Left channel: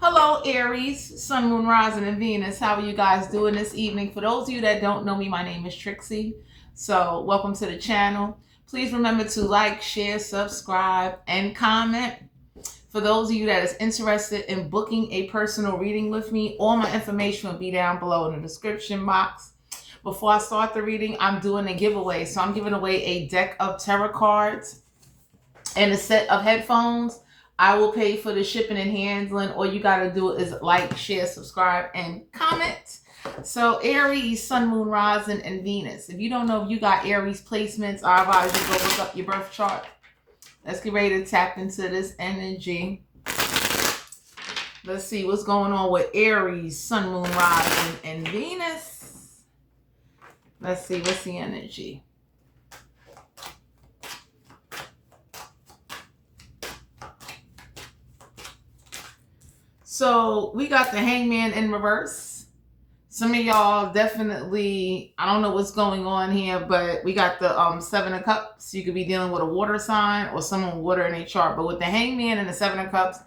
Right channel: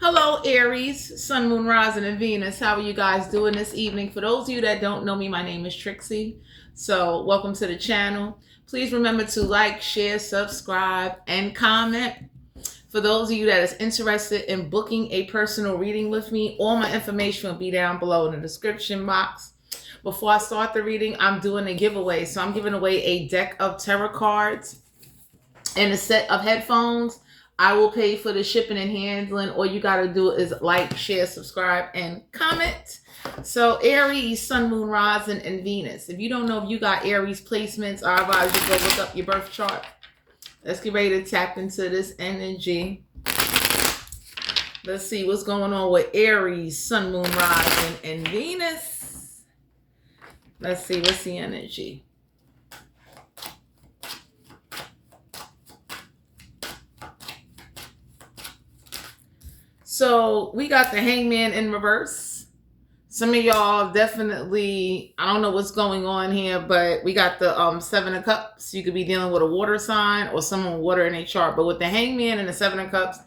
Hello, Aries, Sun, Moon, Rising, and Venus. How are you guys doing this evening? For those of you that don't know me, my name is Trixie. So, welcome to the channel. Please remember to like, share, subscribe, and comment. For those of you that is interested in booking a personal reading with me, all my information will be down below in the description box. Before I start the reading, I'm doing a giveaway. So, I'm giving away a deck of tarot cards and a set of headphones. I will pay for the shipping and handling. All you got to do is like, share, subscribe, and comment. So Aries, Sun, Moon, Rising, and Venus. If you don't know if you got Aries placements, I advise you go look up your birth chart. Let's get ready to tap into this energy. Let's see what's going on with Aries, Sun, Moon, Rising, and Venus. Let's see what's the energy. So we got the Hangman in reverse. Some of y'all definitely, I don't know what's going on here, but we got the Seven of Cups. You could be dealing with a water sign or someone with water in a chart. But with the Hangman and the Seven of Cups,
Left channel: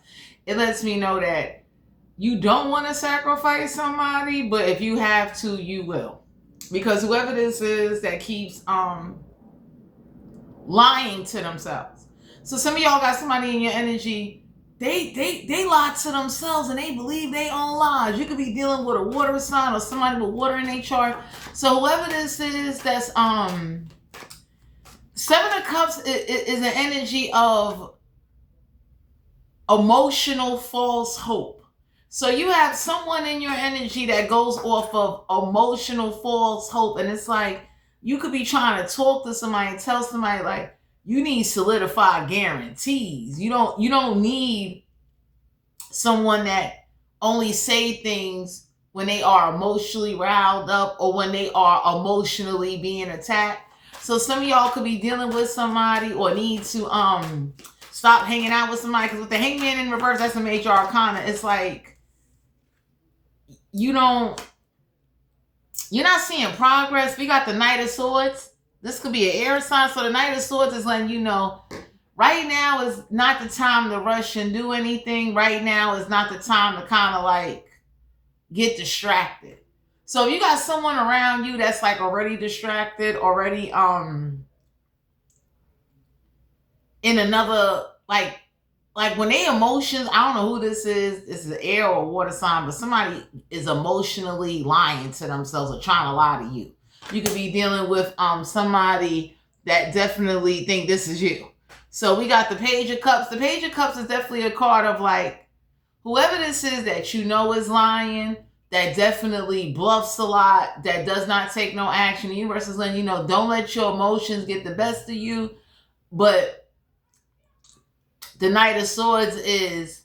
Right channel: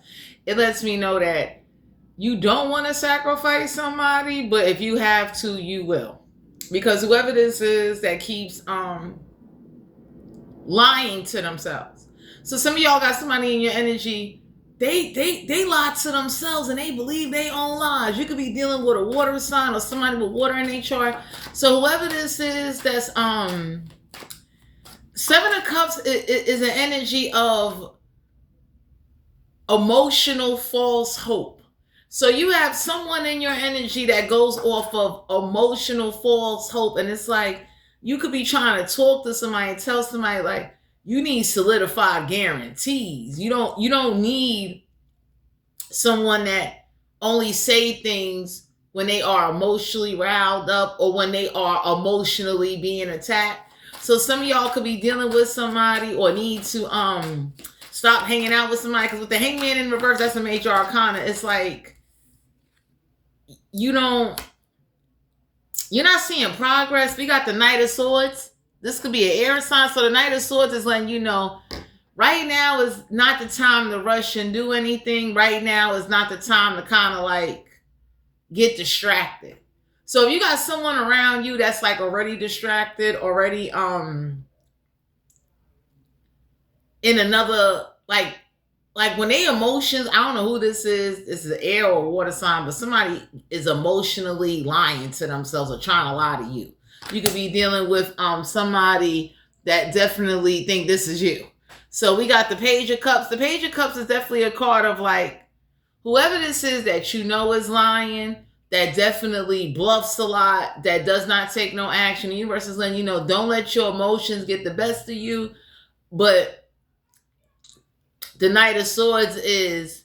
it lets me know that you don't want to sacrifice somebody, but if you have to, you will. Because whoever this is that keeps lying to themselves. So some of y'all got somebody in your energy. They lie to themselves and they believe they own lies. You could be dealing with a water sign or somebody with water in their chart. So whoever this is, that's Seven of Cups is an energy of emotional false hope. So you have someone in your energy that goes off of emotional false hope, and it's like you could be trying to talk to somebody and tell somebody like, you need solidified guarantees. You don't need someone that only say things when they are emotionally riled up or when they are emotionally being attacked. So some of y'all could be dealing with somebody or need to stop hanging out with somebody, because with the Hangman in reverse, that's a major arcana. It's like you're not seeing progress. We got the Knight of Swords. This could be an air sign. So the Knight of Swords is letting you know right now is not the time to rush and do anything. Right now is not the time to kind of like get distracted. So if you got someone around you that's like already distracted, already in another like when they emotions, I don't know who this is. This is an air or water sign, but somebody is emotionally lying to themselves or trying to lie to you. You could be dealing with somebody that definitely think this is you. So we got the Page of Cups. The Page of Cups is definitely a card of like, whoever this is that you know is lying, that definitely bluffs a lot, that does not take no action. The universe is letting you know, don't let your emotions get the best of you. But the Knight of Swords is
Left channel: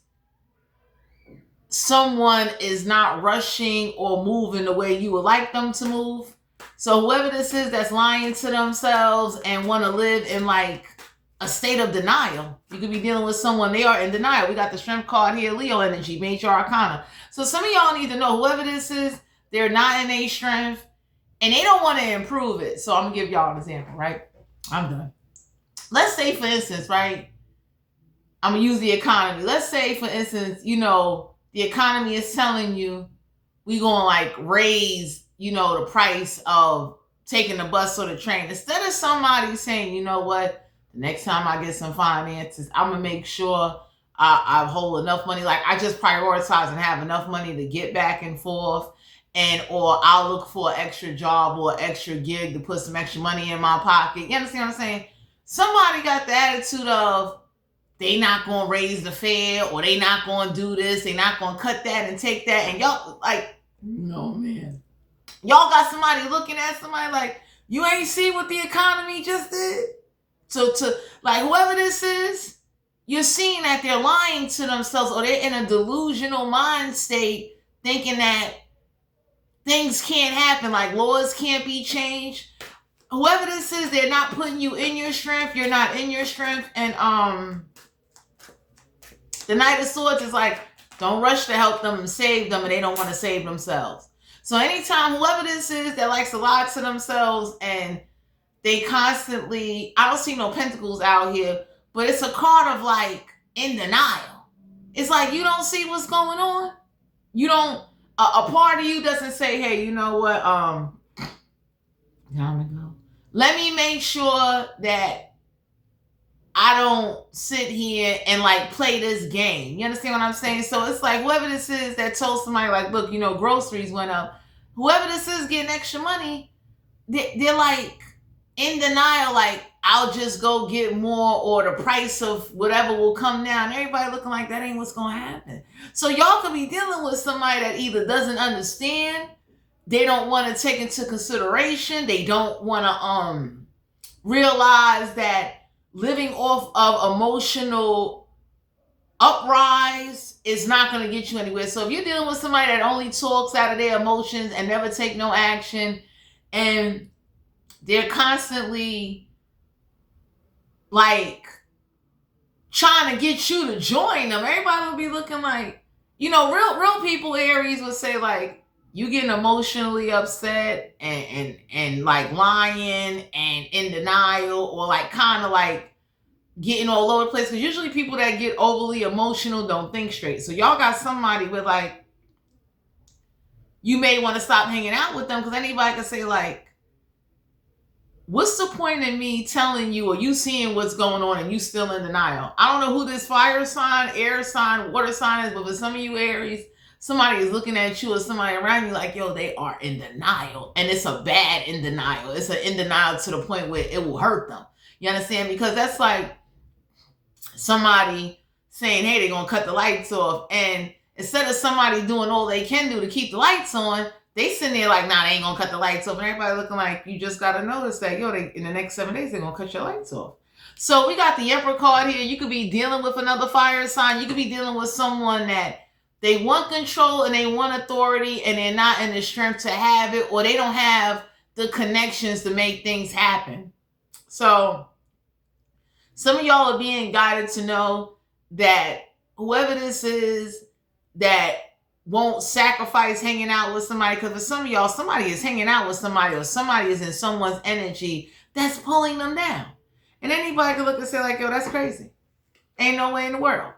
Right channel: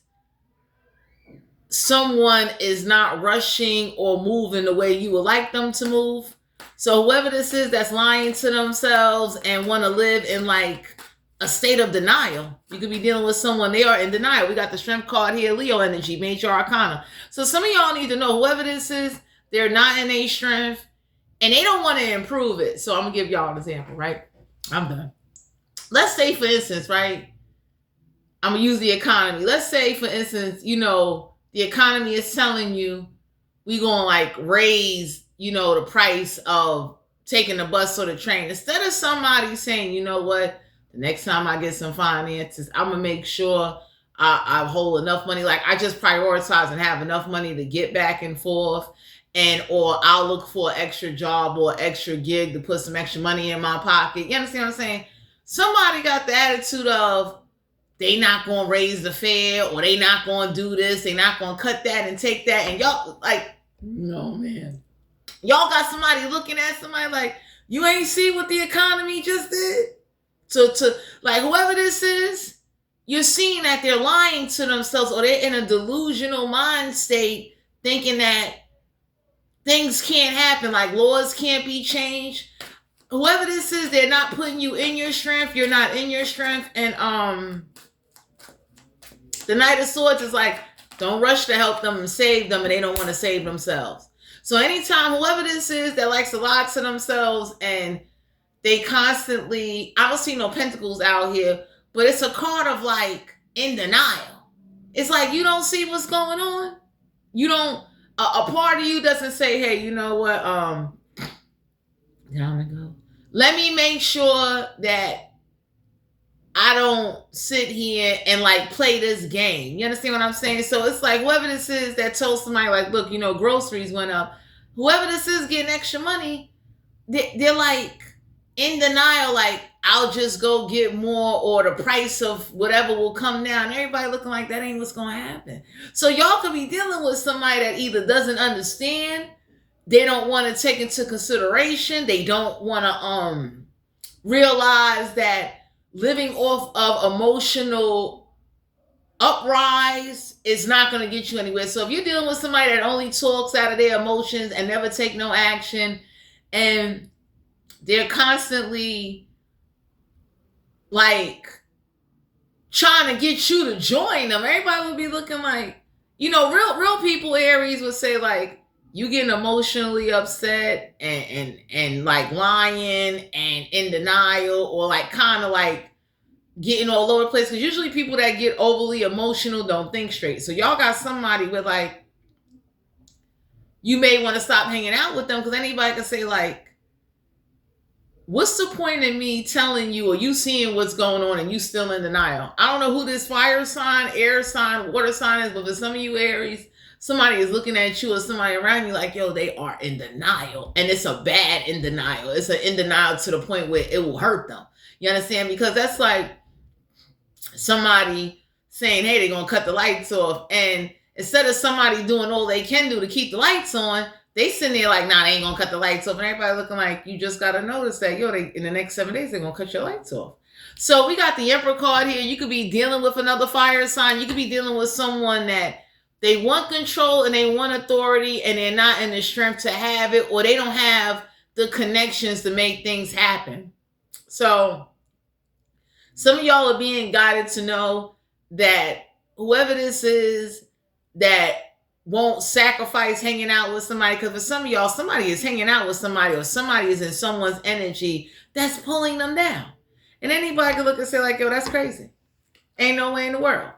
someone is not rushing or moving the way you would like them to move. So whoever this is that's lying to themselves and want to live in like a state of denial, you could be dealing with someone, they are in denial. We got the Strength card here, Leo energy, major arcana. So some of y'all need to know, whoever this is, they're not in a strength and they don't want to improve it. So I'm going to give y'all an example, right? I'm done. Let's say, for instance, right? I'm going to use the economy. Let's say, for instance, the economy is telling you we going to like raise, the price of taking the bus or the train. Instead of somebody saying, you know what, the next time I get some finances, I'm going to make sure I hold enough money. Like I just prioritize and have enough money to get back and forth, or I'll look for an extra job or extra gig to put some extra money in my pocket. You understand what I'm saying? Somebody got the attitude of, they not going to raise the fare, or they not going to do this. They not going to cut that and take that. And y'all like, no, man. Y'all got somebody looking at somebody like, you ain't see what the economy just did? So to like whoever this is, you're seeing that they're lying to themselves, or they're in a delusional mind state thinking that things can't happen, like laws can't be changed. Whoever this is, they're not putting you in your strength. You're not in your strength. And the Knight of Swords is like, don't rush to help them and save them, and they don't want to save themselves. So anytime whoever this is that likes to lie to themselves and they constantly, I don't see no pentacles out here, but it's a card of like in denial. It's like you don't see what's going on. You don't. A part of you doesn't say, "Hey, you know what? Time to go. Let me make sure that I don't sit here and like play this game." You understand what I'm saying? So it's like whoever this is that told somebody like, "Look, you know, groceries went up." Whoever this is getting extra money, they're like in denial, like I'll just go get more, or the price of whatever will come down. Everybody looking like that ain't what's gonna happen. So y'all could be dealing with somebody that either doesn't understand, they don't want to take into consideration, they don't want to realize that living off of emotional uprise is not going to get you anywhere. So if you're dealing with somebody that only talks out of their emotions and never take no action, and they're constantly like trying to get you to join them, everybody would be looking like, you know, real people, Aries would say like, you getting emotionally upset and like lying and in denial, or like kind of like getting all over the place. Because usually people that get overly emotional don't think straight. So y'all got somebody with like, you may want to stop hanging out with them, because anybody can say like, what's the point in me telling you, or you seeing what's going on and you still in denial? I don't know who this fire sign, air sign, water sign is, but for some of you Aries, somebody is looking at you or somebody around you like, yo, they are in denial. And it's a bad in denial. It's an in denial to the point where it will hurt them. You understand? Because that's like somebody saying, hey, they're going to cut the lights off. And instead of somebody doing all they can do to keep the lights on, they sitting there like, nah, they ain't going to cut the lights off. And everybody looking like, you just got to notice that, yo, in the next 7 days, they're going to cut your lights off. So we got the Emperor card here. You could be dealing with another fire sign. You could be dealing with someone that they want control and they want authority, and they're not in the strength to have it, or they don't have the connections to make things happen. So some of y'all are being guided to know that whoever this is that won't sacrifice hanging out with somebody, because for some of y'all, somebody is hanging out with somebody, or somebody is in someone's energy that's pulling them down. And anybody can look and say like, yo, that's crazy. Ain't no way in the world.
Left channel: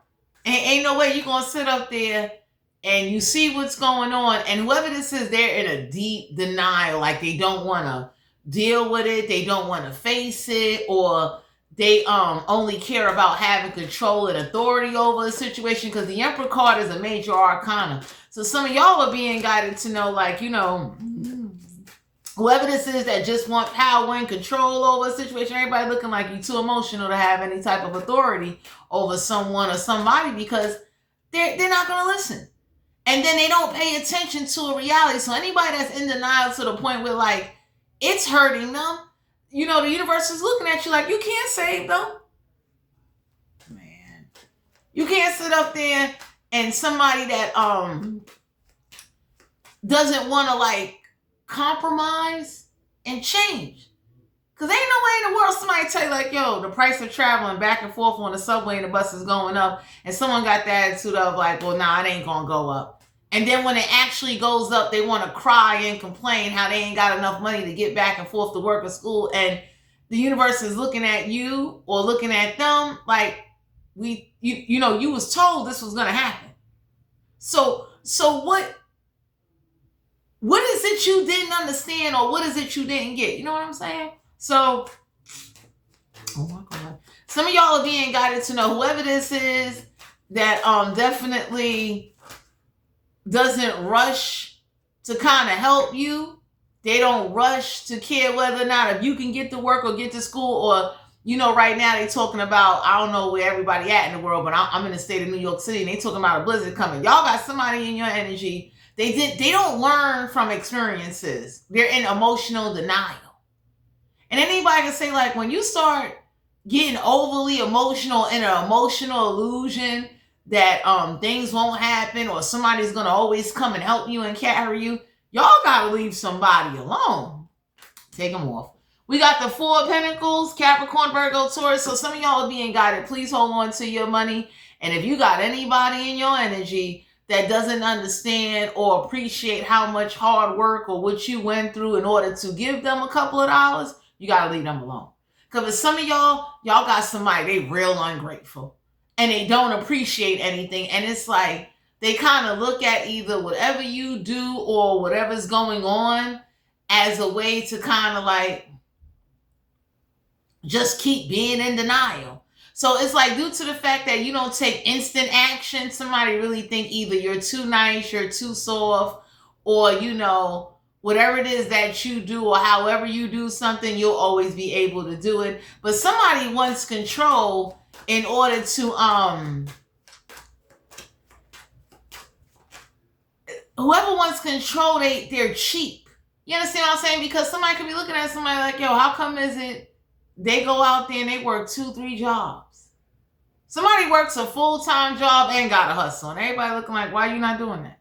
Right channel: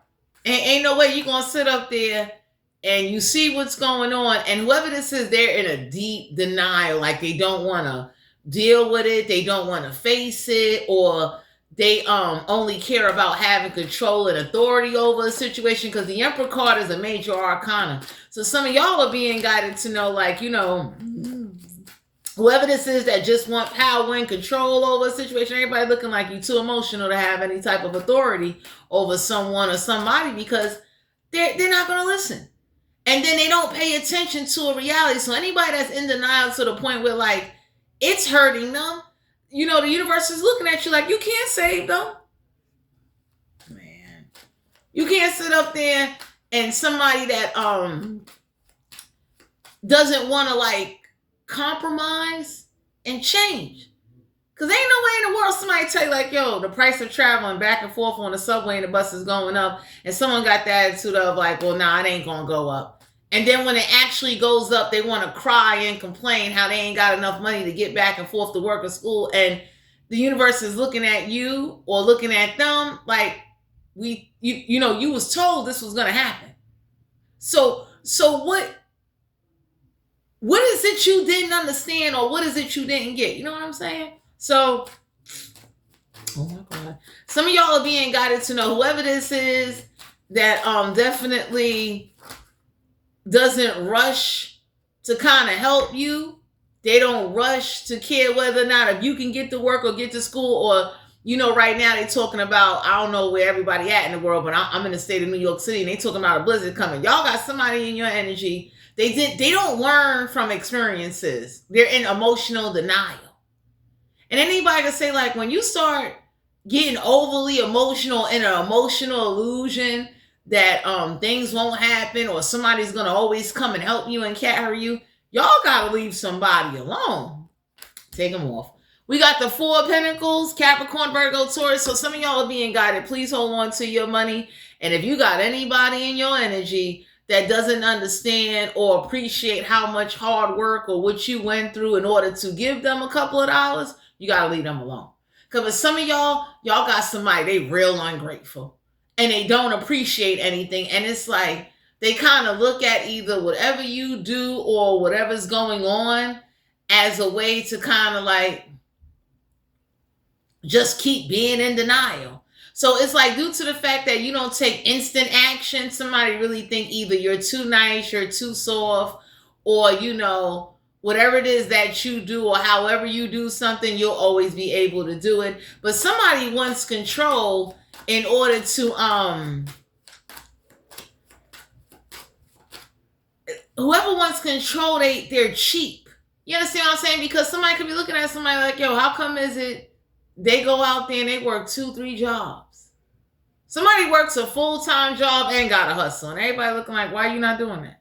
Ain't no way you're going to sit up there and you see what's going on, and whoever this is, they're in a deep denial, like they don't want to deal with it, they don't want to face it, or they only care about having control and authority over a situation, because the Emperor card is a major arcana. So some of y'all are being guided to know, like, you know, whoever this is that just want power and control over a situation, everybody looking like you too emotional to have any type of authority over someone or somebody, because they're not going to listen. And then they don't pay attention to a reality. So anybody that's in denial to the point where like it's hurting them, you know, the universe is looking at you like, you can't save them. Man, you can't sit up there and somebody that doesn't want to like compromise and change. Because ain't no way in the world somebody tell you like, yo, the price of traveling back and forth on the subway and the bus is going up, and someone got the attitude of like, well, nah, it ain't gonna go up. And then when it actually goes up, they want to cry and complain how they ain't got enough money to get back and forth to work or school. And the universe is looking at you or looking at them like, you know, you was told this was gonna happen. So what is it you didn't understand, or what is it you didn't get? You know what I'm saying? So, oh my God. Some of y'all are being guided to know whoever this is that definitely doesn't rush to kind of help you. They don't rush to care whether or not if you can get to work or get to school, or, you know, right now they talking about, I don't know where everybody at in the world, but I'm in the state of New York City, and they talking about a blizzard coming. Y'all got somebody in your energy. They don't learn from experiences. They're in emotional denial. And anybody can say like, when you start getting overly emotional in an emotional illusion that things won't happen, or somebody's gonna always come and help you and carry you, y'all gotta leave somebody alone. Take them off. We got the Four of Pentacles, Capricorn, Virgo, Taurus. So some of y'all are being guided. Please hold on to your money. And if you got anybody in your energy that doesn't understand or appreciate how much hard work or what you went through in order to give them a couple of dollars, you got to leave them alone. Because for some of y'all got somebody, they real ungrateful. and they don't appreciate anything. And it's like they kind of look at either whatever you do or whatever's going on as a way to kind of like just keep being in denial. So it's like, due to the fact that you don't take instant action, somebody really think either you're too nice, you're too soft, or whatever it is that you do or however you do something, you'll always be able to do it. But somebody wants control in order to whoever wants control, they're cheap. You understand what I'm saying? Because somebody could be looking at somebody like, yo, how come is it they go out there and they work 2-3 jobs? Somebody works a full-time job and got a hustle, and everybody looking like, why you not doing that?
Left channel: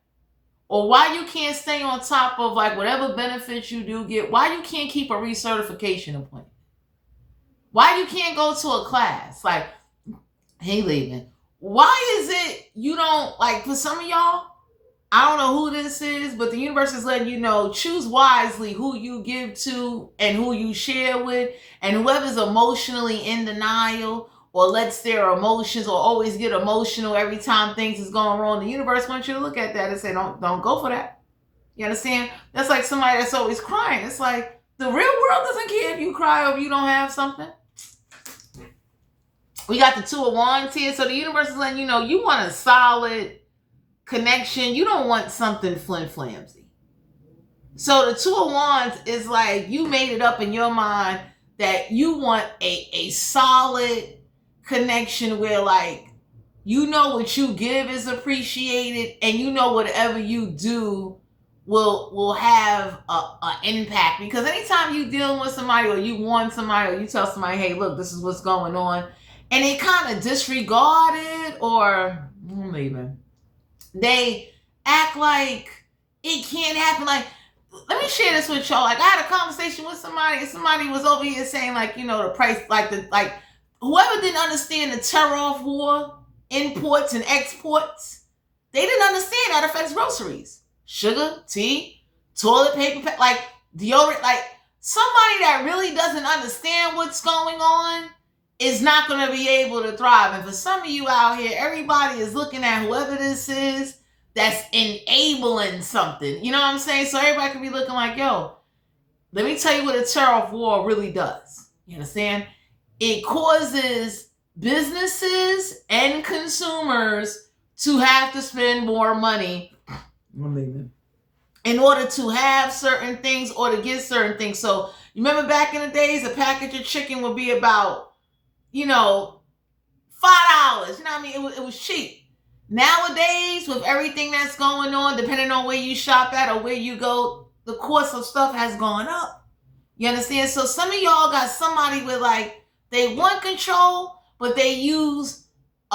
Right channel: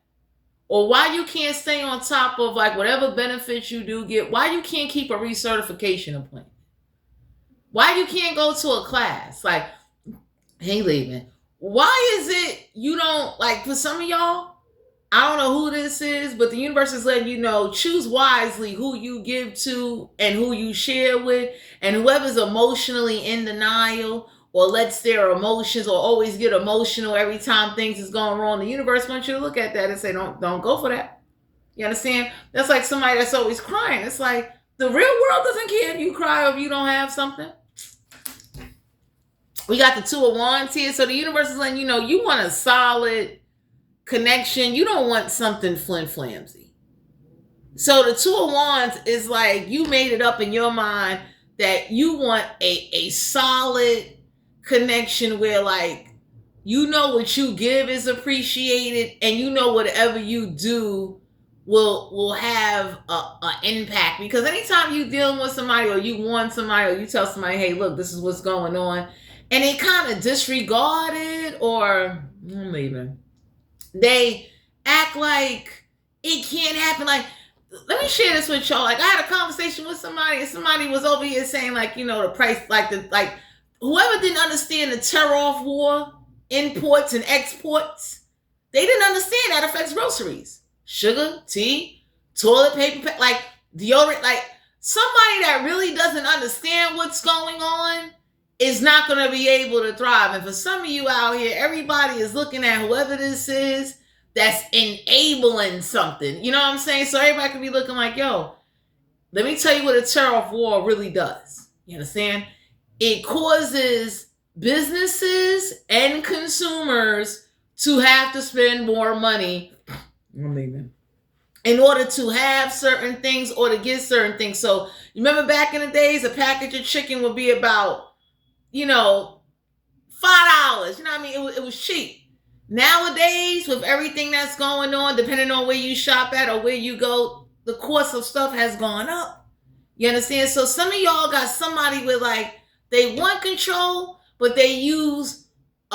Or why you can't stay on top of like whatever benefits you do get? Why you can't keep a recertification appointment? Why you can't go to a class? Like, hey, leaving. Why is it you don't, like, for some of y'all, I don't know who this is, but the universe is letting you know, choose wisely who you give to and who you share with. And whoever's emotionally in denial or lets their emotions or always get emotional every time things is going wrong, the universe wants you to look at that and say, don't go for that. You understand? That's like somebody that's always crying. It's like the real world doesn't care if you cry or if you don't have something. We got the Two of Wands here. So the universe is letting you know you want a solid connection. You don't want something flim-flamsy. So the Two of Wands is like, you made it up in your mind that you want a solid connection where, like, what you give is appreciated, and whatever you do will have an impact. Because anytime you dealing with somebody or you want somebody or you tell somebody, hey, look, this is what's going on, and they kind of disregard it, or I'm leaving, they act like it can't happen. Like, let me share this with y'all. Like, I had a conversation with somebody, and somebody was over here saying, like, the price, like whoever didn't understand the tariff war, imports and exports, they didn't understand that affects groceries, sugar, tea, toilet paper, like deodorant. Like, somebody that really doesn't understand what's going on is not going to be able to thrive. And for some of you out here, everybody is looking at whoever this is that's enabling something. You know what I'm saying? So everybody could be looking like, yo, let me tell you what a tariff war really does. You understand? It causes businesses and consumers to have to spend more money in order to have certain things or to get certain things. So you remember back in the days, a package of chicken would be about, $5. You know what I mean? It was cheap. Nowadays, with everything that's going on, depending on where you shop at or where you go, the cost of stuff has gone up. You understand? So some of y'all got somebody with, like, they want control, but they use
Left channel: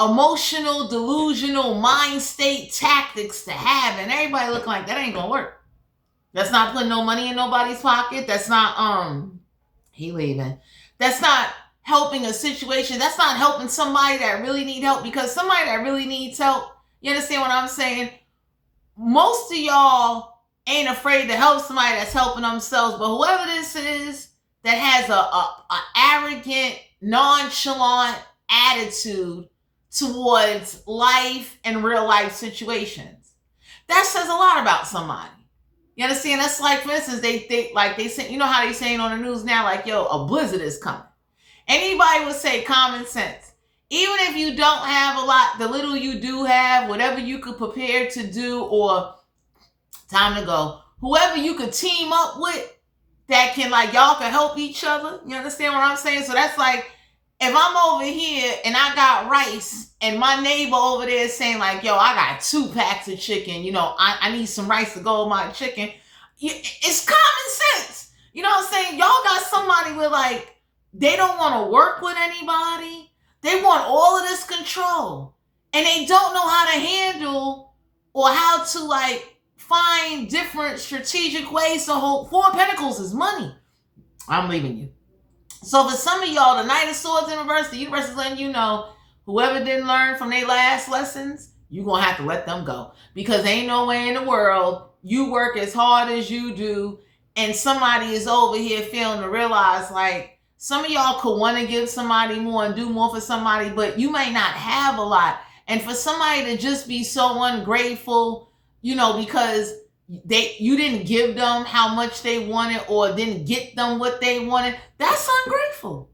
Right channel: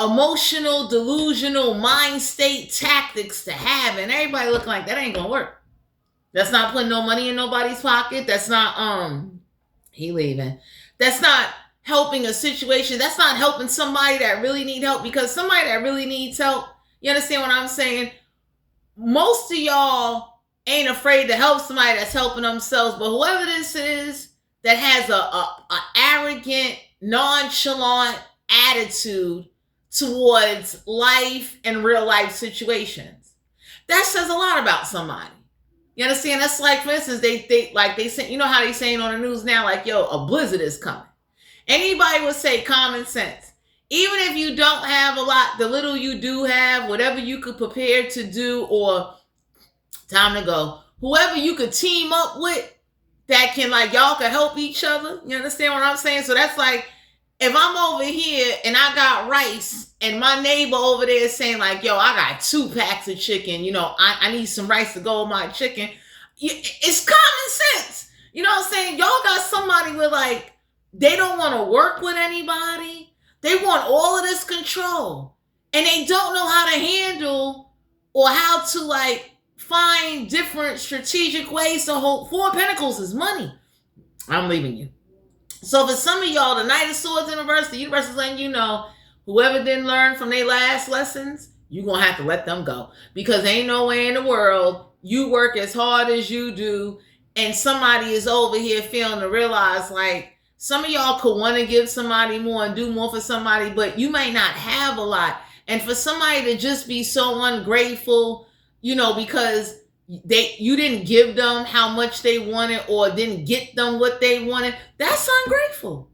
emotional, delusional, mind state tactics to have it. And everybody looking like that ain't gonna work. That's not putting no money in nobody's pocket. That's not That's not helping a situation. That's not helping somebody that really need help, because somebody that really needs help, you understand what I'm saying? Most of y'all ain't afraid to help somebody that's helping themselves, but whoever this is that has a arrogant, nonchalant attitude towards life and real life situations, that says a lot about somebody. You understand? That's like, for instance, they say, how they saying on the news now, like, yo, a blizzard is coming. Anybody would say common sense. Even if you don't have a lot, the little you do have, whatever you could prepare to do, or time to go, whoever you could team up with that can, like, y'all can help each other. You understand what I'm saying? So that's like, if I'm over here and I got rice and my neighbor over there is saying, like, yo, I got 2 packs of chicken, I need some rice to go with my chicken. It's common sense. You know what I'm saying? Y'all got somebody with, like, they don't want to work with anybody. They want all of this control. And they don't know how to handle or how to, like, find different strategic ways to hold. 4 of Pentacles is money. I'm leaving you. So for some of y'all, the Knight of Swords in reverse, the universe is letting you know, whoever didn't learn from their last lessons, you're going to have to let them go. Because ain't no way in the world you work as hard as you do and somebody is over here failing to realize, like, Some of y'all could want to give somebody more and do more for somebody, but you may not have a lot. And for somebody to just be so ungrateful, because you didn't give them how much they wanted or didn't get them what they wanted, that's ungrateful.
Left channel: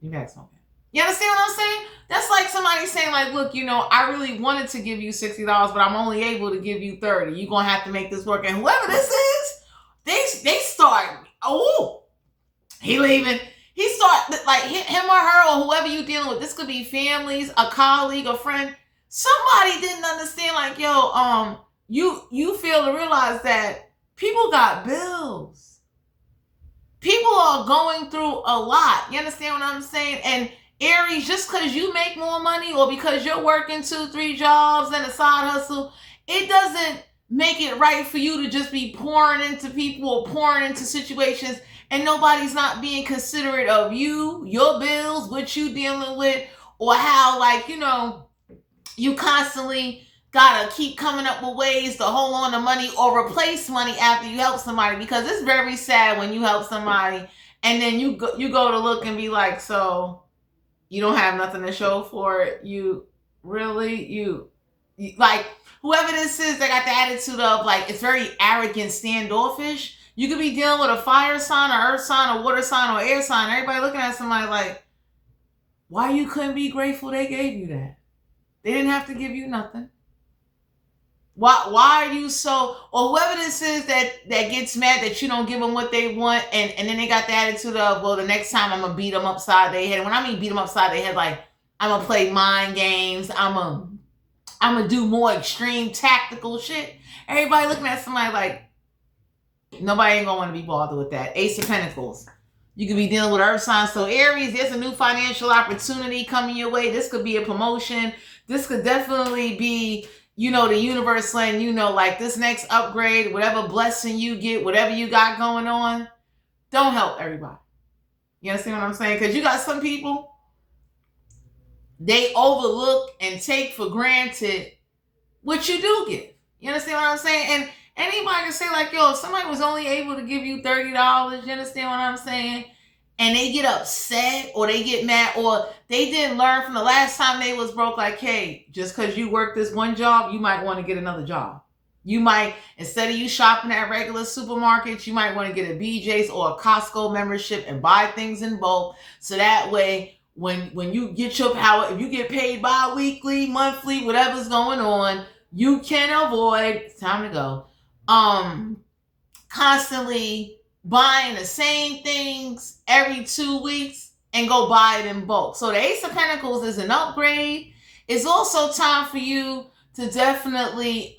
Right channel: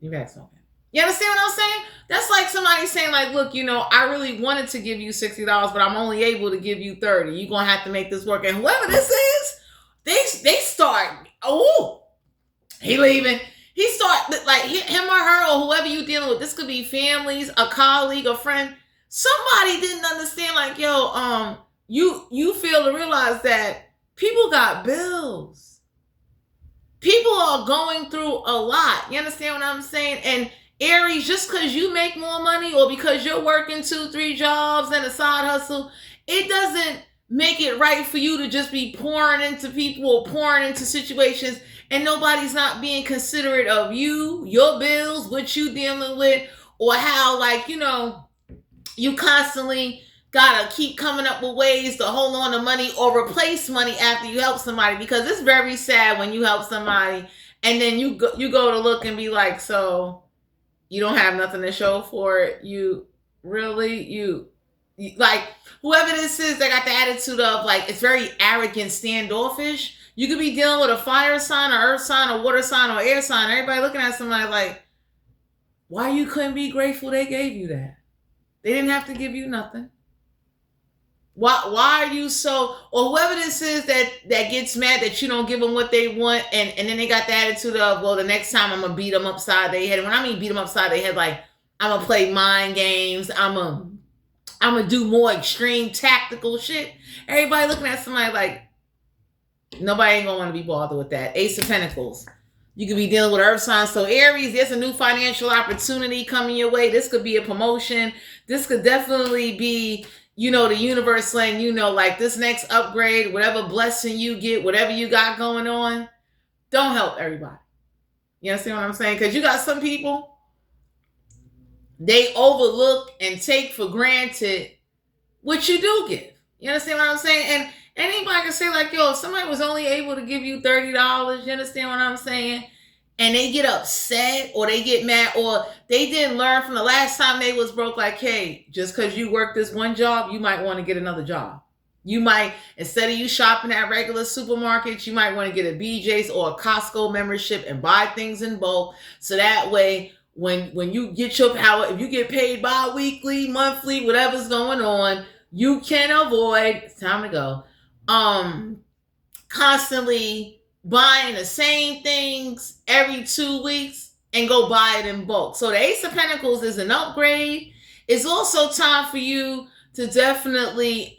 You had something. You understand what I'm saying? That's like somebody saying, like, look, I really wanted to give you $60, but I'm only able to give you $30. You're going to have to make this work. And whoever this is, they start, he leaving. He start, like, him or her or whoever you dealing with. This could be families, a colleague, a friend. Somebody didn't understand, like, you fail to realize that people got bills. People are going through a lot. You understand what I'm saying? And Aries, just because you make more money or because you're working 2-3 jobs and a side hustle, it doesn't make it right for you to just be pouring into people or pouring into situations and nobody's not being considerate of you, your bills, what you dealing with, or how, like, you constantly gotta keep coming up with ways to hold on to money or replace money after you help somebody, because it's very sad when you help somebody and then you go to look and be like, so you don't have nothing to show for it. You really, you like, whoever this is that got the attitude of, like, it's very arrogant, standoffish. You could be dealing with a fire sign, or earth sign, or water sign, or air sign. Everybody looking at somebody like, why you couldn't be grateful they gave you that? They didn't have to give you nothing. Why are you so, or whoever this is that gets mad that you don't give them what they want, and then they got the attitude of, well, the next time I'm gonna beat them upside their head. And when I mean beat them upside their head, like, I'm gonna play mind games, I'm gonna do more extreme tactical shit. Everybody looking at somebody like, nobody ain't gonna want to be bothered with that. Ace of Pentacles. You could be dealing with earth signs. So Aries, there's a new financial opportunity coming your way. This could be a promotion. This could definitely be, the universe saying, like, this next upgrade, whatever blessing you get, whatever you got going on, don't help everybody. You understand what I'm saying? Because you got some people, they overlook and take for granted what you do give. You understand what I'm saying? And anybody can say, like, if somebody was only able to give you $30, you understand what I'm saying? And they get upset or they get mad or they didn't learn from the last time they was broke, like, hey, just because you work this one job, you might want to get another job. You might, instead of you shopping at regular supermarkets, you might want to get a BJ's or a Costco membership and buy things in bulk. So that way, when you get your power, if you get paid bi-weekly, monthly, whatever's going on, you can avoid, it's time to go, constantly buying the same things every 2 weeks and go buy it in bulk. So the Ace of Pentacles is an upgrade. It's also time for you to definitely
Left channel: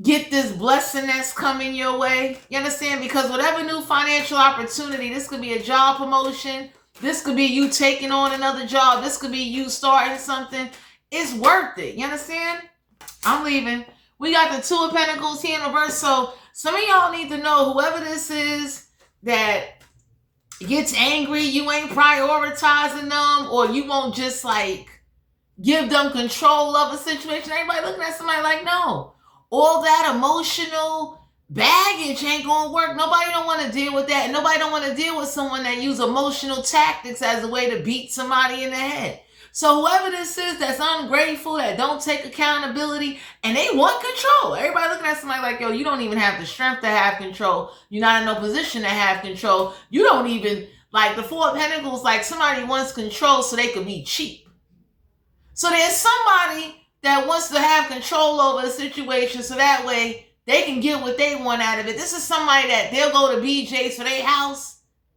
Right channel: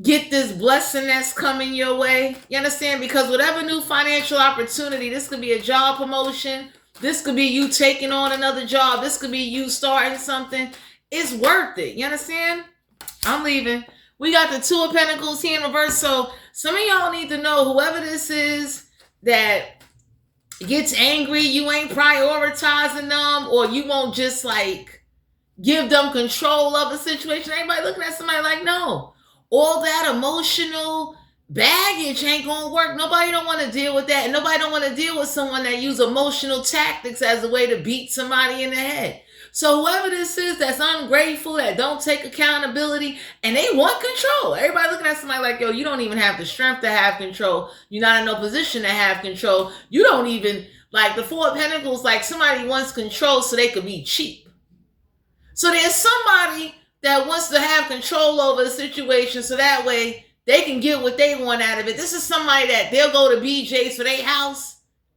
get this blessing that's coming your way. You understand? Because whatever new financial opportunity, this could be a job promotion. This could be you taking on another job. This could be you starting something. It's worth it. You understand? I'm leaving. We got the Two of Pentacles here in reverse. So some of y'all need to know, whoever this is that gets angry, you ain't prioritizing them, or you won't just, like, give them control of a situation. Everybody looking at somebody like, no, all that emotional baggage ain't gonna work. Nobody don't want to deal with that. And nobody don't want to deal with someone that use emotional tactics as a way to beat somebody in the head. So whoever this is that's ungrateful, that don't take accountability, and they want control. Everybody looking at somebody like, you don't even have the strength to have control. You're not in no position to have control. You don't even, like, the Four of Pentacles, like, somebody wants control so they could be cheap. So there's somebody that wants to have control over the situation so that way they can get what they want out of it. This is somebody that they'll go to BJ's for their house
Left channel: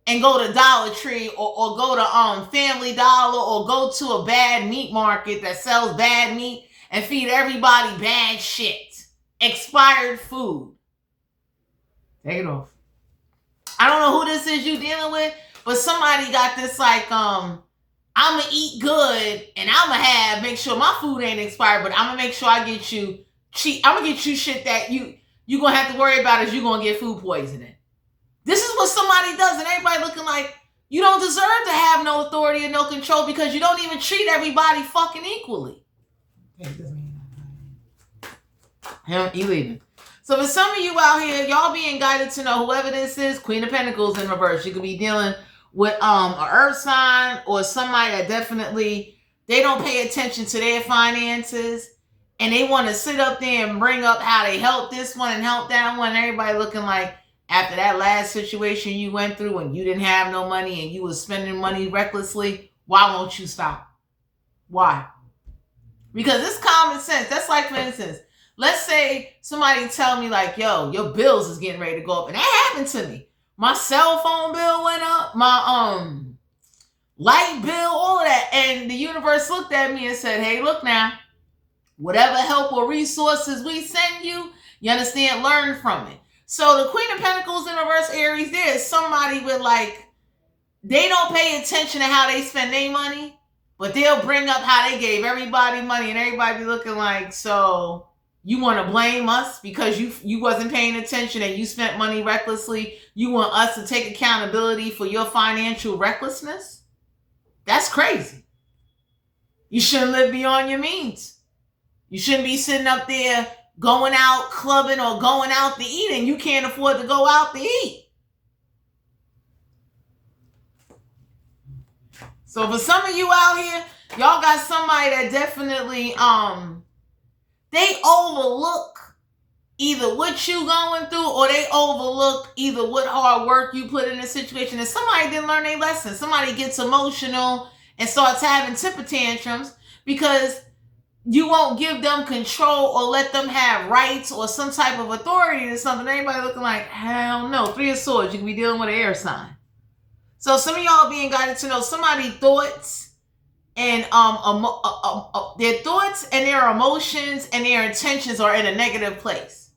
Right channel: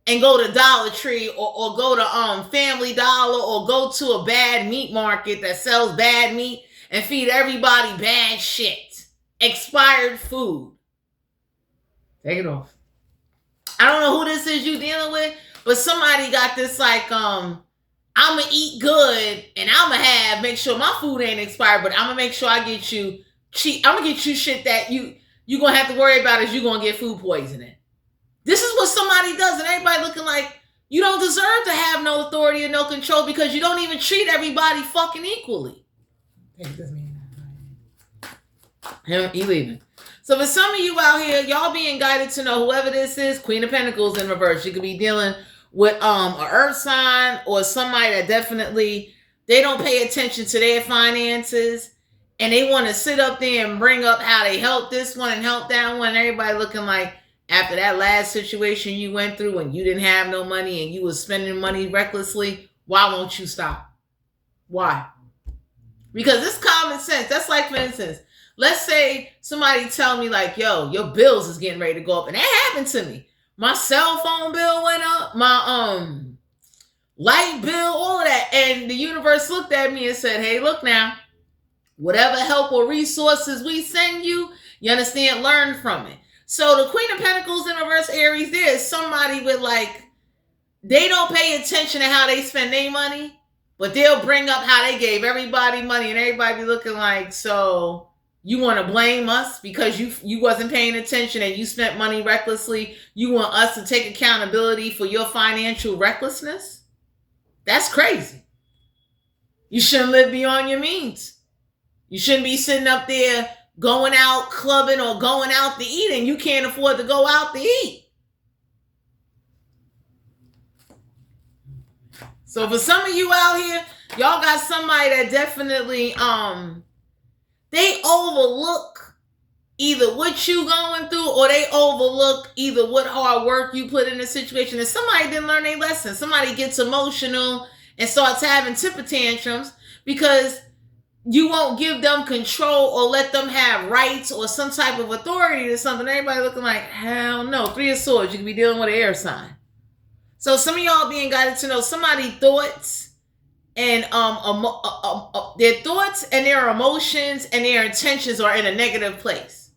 and go to Dollar Tree or go to Family Dollar or go to a bad meat market that sells bad meat and feed everybody bad shit. Expired food. Take it off. I don't know who this is you dealing with, but somebody got this, like, I'm going to eat good and I'm going to make sure my food ain't expired, but I'm going to make sure I get you cheap. I'm going to get you shit that you going to have to worry about is you going to get food poisoning. This is what somebody does, and everybody looking like you don't deserve to have no authority or no control because you don't even treat everybody fucking equally. He leaving. So for some of you out here, y'all being guided to know whoever this is, Queen of Pentacles in reverse. You could be dealing with an earth sign or somebody that definitely, they don't pay attention to their finances and they want to sit up there and bring up how they helped this one and help that one. Everybody looking like after that last situation you went through when you didn't have no money and you was spending money recklessly, why won't you stop? Why? Because it's common sense. That's like, for instance, let's say somebody tell me like, yo, your bills is getting ready to go up. And that happened to me. My cell phone bill went up. My light bill, all of that. And the universe looked at me and said, hey, look now. Whatever help or resources we send you, you understand, learn from it. So the Queen of Pentacles in reverse, Aries, there is somebody with like, they don't pay attention to how they spend their money, but they'll bring up how they gave everybody money and everybody be looking like, so you want to blame us because you wasn't paying attention and you spent money recklessly. You want us to take accountability for your financial recklessness? That's crazy. You shouldn't live beyond your means. You shouldn't be sitting up there going out clubbing or going out to eat and you can't afford to go out to eat. So for some of you out here, y'all got somebody that definitely, they overlook either what you going through or they overlook either what hard work you put in a situation. And somebody didn't learn their lesson. Somebody gets emotional and starts having temper tantrums because you won't give them control or let them have rights or some type of authority to something. Everybody looking like, hell no. 3 of Swords, you can be dealing with an air sign. So some of y'all being guided to know somebody's thoughts and their thoughts and their emotions and their intentions are in a negative place.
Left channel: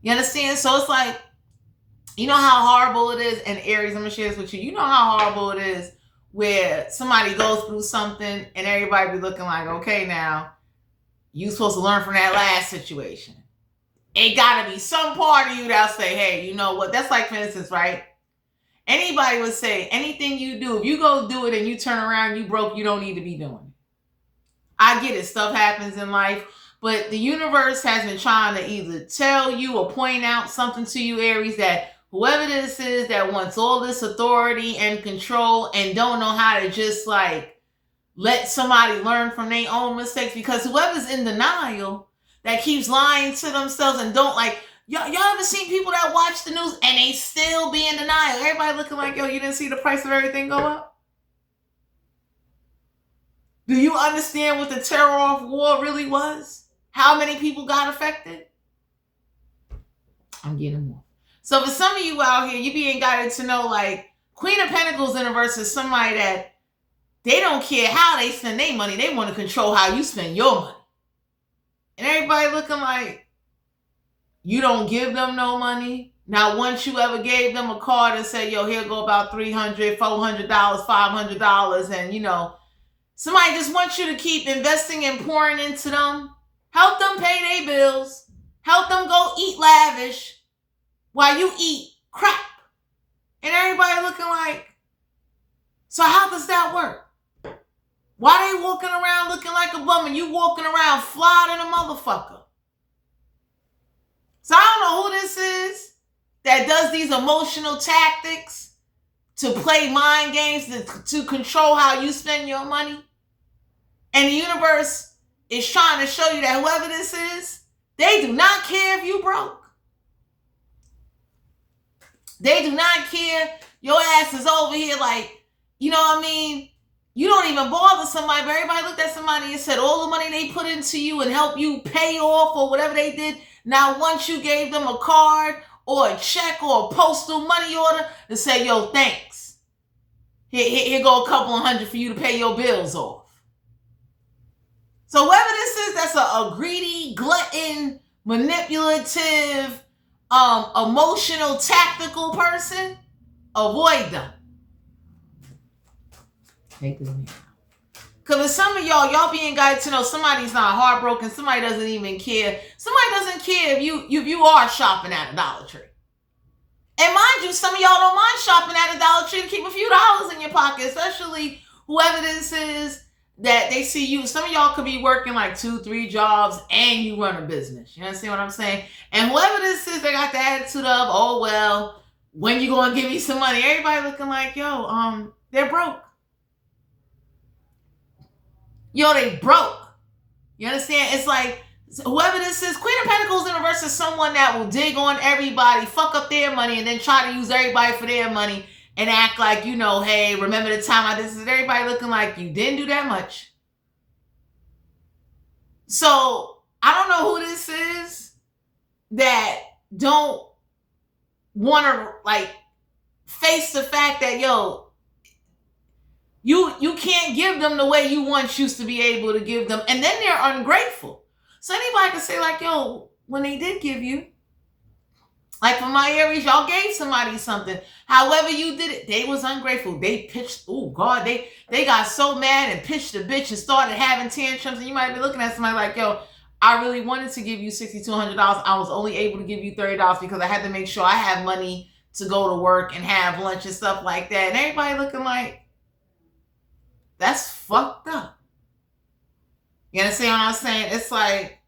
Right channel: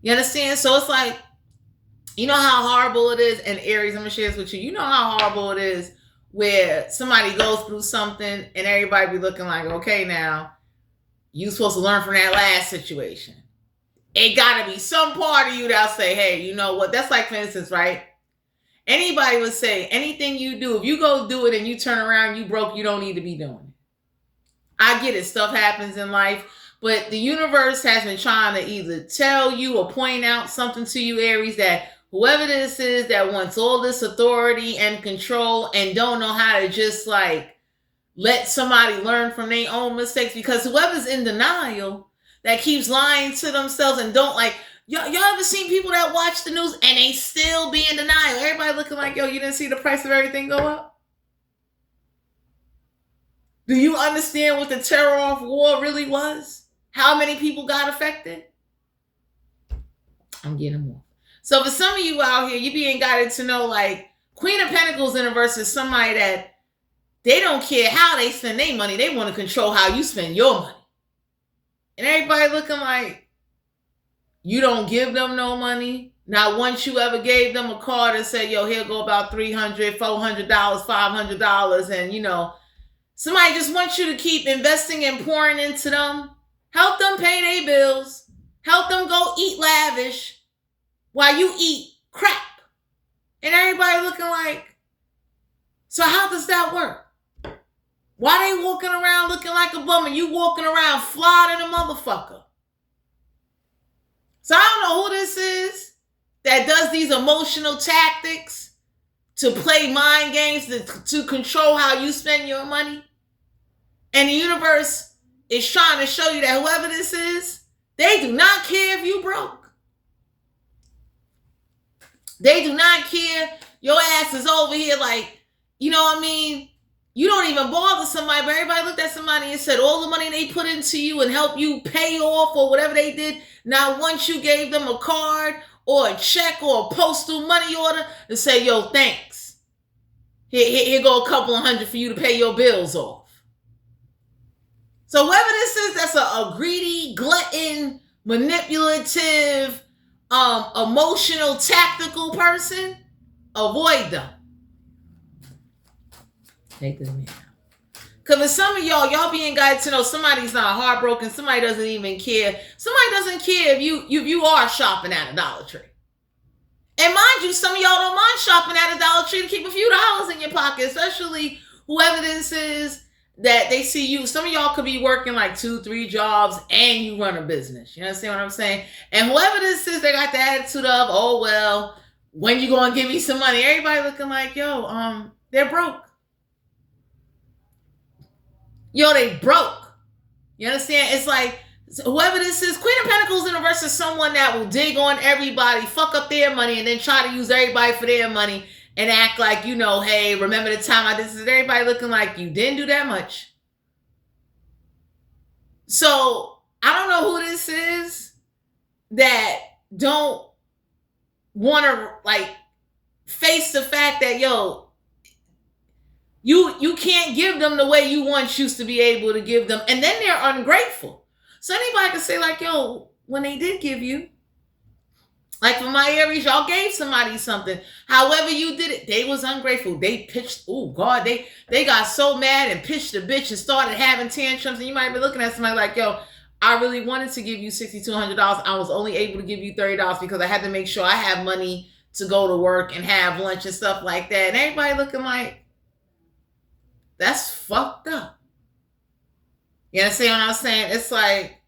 You understand? So it's like, you know how horrible it is, and Aries, I'm gonna share this with you. You know how horrible it is where somebody goes through something and everybody be looking like, okay, now you supposed to learn from that last situation. It gotta be some part of you that'll say, hey, you know what? That's like, for instance, right? Anybody would say anything you do, if you go do it and you turn around, you broke, you don't need to be doing it. I get it. Stuff happens in life, but the universe has been trying to either tell you or point out something to you, Aries, that whoever this is that wants all this authority and control and don't know how to just like let somebody learn from their own mistakes, because whoever's in denial that keeps lying to themselves and don't like, y'all ever seen people that watch the news and they still be in denial? Everybody looking like, yo, you didn't see the price of everything go up? Do you understand what the terror of war really was? How many people got affected? I'm getting more. So for some of you out here, you being guided to know like Queen of Pentacles in reverse is somebody that they don't care how they spend their money. They want to control how you spend your money. And everybody looking like, you don't give them no money. Now, once you ever gave them a card and said, yo, here go about $300, $400, $500. And, you know, somebody just wants you to keep investing and pouring into them. Help them pay their bills. Help them go eat lavish while you eat crap. And everybody looking like, so how does that work? Why they walking around looking like a bum and you walking around fly than a motherfucker? So I don't know who this is that does these emotional tactics to play mind games to control how you spend your money. And the universe is trying to show you that whoever this is, they do not care if you broke. They do not care. Your ass is over here like, you know what I mean? You don't even bother somebody, but everybody looked at somebody and said all the money they put into you and help you pay off or whatever they did. Now, once you gave them a card or a check or a postal money order to say, yo, thanks. Here go a couple of $100 for you to pay your bills off. So whoever this is, that's a greedy, glutton, manipulative, emotional, tactical person, avoid them. Take this man out. Because for some of y'all being guided to know somebody's not heartbroken, somebody doesn't even care. Somebody doesn't care if you are shopping at a Dollar Tree. And mind you, some of y'all don't mind shopping at a Dollar Tree to keep a few dollars in your pocket, especially whoever this is that they see you. Some of y'all could be working like 2-3 jobs and you run a business. You understand what I'm saying? And whoever this is, they got the attitude of, oh, well, when you going to give me some money? Everybody looking like, yo, they're broke. Yo, they broke. You understand? It's like, whoever this is, Queen of Pentacles in reverse is someone that will dig on everybody, fuck up their money, and then try to use everybody for their money and act like, you know, hey, remember the time I did this? Everybody looking like you didn't do that much. So I don't know who this is that don't want to like face the fact that, yo, you can't give them the way you once used to be able to give them, and then they're ungrateful. So anybody can say like, yo, when they did give you, like for my Aries, y'all gave somebody something. However you did it, they was ungrateful. They pitched, oh God, they got so mad and pitched a bitch and started having tantrums. And you might be looking at somebody like, yo, I really wanted to give you $6,200. I was only able to give you $30 because I had to make sure I have money to go to work and have lunch and stuff like that. And everybody looking like, that's fucked up. You understand what I'm saying? It's like,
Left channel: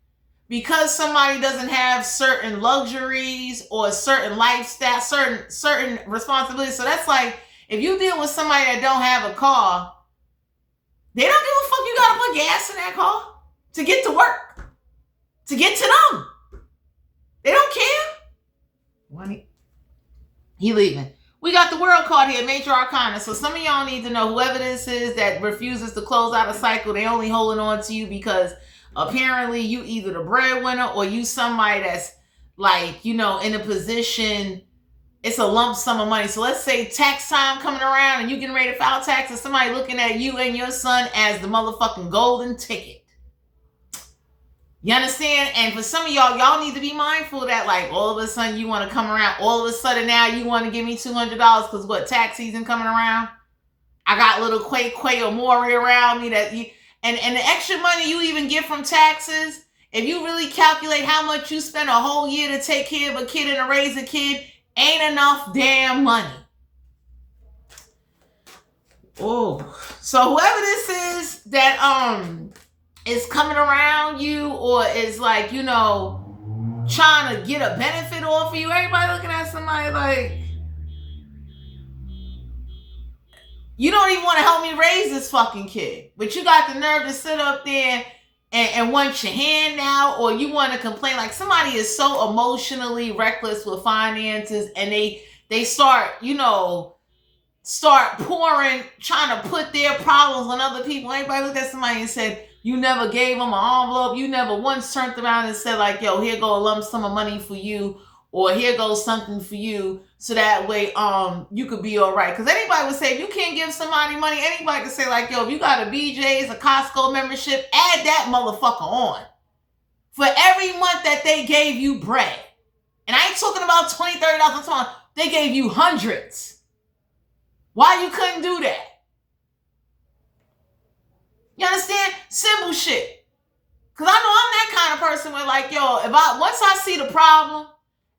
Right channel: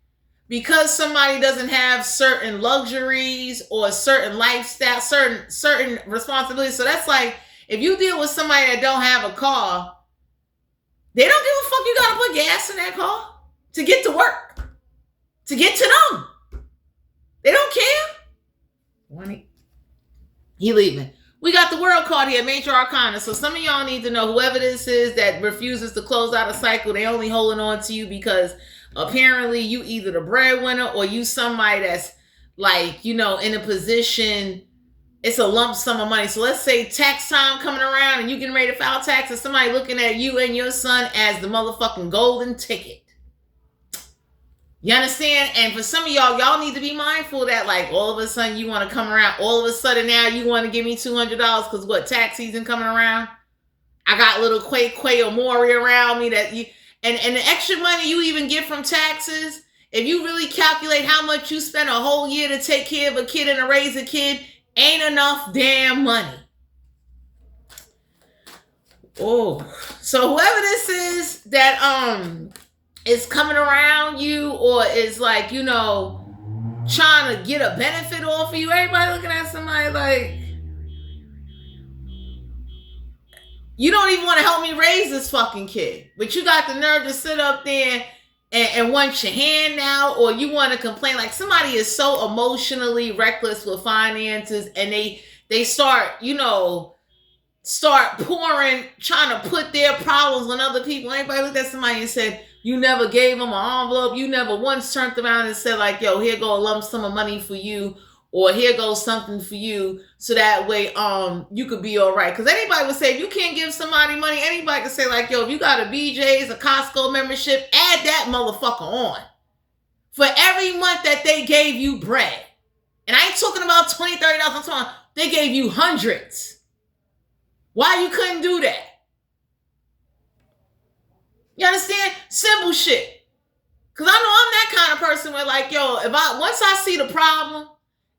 because somebody doesn't have certain luxuries or certain lifestyle, certain responsibilities. So that's like, if you deal with somebody that don't have a car, they don't give a fuck you gotta put gas in that car to get to work, to get to them. They don't care. He leaving. We got the World card here, Major Arcana. So some of y'all need to know, whoever this is that refuses to close out a cycle, they only holding on to you because apparently you either the breadwinner or you somebody that's like, you know, in a position, it's a lump sum of money. So let's say tax time coming around and you getting ready to file taxes, somebody looking at you and your son as the motherfucking golden ticket. You understand? And for some of y'all need to be mindful that like all of a sudden you want to come around. All of a sudden now you want to give me $200 because what, tax season coming around? I got little Quay or Maury around me that you, and the extra money you even get from taxes, if you really calculate how much you spend a whole year to take care of a kid and to raise a kid, ain't enough damn money. Oh, so whoever this is that is coming around you or is like, you know, trying to get a benefit off of you, everybody looking at somebody like, you don't even want to help me raise this fucking kid, but you got the nerve to sit up there and want your hand now, or you want to complain. Like somebody is so emotionally reckless with finances and they start, you know, start pouring, trying to put their problems on other people. Everybody looked at somebody and said, you never gave them an envelope. You never once turned around and said like, yo, here go a lump sum of money for you, or here goes something for you, so that way you could be all right. Because anybody would say, if you can't give somebody money, anybody could say like, yo, if you got a BJ's, a Costco membership, add that motherfucker on. For every month that they gave you bread. And I ain't talking about $20, $30, I'm talking, they gave you hundreds. Why you couldn't do that? You understand? Simple shit. Because I know I'm that kind of person where like, yo, once I see the problem,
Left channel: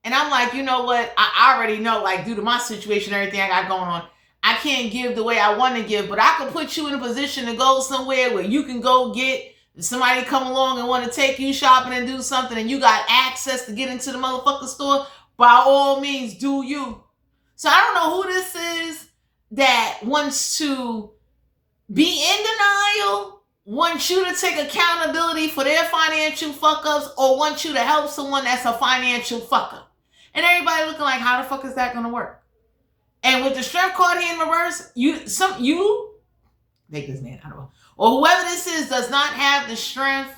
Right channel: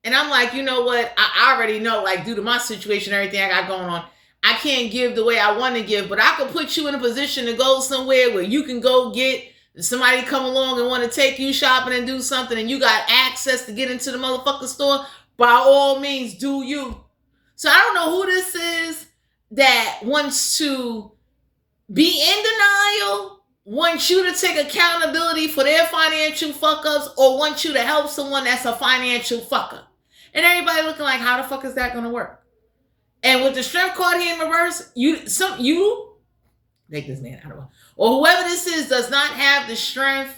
and I'm like, you know what? I already know, like, due to my situation, everything I got going on, I can't give the way I want to give, but I can put you in a position to go somewhere where you can go get somebody come along and want to take you shopping and do something, and you got access to get into the motherfucking store. By all means, do you. So I don't know who this is that wants to be in denial, wants you to take accountability for their financial fuck-ups, or wants you to help someone that's a financial fuck-up. And everybody looking like, how the fuck is that going to work? And with the strength card here in reverse, you take this man, I don't know. Or whoever this is does not have the strength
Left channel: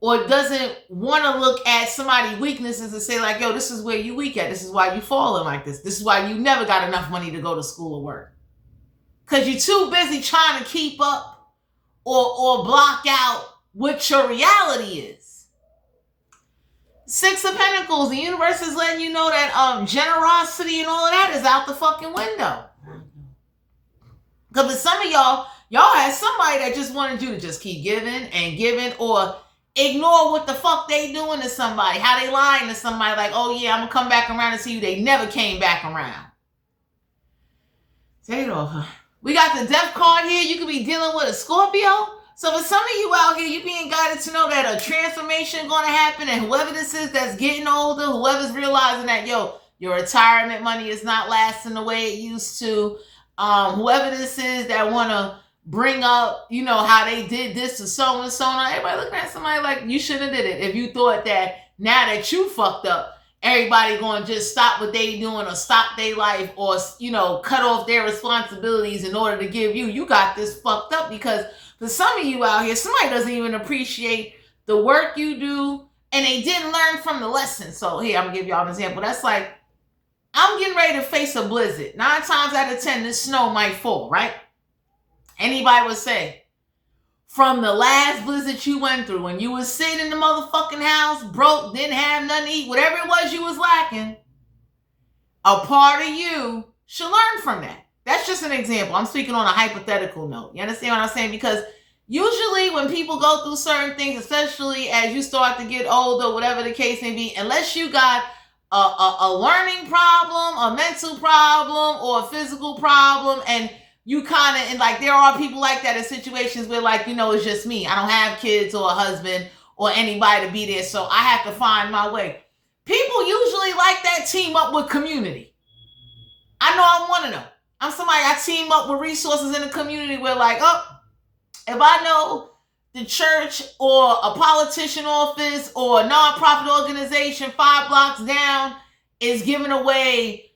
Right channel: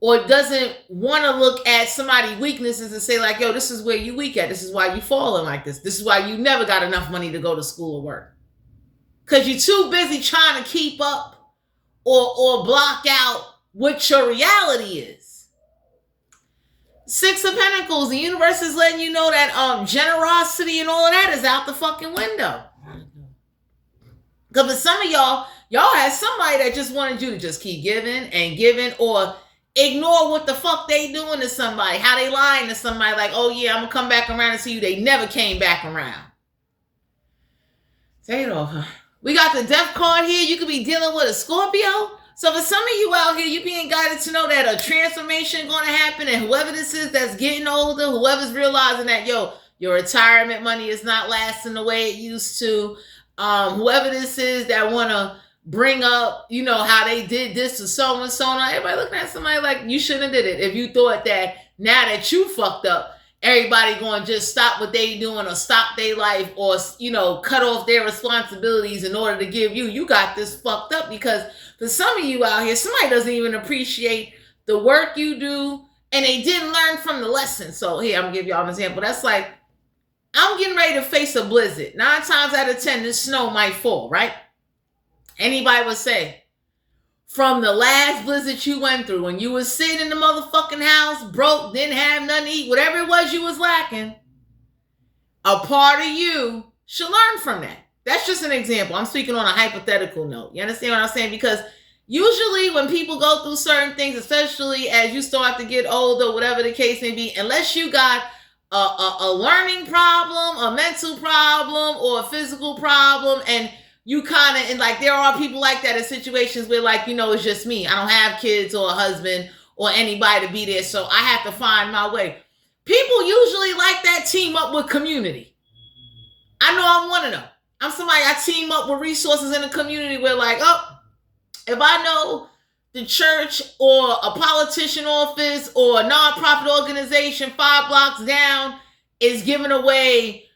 or doesn't want to look at somebody's weaknesses and say like, yo, this is where you weak at. This is why you falling like this. This is why you never got enough money to go to school or work. Because you're too busy trying to keep up or block out what your reality is. Six of Pentacles, the universe is letting you know that generosity and all of that is out the fucking window. Because for some of y'all had somebody that just wanted you to just keep giving and giving, or ignore what the fuck they doing to somebody, how they lying to somebody like, oh yeah, I'm going to come back around and see you. They never came back around. Say it all. We got the Death card here. You could be dealing with a Scorpio. So for some of you out here, you being guided to know that a transformation going to happen, and whoever this is that's getting older, whoever's realizing that, yo, your retirement money is not lasting the way it used to, whoever this is that want to bring up, you know, how they did this to so and so, everybody looking at somebody like you shouldn't have did it. If you thought that now that you fucked up, everybody going to just stop what they doing or stop their life or, you know, cut off their responsibilities in order to give you, you got this fucked up. Because for some of you out here, somebody doesn't even appreciate the work you do and they didn't learn from the lesson. So here, I'm going to give y'all an example. That's like, I'm getting ready to face a blizzard. 9 times out of 10, the snow might fall, right? Anybody would say, from the last blizzard you went through, when you was sitting in the motherfucking house, broke, didn't have nothing to eat, whatever it was you was lacking, a part of you should learn from that. That's just an example. I'm speaking on a hypothetical note. You understand what I'm saying? Because usually when people go through certain things, especially as you start to get older, whatever the case may be, unless you got a learning problem, a mental problem, or a physical problem, and you kind of, and like there are people like that in situations where like, you know, it's just me. I don't have kids or a husband or anybody to be there, so I have to find my way. People usually like that team up with community. I know I'm one of them. I'm somebody, I team up with resources in the community where like, oh, if I know the church or a politician office or a nonprofit organization 5 blocks down is giving away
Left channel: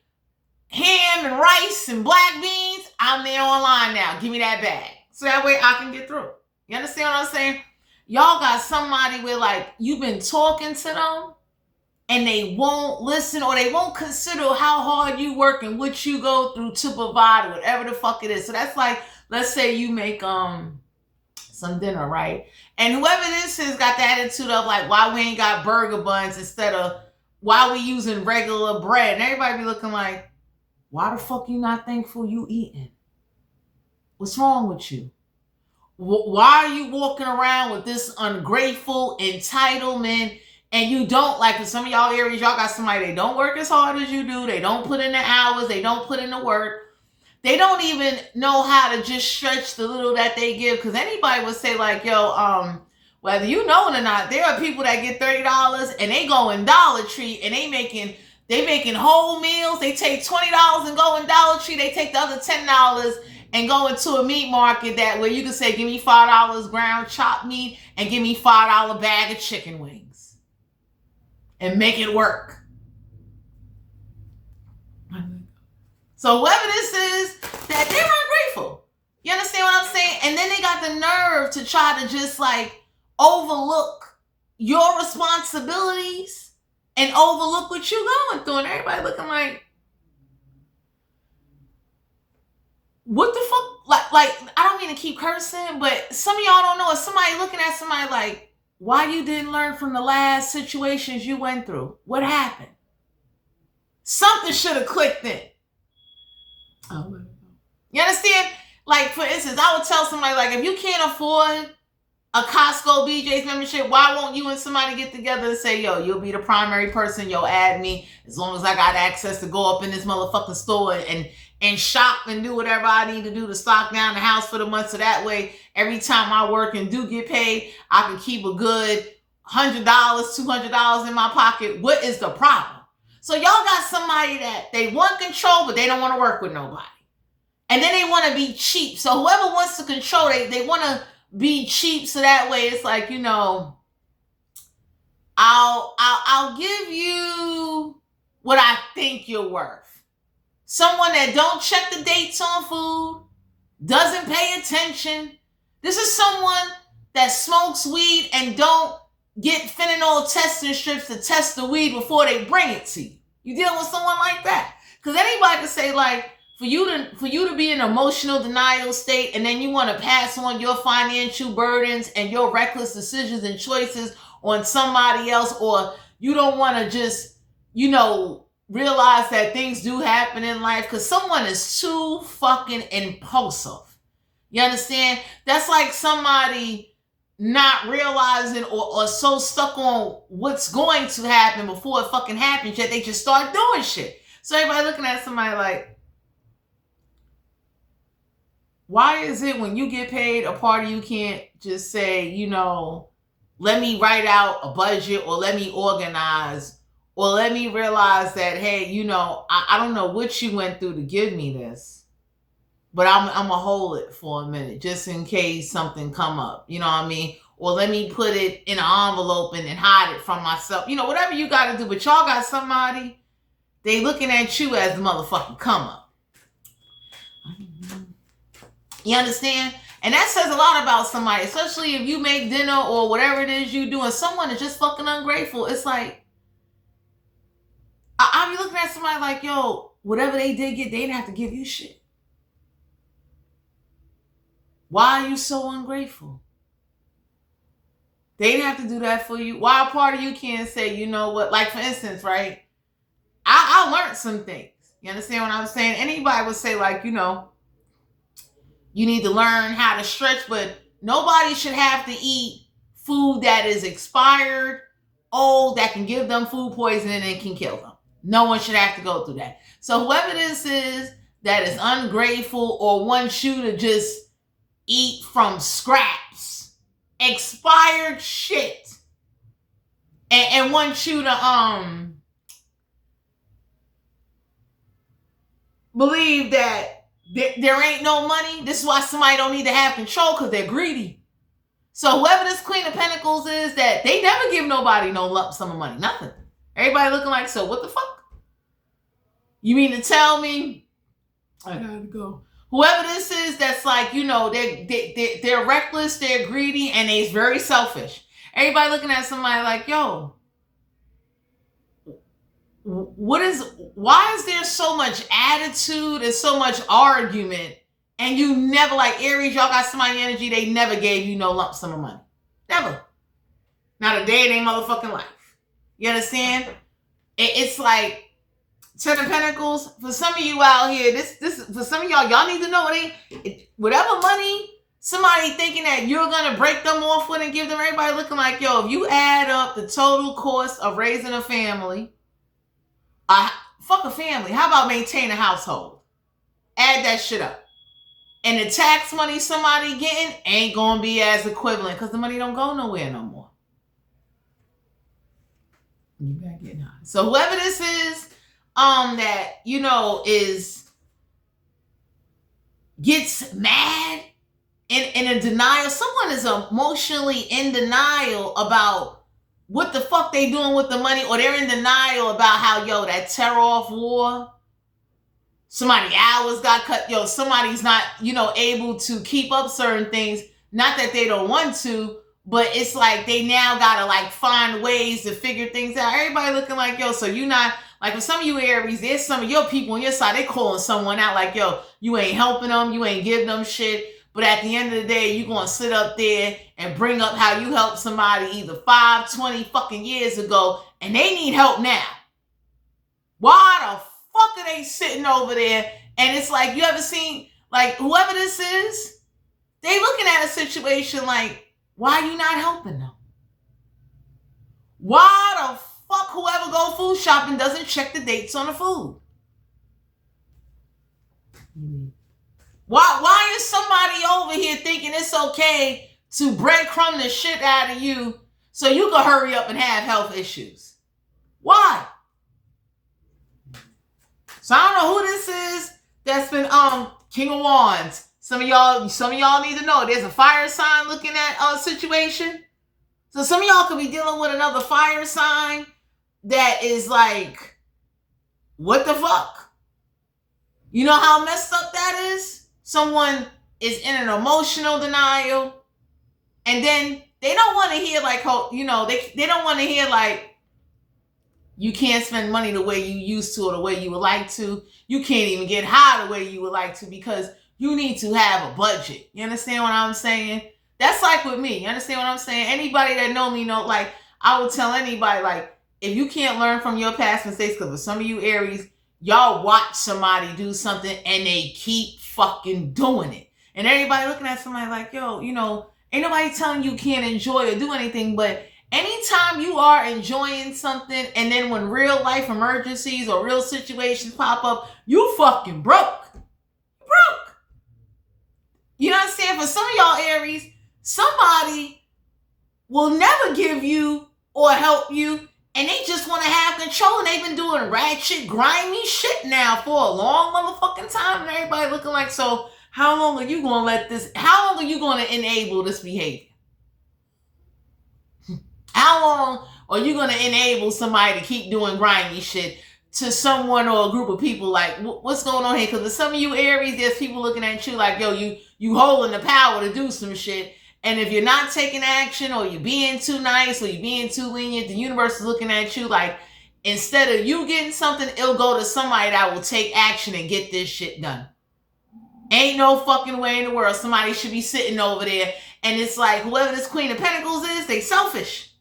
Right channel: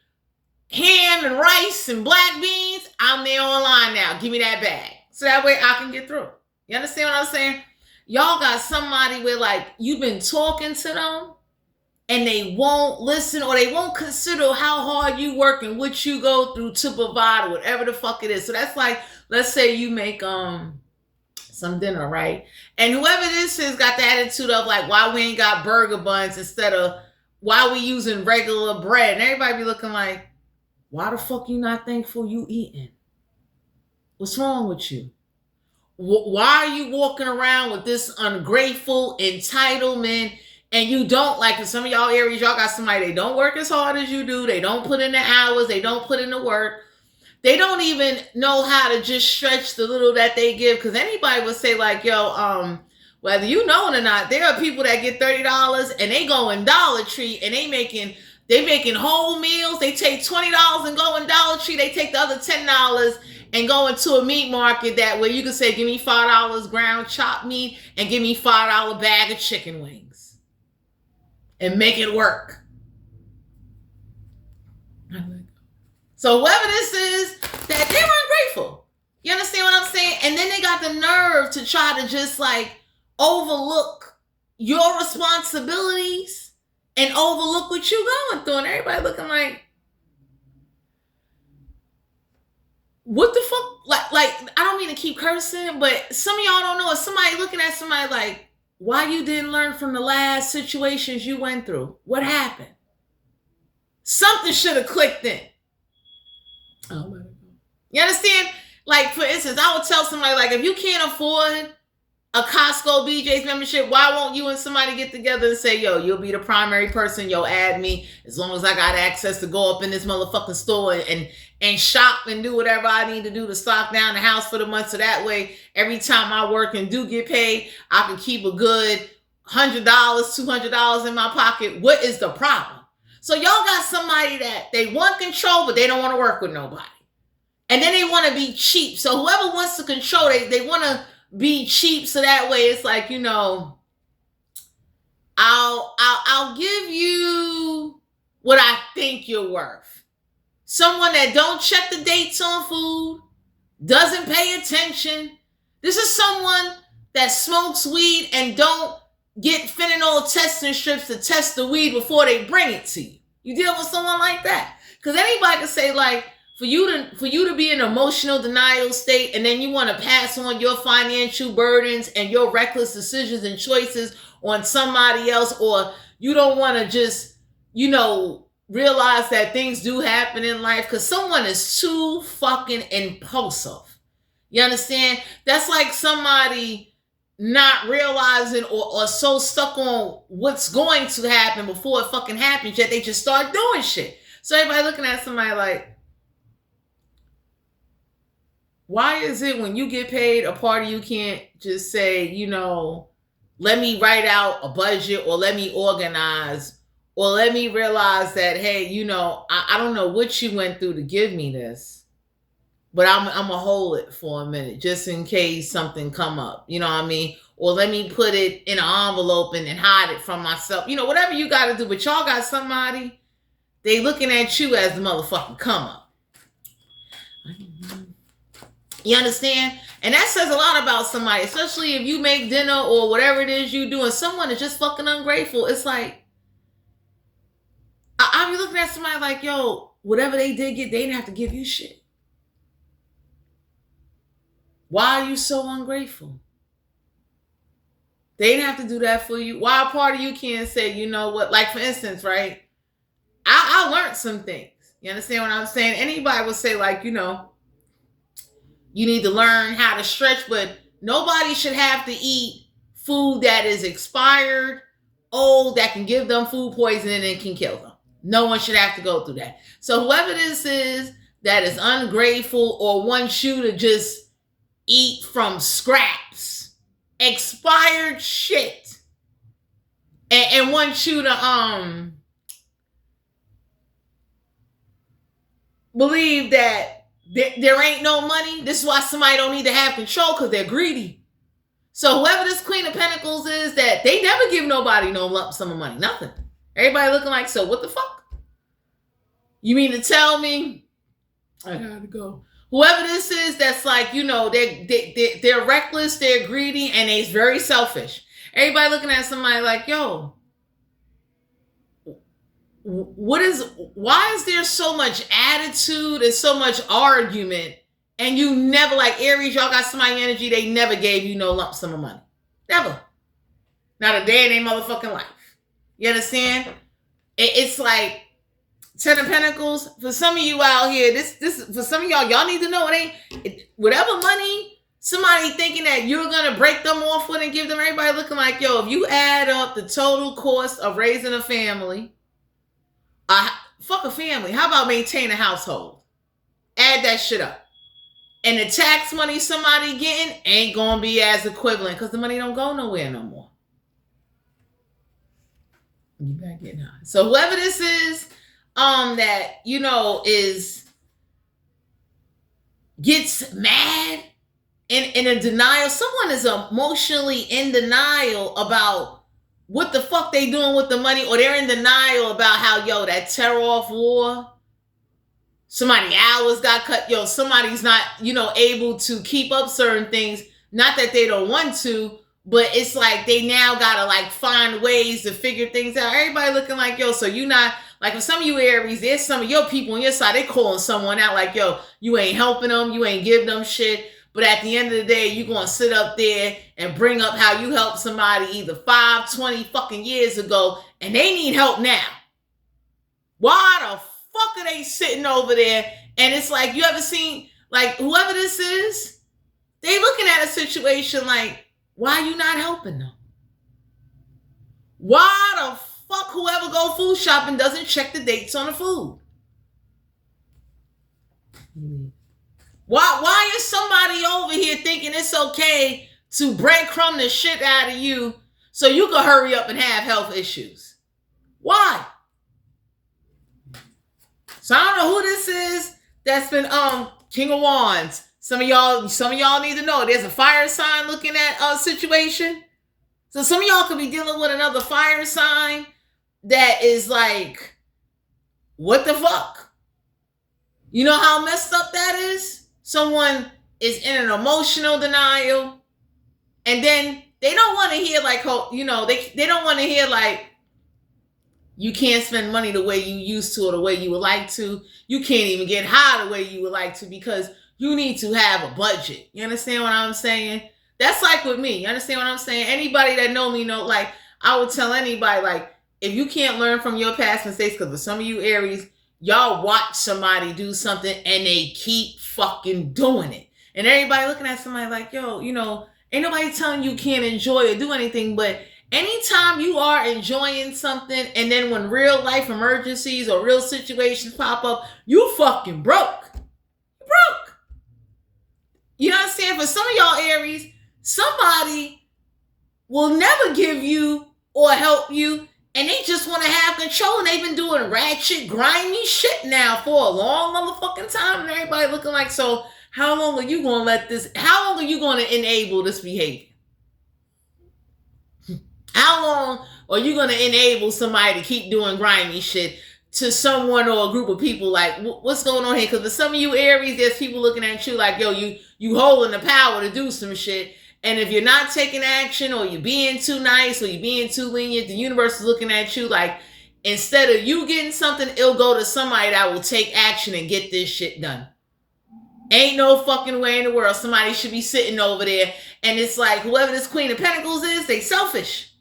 ham and rice and black beans, I'm there online now. Give me that bag. So that way I can get through. You understand what I'm saying? Y'all got somebody where like you've been talking to them and they won't listen or they won't consider how hard you work and what you go through to provide whatever the fuck it is. So that's like, let's say you make some dinner, right? And whoever this is got the attitude of like, why we ain't got burger buns instead of why we using regular bread. And everybody be looking like, why the fuck you not thankful you eating? What's wrong with you? Why are you walking around with this ungrateful entitlement and you don't, like for some of y'all Aries, y'all got somebody, they don't work as hard as you do. They don't put in the hours. They don't put in the work. They don't even know how to just stretch the little that they give. Because anybody would say like, yo, whether you know it or not, there are people that get $30 and they go in Dollar Tree and they making whole meals. They take $20 and go in Dollar Tree. They take the other $10 and go into a meat market that where you can say, give me $5 ground chopped meat and give me $5 bag of chicken wings and make it work. So whoever this is, that they're ungrateful. You understand what I'm saying? And then they got the nerve to try to just like overlook your responsibilities and overlook what you're going through. And everybody looking like, what the fuck? Like I don't mean to keep cursing, but some of y'all don't know. If somebody looking at somebody like, why you didn't learn from the last situations you went through? What happened? Something should have clicked in. Oh, you understand? Like, for instance, I would tell somebody, like, if you can't afford a Costco BJ's membership, why won't you and somebody get together and say, yo, you'll be the primary person, yo, add me, as long as I got access to go up in this motherfucking store and shop and do whatever I need to do to stock down the house for the month, so that way, every time I work and do get paid, I can keep a good $100, $200 in my pocket. What is the problem? So y'all got somebody that they want control, but they don't want to work with nobody. And then they want to be cheap. So whoever wants to control, they want to be cheap. So that way it's like, you know, I'll give you what I think you're worth. Someone that don't check the dates on food, doesn't pay attention. This is someone that smokes weed and don't get fentanyl testing strips to test the weed before they bring it to you. You dealing with someone like that. Because anybody can say, like, for you to be in emotional denial state and then you want to pass on your financial burdens and your reckless decisions and choices on somebody else, or you don't want to just, you know, realize that things do happen in life because someone is too fucking impulsive. You understand? That's like somebody not realizing or so stuck on what's going to happen before it fucking happens, yet they just start doing shit. So everybody looking at somebody like, Why is it when you get paid, a part of you can't just say, let me write out a budget, or let me organize, or let me realize that, hey, I don't know what you went through to give me this, but I'm going to hold it for a minute just in case something come up. You know what I mean? Or let me put it in an envelope and then hide it from myself. Whatever you got to do. But y'all got somebody, they looking at you as the motherfucking come up. You understand? And that says a lot about somebody, especially if you make dinner or whatever it is you do and someone is just fucking ungrateful. It's like, I be looking at somebody like, yo, whatever they did get, they didn't have to give you shit. Why are you so ungrateful? They didn't have to do that for you. Why a part of you can't say, you know what? Like, for instance, right? I learned some things. You understand what I'm saying? Anybody would say, like, you need to learn how to stretch, but nobody should have to eat food that is expired, old, that can give them food poisoning and can kill them. No one should have to go through that. So whoever this is that is ungrateful or wants you to just eat from scraps, expired shit, and wants you to believe that there ain't no money. This is why somebody don't need to have control, because they're greedy. So whoever this Queen of Pentacles is, that they never give nobody no lump sum of money. Nothing. Everybody looking like, so what the fuck? You mean to tell me I gotta go? Whoever this is that's like, they're reckless, they're greedy, and they're very selfish. Everybody looking at somebody like, yo, why is there so much attitude and so much argument, and you never, like Aries, y'all got somebody energy, they never gave you no lump sum of money. Never. Not a day in their motherfucking life. You understand? It's like 10 of Pentacles. For some of you out here, this for some of y'all need to know whatever money somebody thinking that you're gonna break them off with and give them, everybody looking like, yo, if you add up the total cost of raising a family, fuck a family. How about maintain a household? Add that shit up. And the tax money somebody getting ain't gonna be as equivalent, because the money don't go nowhere no more. You back getting high. So whoever this is, that gets mad in a denial. Someone is emotionally in denial about what the fuck they doing with the money, or they're in denial about how, that tear-off war, somebody hours got cut, somebody's not, able to keep up certain things. Not that they don't want to, but it's like they now gotta like find ways to figure things out. Everybody looking like, so you not, like for some of you Aries, there's some of your people on your side, they calling someone out like, you ain't helping them, you ain't giving them shit. But at the end of the day, you're going to sit up there and bring up how you helped somebody either 5, 20 fucking years ago, and they need help now. Why the fuck are they sitting over there? And it's like, you ever seen, like, whoever this is, they looking at a situation like, why are you not helping them? Why the fuck whoever go food shopping doesn't check the dates on the food? Why is somebody over here thinking it's okay to breadcrumb the shit out of you so you can hurry up and have health issues? Why? So I don't know who this is that's been King of Wands. Some of y'all need to know there's a fire sign looking at a situation. So some of y'all could be dealing with another fire sign that is like, what the fuck? You know how messed up that is? Someone is in an emotional denial, and then they don't want to hear like, they don't want to hear like, you can't spend money the way you used to or the way you would like to. You can't even get high the way you would like to because you need to have a budget. You understand what I'm saying? That's like with me. You understand what I'm saying? Anybody that know me know, like, I would tell anybody, like, if you can't learn from your past mistakes, because for some of you Aries, y'all watch somebody do something and they keep fucking doing it. And everybody looking at somebody like, ain't nobody telling you can't enjoy or do anything, but anytime you are enjoying something and then when real life emergencies or real situations pop up, you fucking broke. You know what I'm saying? For some of y'all Aries, somebody will never give you or help you, and they just want to have control, and they've been doing ratchet, grimy shit now for a long motherfucking time, and everybody looking like, so how long are you going to let this, how long are you going to enable this behavior? How long are you going to enable somebody to keep doing grimy shit to someone or a group of people? Like, what's going on here? Because with some of you Aries, there's people looking at you like, yo, you holding the power to do some shit. And if you're not taking action, or you're being too nice, or you're being too lenient, the universe is looking at you like, instead of you getting something, it'll go to somebody that will take action and get this shit done. Ain't no fucking way in the world somebody should be sitting over there. And it's like, whoever this Queen of Pentacles is, they selfish.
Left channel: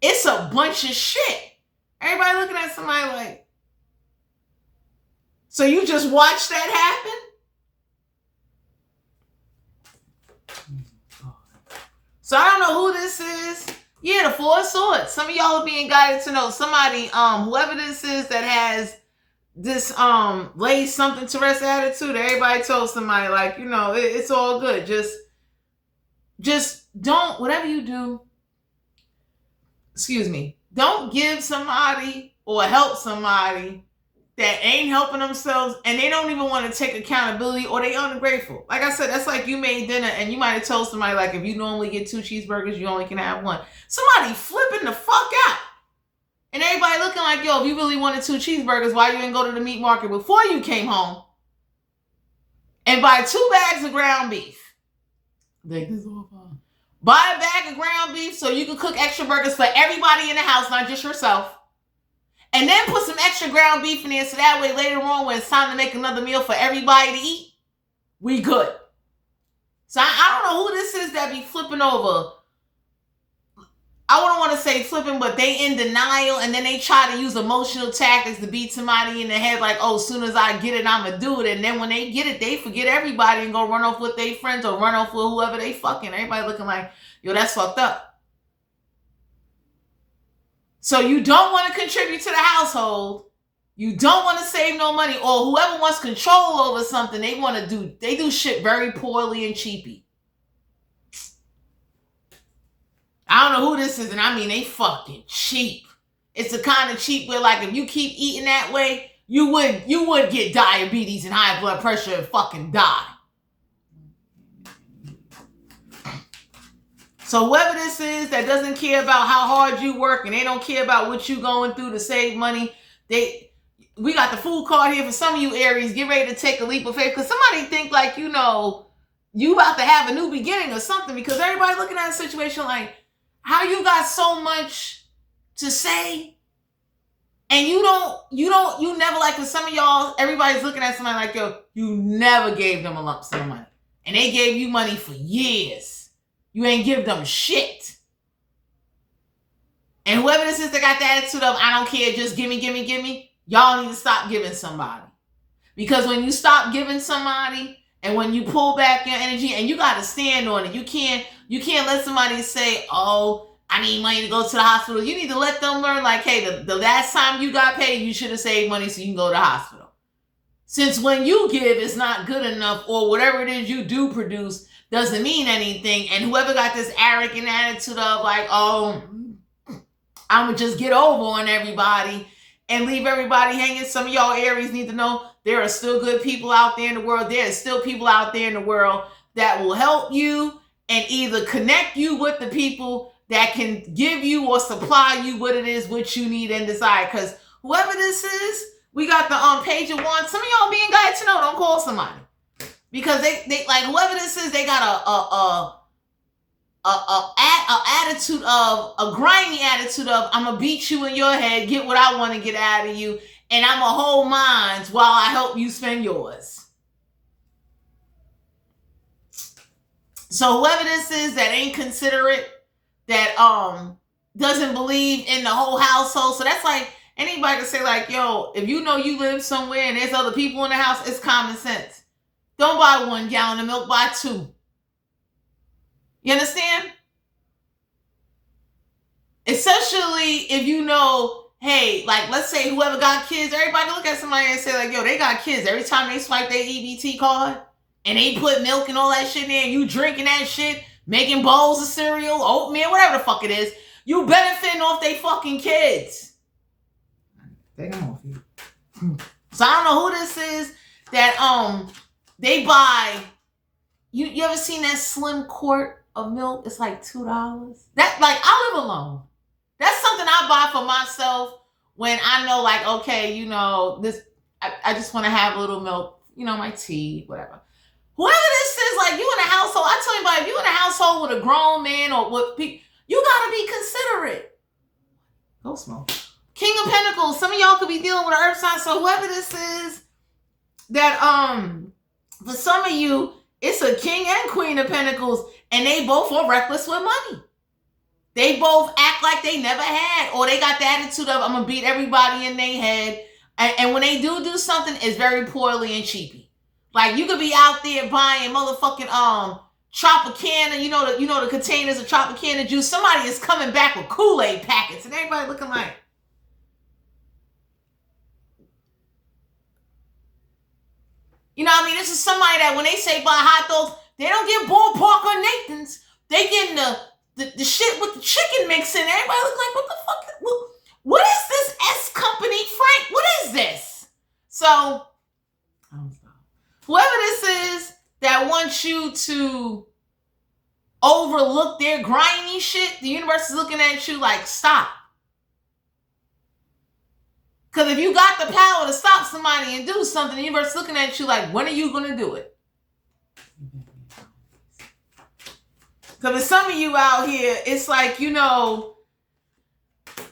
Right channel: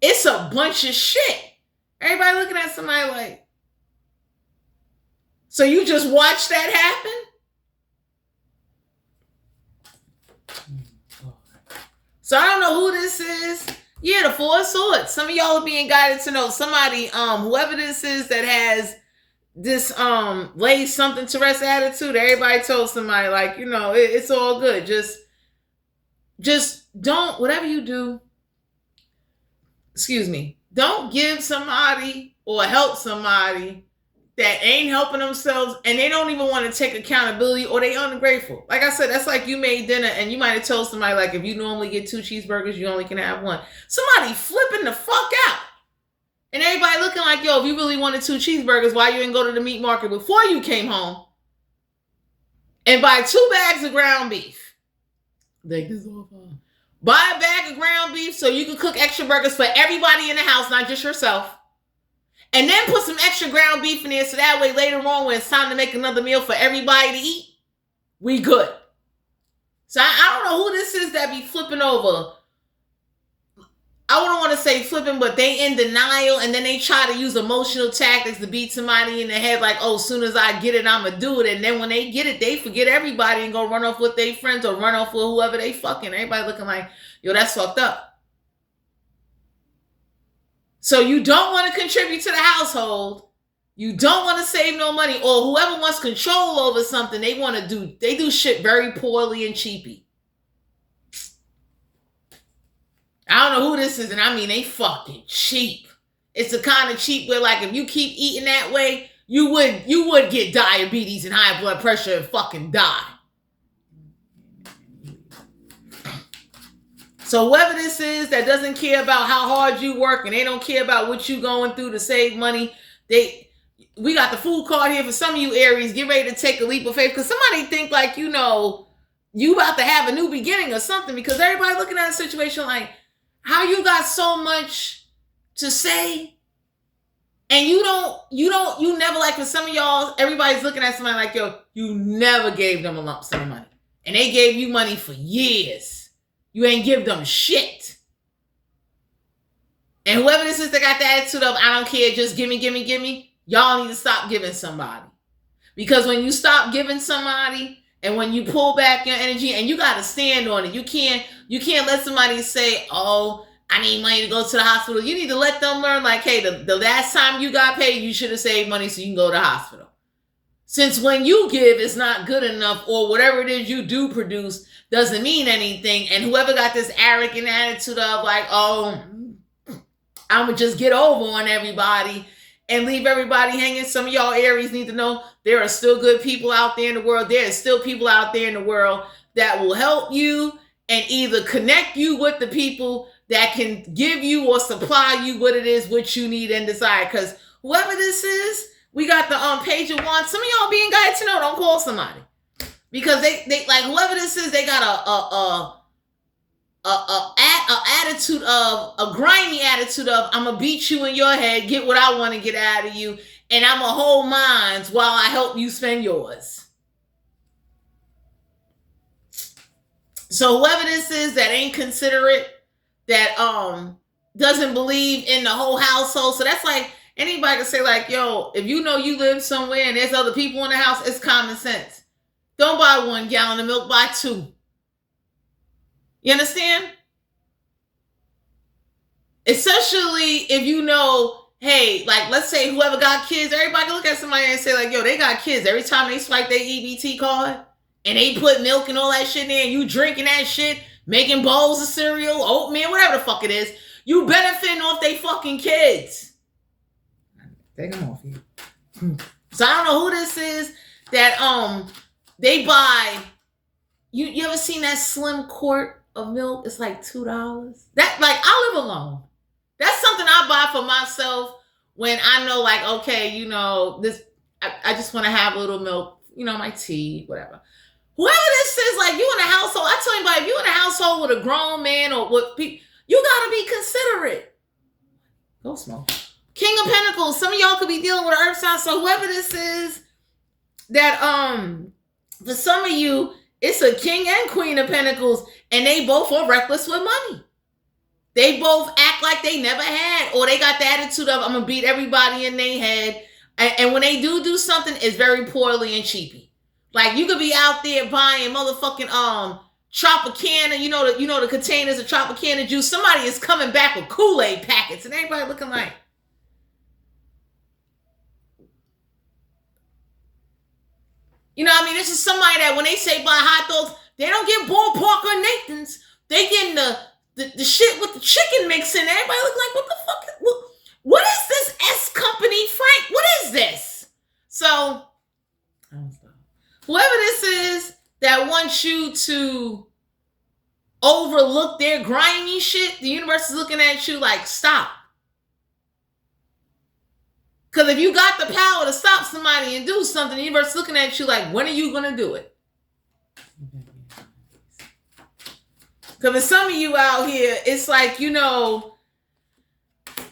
It's a bunch of shit. Everybody looking at somebody like, so you just watch that happen? So I don't know who this is. Yeah, the Four of Swords. Some of y'all are being guided to know somebody, whoever this is that has this lay something to rest attitude. Everybody told somebody like, you know, it's all good. Just don't, whatever you do, don't give somebody or help somebody that ain't helping themselves, and they don't even want to take accountability, or they ungrateful. Like I said, that's like you made dinner and you might have told somebody like, if you normally get 2 cheeseburgers, you only can have 1. Somebody flipping the fuck out. And everybody looking like, yo, if you really wanted 2 cheeseburgers, why you didn't go to the meat market before you came home and buy 2 bags of ground beef? Take this off. Buy a bag of ground beef so you can cook extra burgers for everybody in the house, not just yourself. And then put some extra ground beef in there so that way later on when it's time to make another meal for everybody to eat, we good. So I don't know who this is that be flipping over. I wouldn't want to say flipping, but they in denial, and then they try to use emotional tactics to beat somebody in the head like, oh, as soon as I get it, I'm going to do it. And then when they get it, they forget everybody and go run off with their friends or run off with whoever they fucking. Everybody looking like, yo, that's fucked up. So you don't want to contribute to the household. You don't want to save no money, or whoever wants control over something, they do shit very poorly and cheapy. I don't know who this is, and I mean they fucking cheap. It's the kind of cheap where like if you keep eating that way, you would get diabetes and high blood pressure and fucking die. So whoever this is that doesn't care about how hard you work and they don't care about what you going through to save money, we got the fool card here for some of you Aries. Get ready to take a leap of faith, because somebody think like, you know, you about to have a new beginning or something, because everybody looking at a situation like, how you got so much to say and you never, like for some of y'all, everybody's looking at somebody like, yo, you never gave them a lump sum of money and they gave you money for years. You ain't give them shit. And whoever this is that got the attitude of, I don't care, just gimme, y'all need to stop giving somebody. Because when you stop giving somebody and when you pull back your energy, and you got to stand on it, you can't let somebody say, oh, I need money to go to the hospital. You need to let them learn like, hey, the last time you got paid, you should have saved money so you can go to the hospital. Since when you give, it's not good enough, or whatever it is you do produce doesn't mean anything. And whoever got this arrogant attitude of like, oh, I'm going to just get over on everybody and leave everybody hanging. Some of y'all Aries need to know there are still good people out there in the world. There are still people out there in the world that will help you and either connect you with the people that can give you or supply you what it is, what you need and desire. Because whoever this is, we got the Page of Wands. Some of y'all being guided to know, don't call somebody. Because they like whoever this is, they got a attitude of, a grimy attitude of, I'm gonna beat you in your head, get what I want to get out of you, and I'm gonna hold mine while I help you spend yours. So whoever this is that ain't considerate, that doesn't believe in the whole household. So that's like anybody can say like, yo, if you know you live somewhere and there's other people in the house, it's common sense. Don't buy 1 gallon of milk, buy 2. You understand? Especially if you know, hey, like let's say whoever got kids, everybody look at somebody and say like, yo, they got kids. Every time they swipe their EBT card and they put milk and all that shit in there, and you drinking that shit, making bowls of cereal, oatmeal, whatever the fuck it is, you benefiting off they fucking kids. Take them off you. So I don't know who this is that they buy. You ever seen that slim quart of milk? It's like $2. That, like, I live alone. That's something I buy for myself when I know, like, okay, you know, this, I just want to have a little milk, you know, my tea, whatever. Whoever this is, like, you in a household, I tell anybody, if you in a household with a grown man or with people, you gotta be considerate. Go smoke. King of Pentacles, some of y'all could be dealing with an earth sign, so whoever this is, that, for some of you, it's a king and queen of pentacles, and they both are reckless with money. They both act like they never had, or they got the attitude of, I'm gonna beat everybody in their head. And when they do something, it's very poorly and cheapy. Like, you could be out there buying motherfucking Tropicana, you know the containers of Tropicana juice. Somebody is coming back with Kool-Aid packets, and everybody looking like, you know what I mean? This is somebody that when they say buy hot dogs, they don't get ballpark or Nathan's. They getting the shit with the chicken mix in. Everybody look like, what the fuck? What is this S Company, Frank? What is this? So, whoever this is that wants you to overlook their grimy shit, the universe is looking at you like, stop. Because if you got the power to stop somebody and do something, the universe is looking at you like, when are you going to do it? Because for some of you out here, it's like, you know,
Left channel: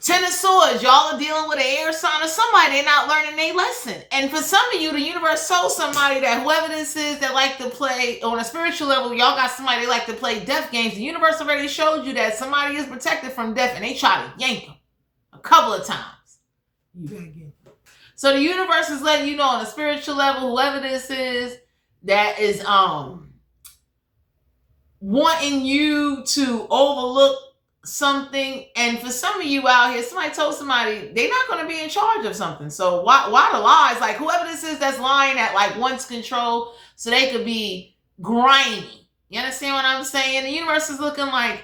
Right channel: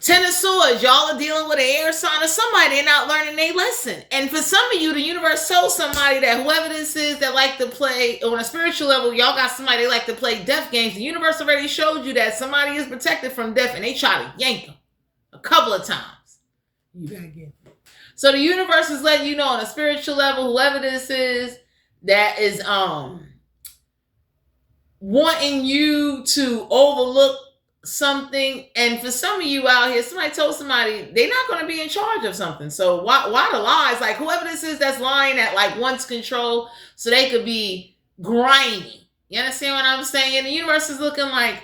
Ten of Swords, y'all are dealing with an air sign or somebody, they're not learning their lesson. And for some of you, the universe told somebody that whoever this is that like to play, on a spiritual level, y'all got somebody they like to play death games. The universe already showed you that somebody is protected from death, and they try to yank them a couple of times. You gotta get them. So the universe is letting you know on a spiritual level, whoever this is that is wanting you to overlook something. And for some of you out here, somebody told somebody they're not going to be in charge of something. So why the lies? Like, whoever this is that's lying at like wants control so they could be grimy. You understand what I'm saying? The universe is looking like,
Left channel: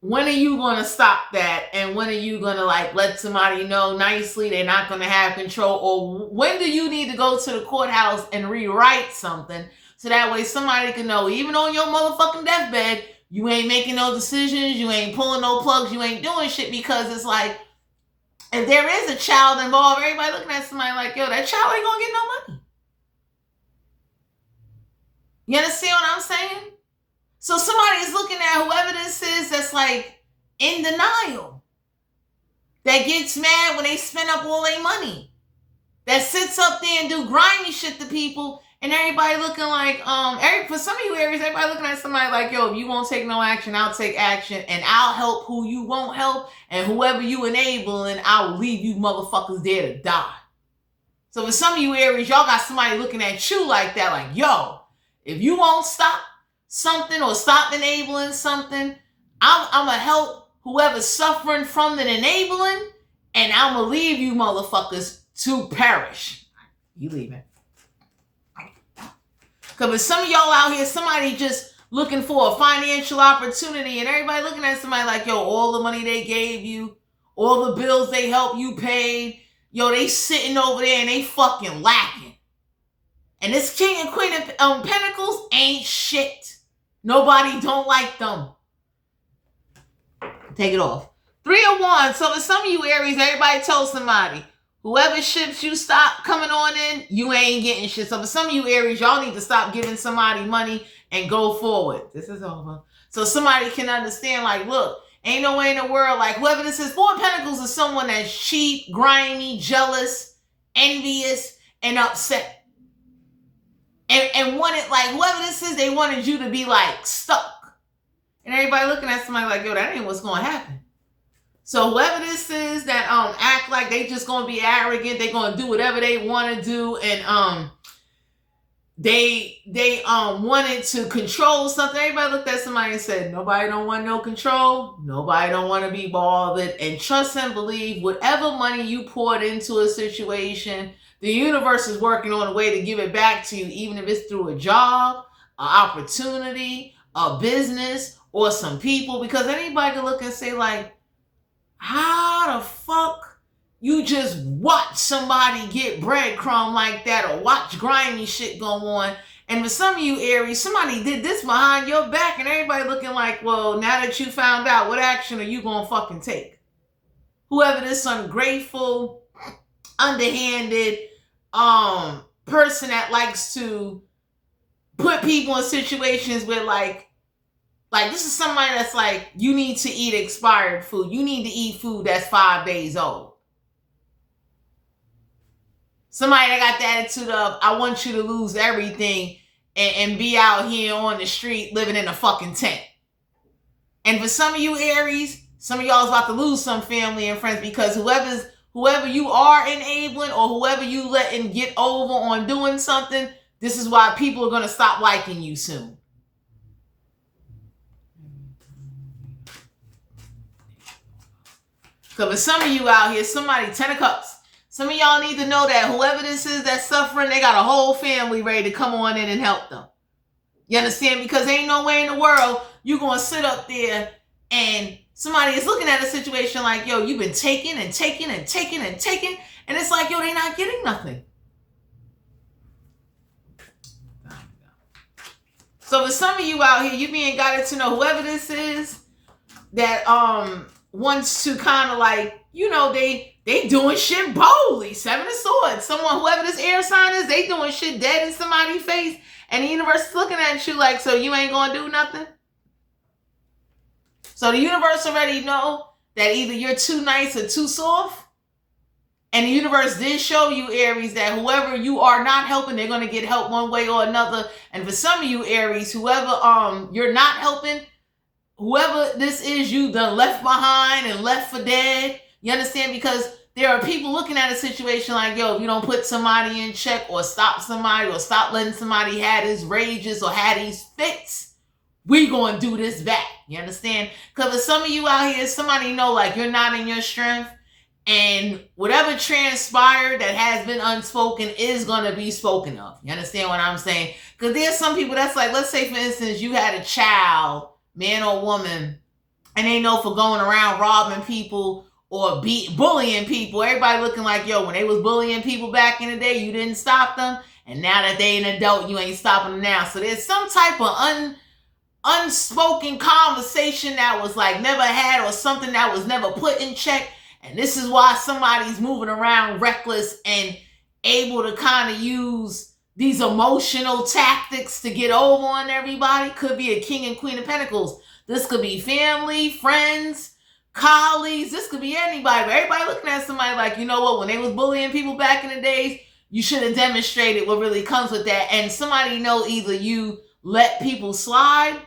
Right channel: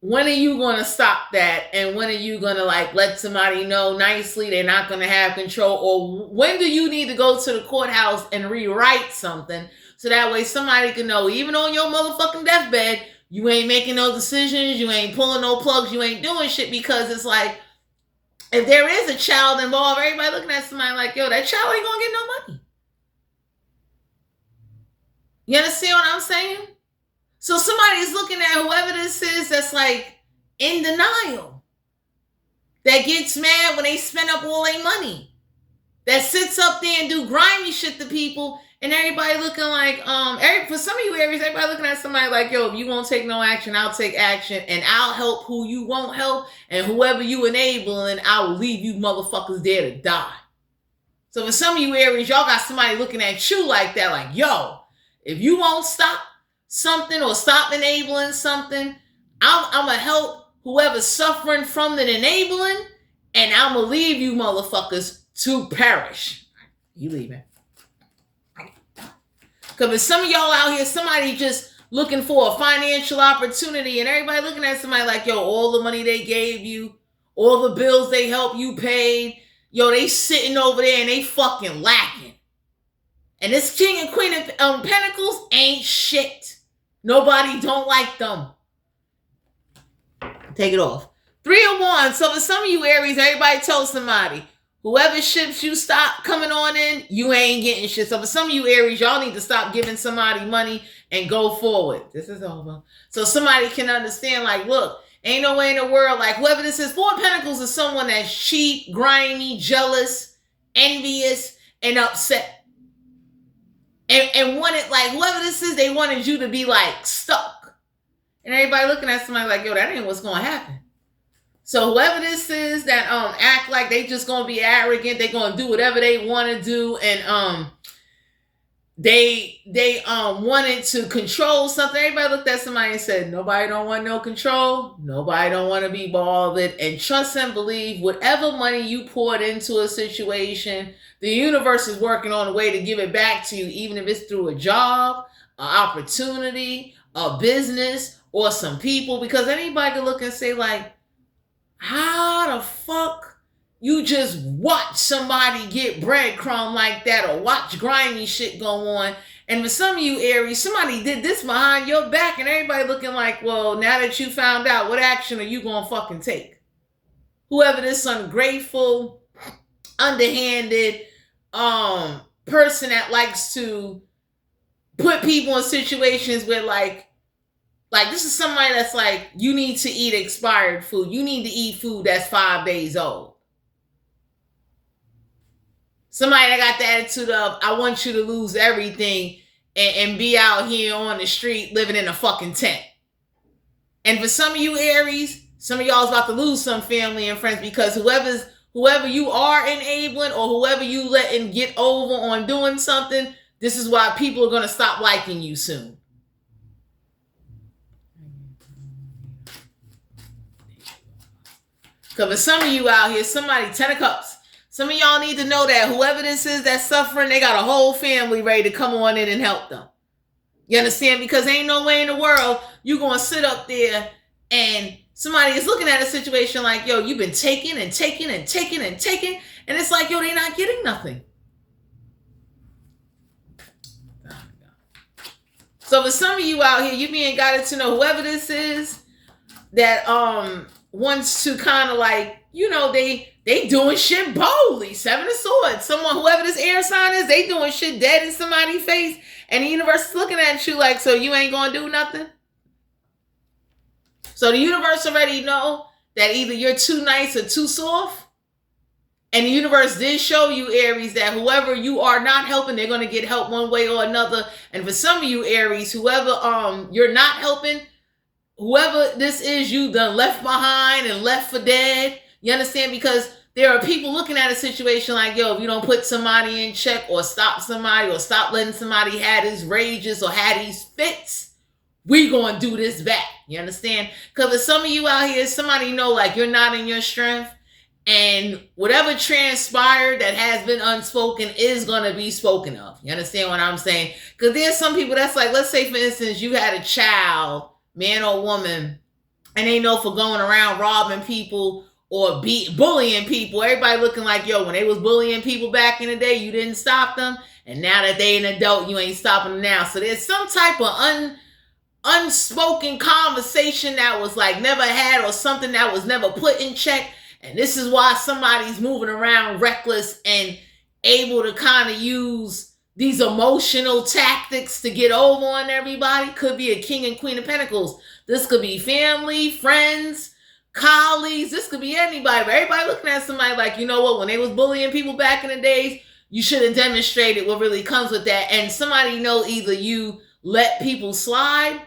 when are you going to stop that? And when are you going to like let somebody know nicely they're not going to have control? Or when do you need to go to the courthouse and rewrite something so that way somebody can know, even on your motherfucking deathbed, you ain't making no decisions, you ain't pulling no plugs, you ain't doing shit. Because it's like, if there is a child involved, everybody looking at somebody like, yo, that child ain't gonna get no money. You understand what I'm saying? So somebody is looking at whoever this is that's like in denial, that gets mad when they spend up all their money, that sits up there and do grimy shit to people. And everybody looking like, for some of you Aries, everybody looking at somebody like, yo, if you won't take no action, I'll take action, and I'll help who you won't help, and whoever you enabling, I will leave you motherfuckers there to die. So for some of you Aries, y'all got somebody looking at you like that, like, yo, if you won't stop something or stop enabling something, I'm going to help whoever's suffering from the enabling, and I'm going to leave you motherfuckers to perish. You leaving. Because for some of y'all out here, somebody just looking for a financial opportunity, and everybody looking at somebody like, yo, all the money they gave you, all the bills they helped you pay, yo, they sitting over there and they fucking lacking. And this king and queen of pentacles ain't shit. Nobody don't like them. Take it off. 3 of Wands. So for some of you Aries, everybody told somebody, whoever ships you stop coming on in, you ain't getting shit. So for some of you Aries, y'all need to stop giving somebody money and go forward. This is over. So somebody can understand, like, look, ain't no way in the world, like, whoever this is, 4 of Pentacles is someone that's cheap, grimy, jealous, envious, and upset. And wanted, like, whoever this is, they wanted you to be, like, stuck. And everybody looking at somebody like, yo, that ain't what's going to happen. So whoever this is that act like they just gonna be arrogant, they gonna do whatever they want to do, and they wanted to control something. Everybody looked at somebody and said, nobody don't want no control, nobody don't want to be bothered, and trust and believe whatever money you poured into a situation, the universe is working on a way to give it back to you, even if it's through a job, opportunity, a business, or some people. Because anybody can look and say, like, how the fuck you just watch somebody get breadcrumb like that, or watch grimy shit go on? And for some of you Aries, somebody did this behind your back, and everybody looking like, well, now that you found out, what action are you gonna fucking take? Whoever this ungrateful, underhanded person that likes to put people in situations where like this is somebody that's like, you need to eat expired food. You need to eat food that's 5 days old. Somebody that got the attitude of, I want you to lose everything and be out here on the street living in a fucking tent. And for some of you Aries, some of y'all is about to lose some family and friends, because whoever you are enabling, or whoever you letting get over on doing something, this is why people are going to stop liking you soon. Because for some of you out here, somebody, 10 of Cups, some of y'all need to know that whoever this is that's suffering, they got a whole family ready to come on in and help them. You understand? Because ain't no way in the world you're going to sit up there and somebody is looking at a situation like, yo, you've been taking and taking and taking and taking, and it's like, yo, they not getting nothing. So for some of you out here, you being guided to know whoever this is that wants to kind of like, you know, they doing shit boldly. 7 of Swords. Someone, whoever this air sign is, they doing shit dead in somebody's face, and the universe is looking at you like, so you ain't gonna do nothing? So the universe already know that either you're too nice or too soft. And the universe did show you, Aries, that whoever you are not helping, they're going to get help one way or another. And for some of you Aries, whoever you're not helping, whoever this is, you done left behind and left for dead. You understand? Because there are people looking at a situation like, yo, if you don't put somebody in check, or stop somebody, or stop letting somebody have these rages or have these fits, we gonna do this back. You understand? Because for some of you out here, somebody know like you're not in your strength, and whatever transpired that has been unspoken is gonna be spoken of. You understand what I'm saying? Because there's some people that's like, let's say for instance, you had a child, man or woman, and they know for going around robbing people or bullying people. Everybody looking like, yo, when they was bullying people back in the day, you didn't stop them, and now that they an adult, you ain't stopping them now. So there's some type of unspoken conversation that was like never had, or something that was never put in check. And this is why somebody's moving around reckless and able to kind of use these emotional tactics to get over on everybody. Could be a King and Queen of Pentacles. This could be family, friends, colleagues. This could be anybody. But everybody looking at somebody like, you know what, when they was bullying people back in the days, you should have demonstrated what really comes with that. And somebody know either you let people slide,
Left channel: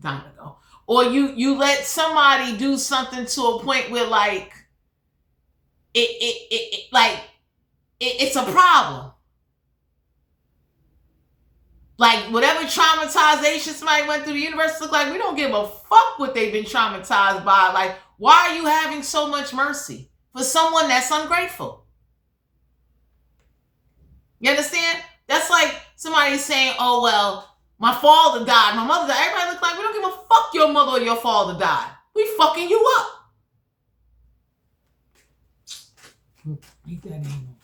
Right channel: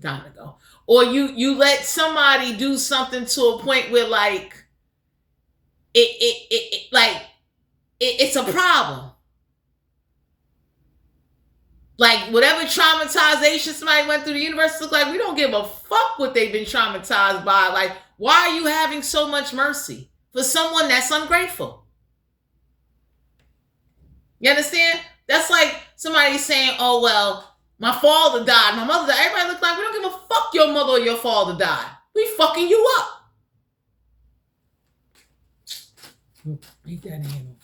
time to go, or you let somebody do something to a point where like it's a problem. Like whatever traumatization somebody went through, the universe look like, we don't give a fuck what they've been traumatized by. Like, why are you having so much mercy for someone that's ungrateful? You understand? That's like somebody saying, oh well, my father died, my mother died. Everybody look like, we don't give a fuck your mother or your father died. We fucking you up. Make that name.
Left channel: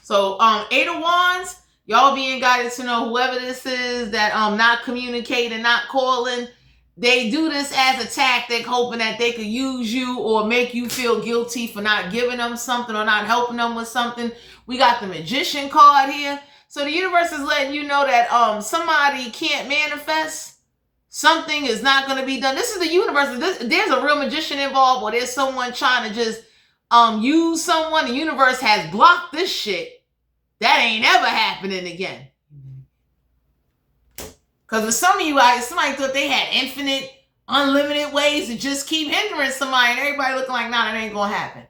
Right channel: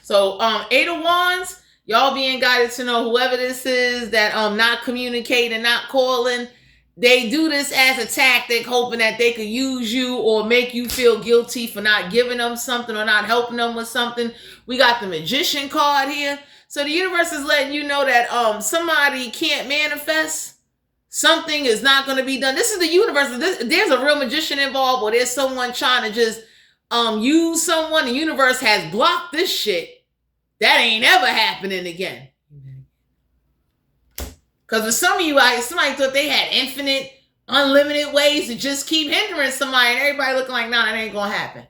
So 8 of Wands, y'all being guided to know whoever this is that not communicating, not calling, they do this as a tactic, hoping that they could use you or make you feel guilty for not giving them something or not helping them with something. We got the Magician card here. So the universe is letting you know that somebody can't manifest. Something is not going to be done. This is the universe. There's a real magician involved, or there's someone trying to just use someone. The universe has blocked this shit. That ain't ever happening again. Because for some of you, somebody thought they had infinite, unlimited ways to just keep hindering somebody, and everybody looking like, nah, that ain't going to happen.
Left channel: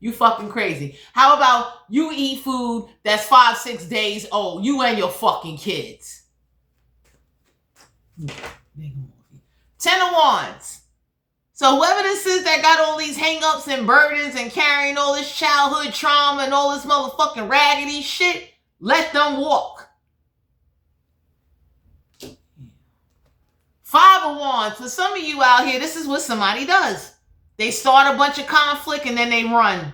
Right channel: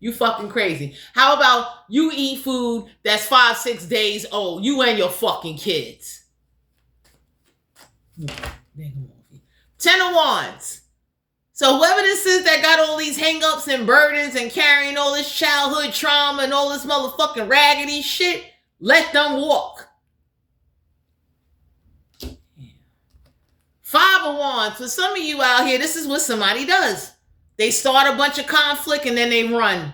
You fucking crazy. How about you eat food that's 5-6 days old, you and your fucking kids? 10 of Wands. So whoever this is that got all these hang-ups and burdens and carrying all this childhood trauma and all this motherfucking raggedy shit, let them walk. Five of Wands. For some of you out here, this is what somebody does. They start a bunch of conflict and then they run.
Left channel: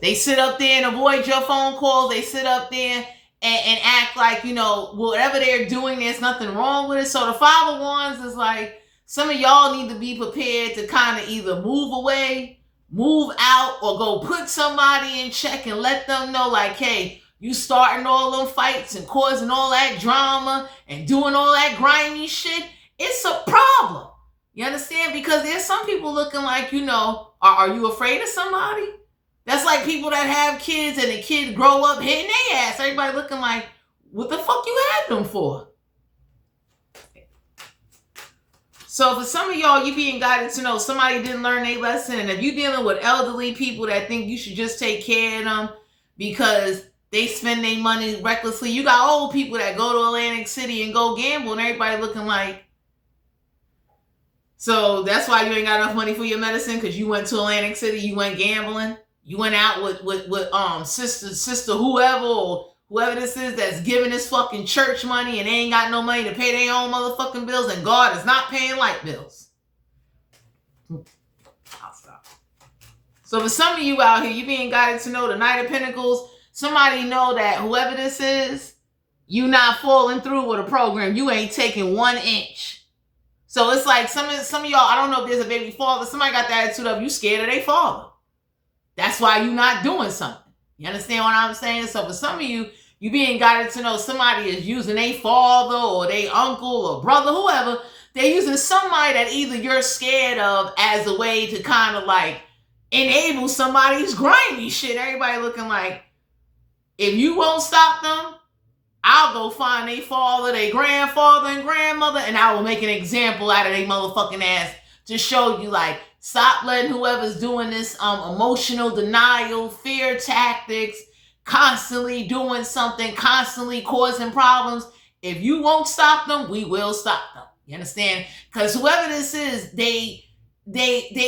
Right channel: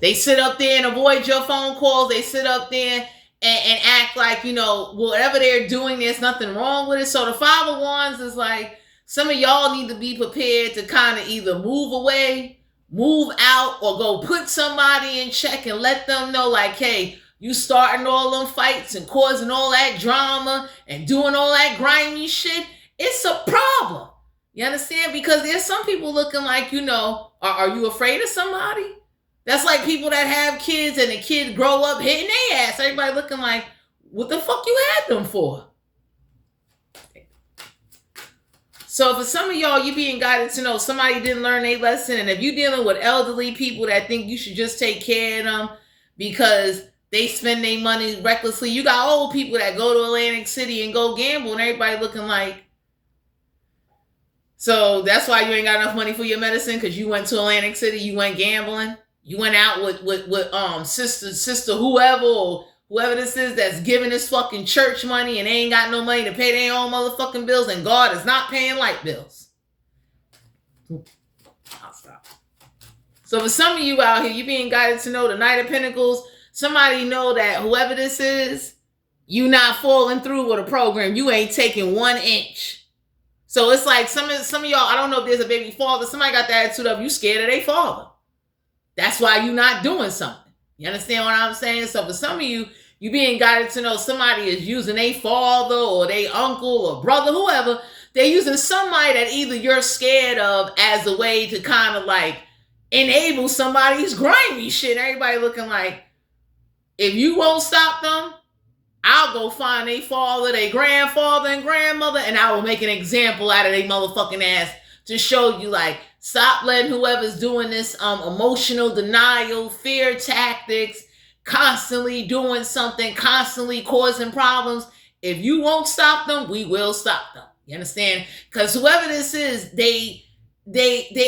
They sit up there and avoid your phone calls. They sit up there and act like, whatever they're doing, there's nothing wrong with it. So the Five of Wands is like, some of y'all need to be prepared to kind of either move away, move out, or go put somebody in check and let them know, like, hey, you starting all them fights and causing all that drama and doing all that grimy shit. It's a problem. You understand? Because there's some people looking like, are you afraid of somebody? That's like people that have kids and the kid grow up hitting their ass. Everybody looking like, what the fuck you had them for? So for some of y'all, you being guided to know somebody didn't learn a lesson. And if you're dealing with elderly people that think you should just take care of them because they spend their money recklessly, you got old people that go to Atlantic City and go gamble and everybody looking like. So that's why you ain't got enough money for your medicine, because you went to Atlantic City, you went gambling. You went out with sister whoever, or whoever this is that's giving this fucking church money and they ain't got no money to pay their own motherfucking bills, and God is not paying light bills. I'll stop. So for some of you out here, you being guided to know the Knight of Pentacles, somebody know that whoever this is, you not falling through with a program. You ain't taking 1 inch. So it's like some of y'all, I don't know if there's a baby father, somebody got the attitude of you scared of their father. That's why you're not doing something. You understand what I'm saying? So for some of you, you being guided to know somebody is using a father or their uncle or brother, whoever. They're using somebody that either you're scared of as a way to kind of like enable somebody's grimy shit. Everybody looking like, if you won't stop them, I'll go find their father, their grandfather and grandmother, and I will make an example out of their motherfucking ass to show you, like, stop letting whoever's doing this emotional denial, fear tactics, constantly doing something, constantly causing problems. If you won't stop them, we will stop them. You understand? Because whoever this is, they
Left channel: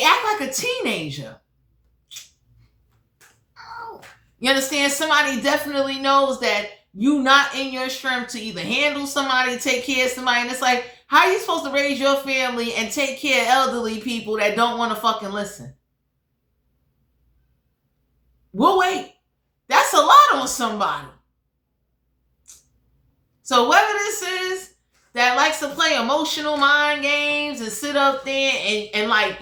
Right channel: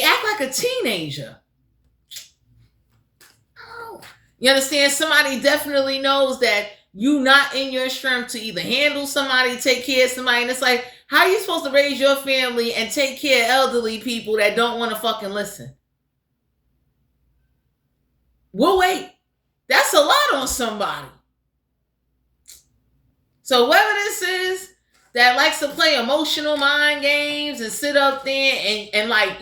act like a teenager. You understand? Somebody definitely knows that you not in your strength to either handle somebody, take care of somebody. And it's like, how are you supposed to raise your family and take care of elderly people that don't want to fucking listen? We'll wait. That's a lot on somebody. So whoever this is that likes to play emotional mind games and sit up there and like,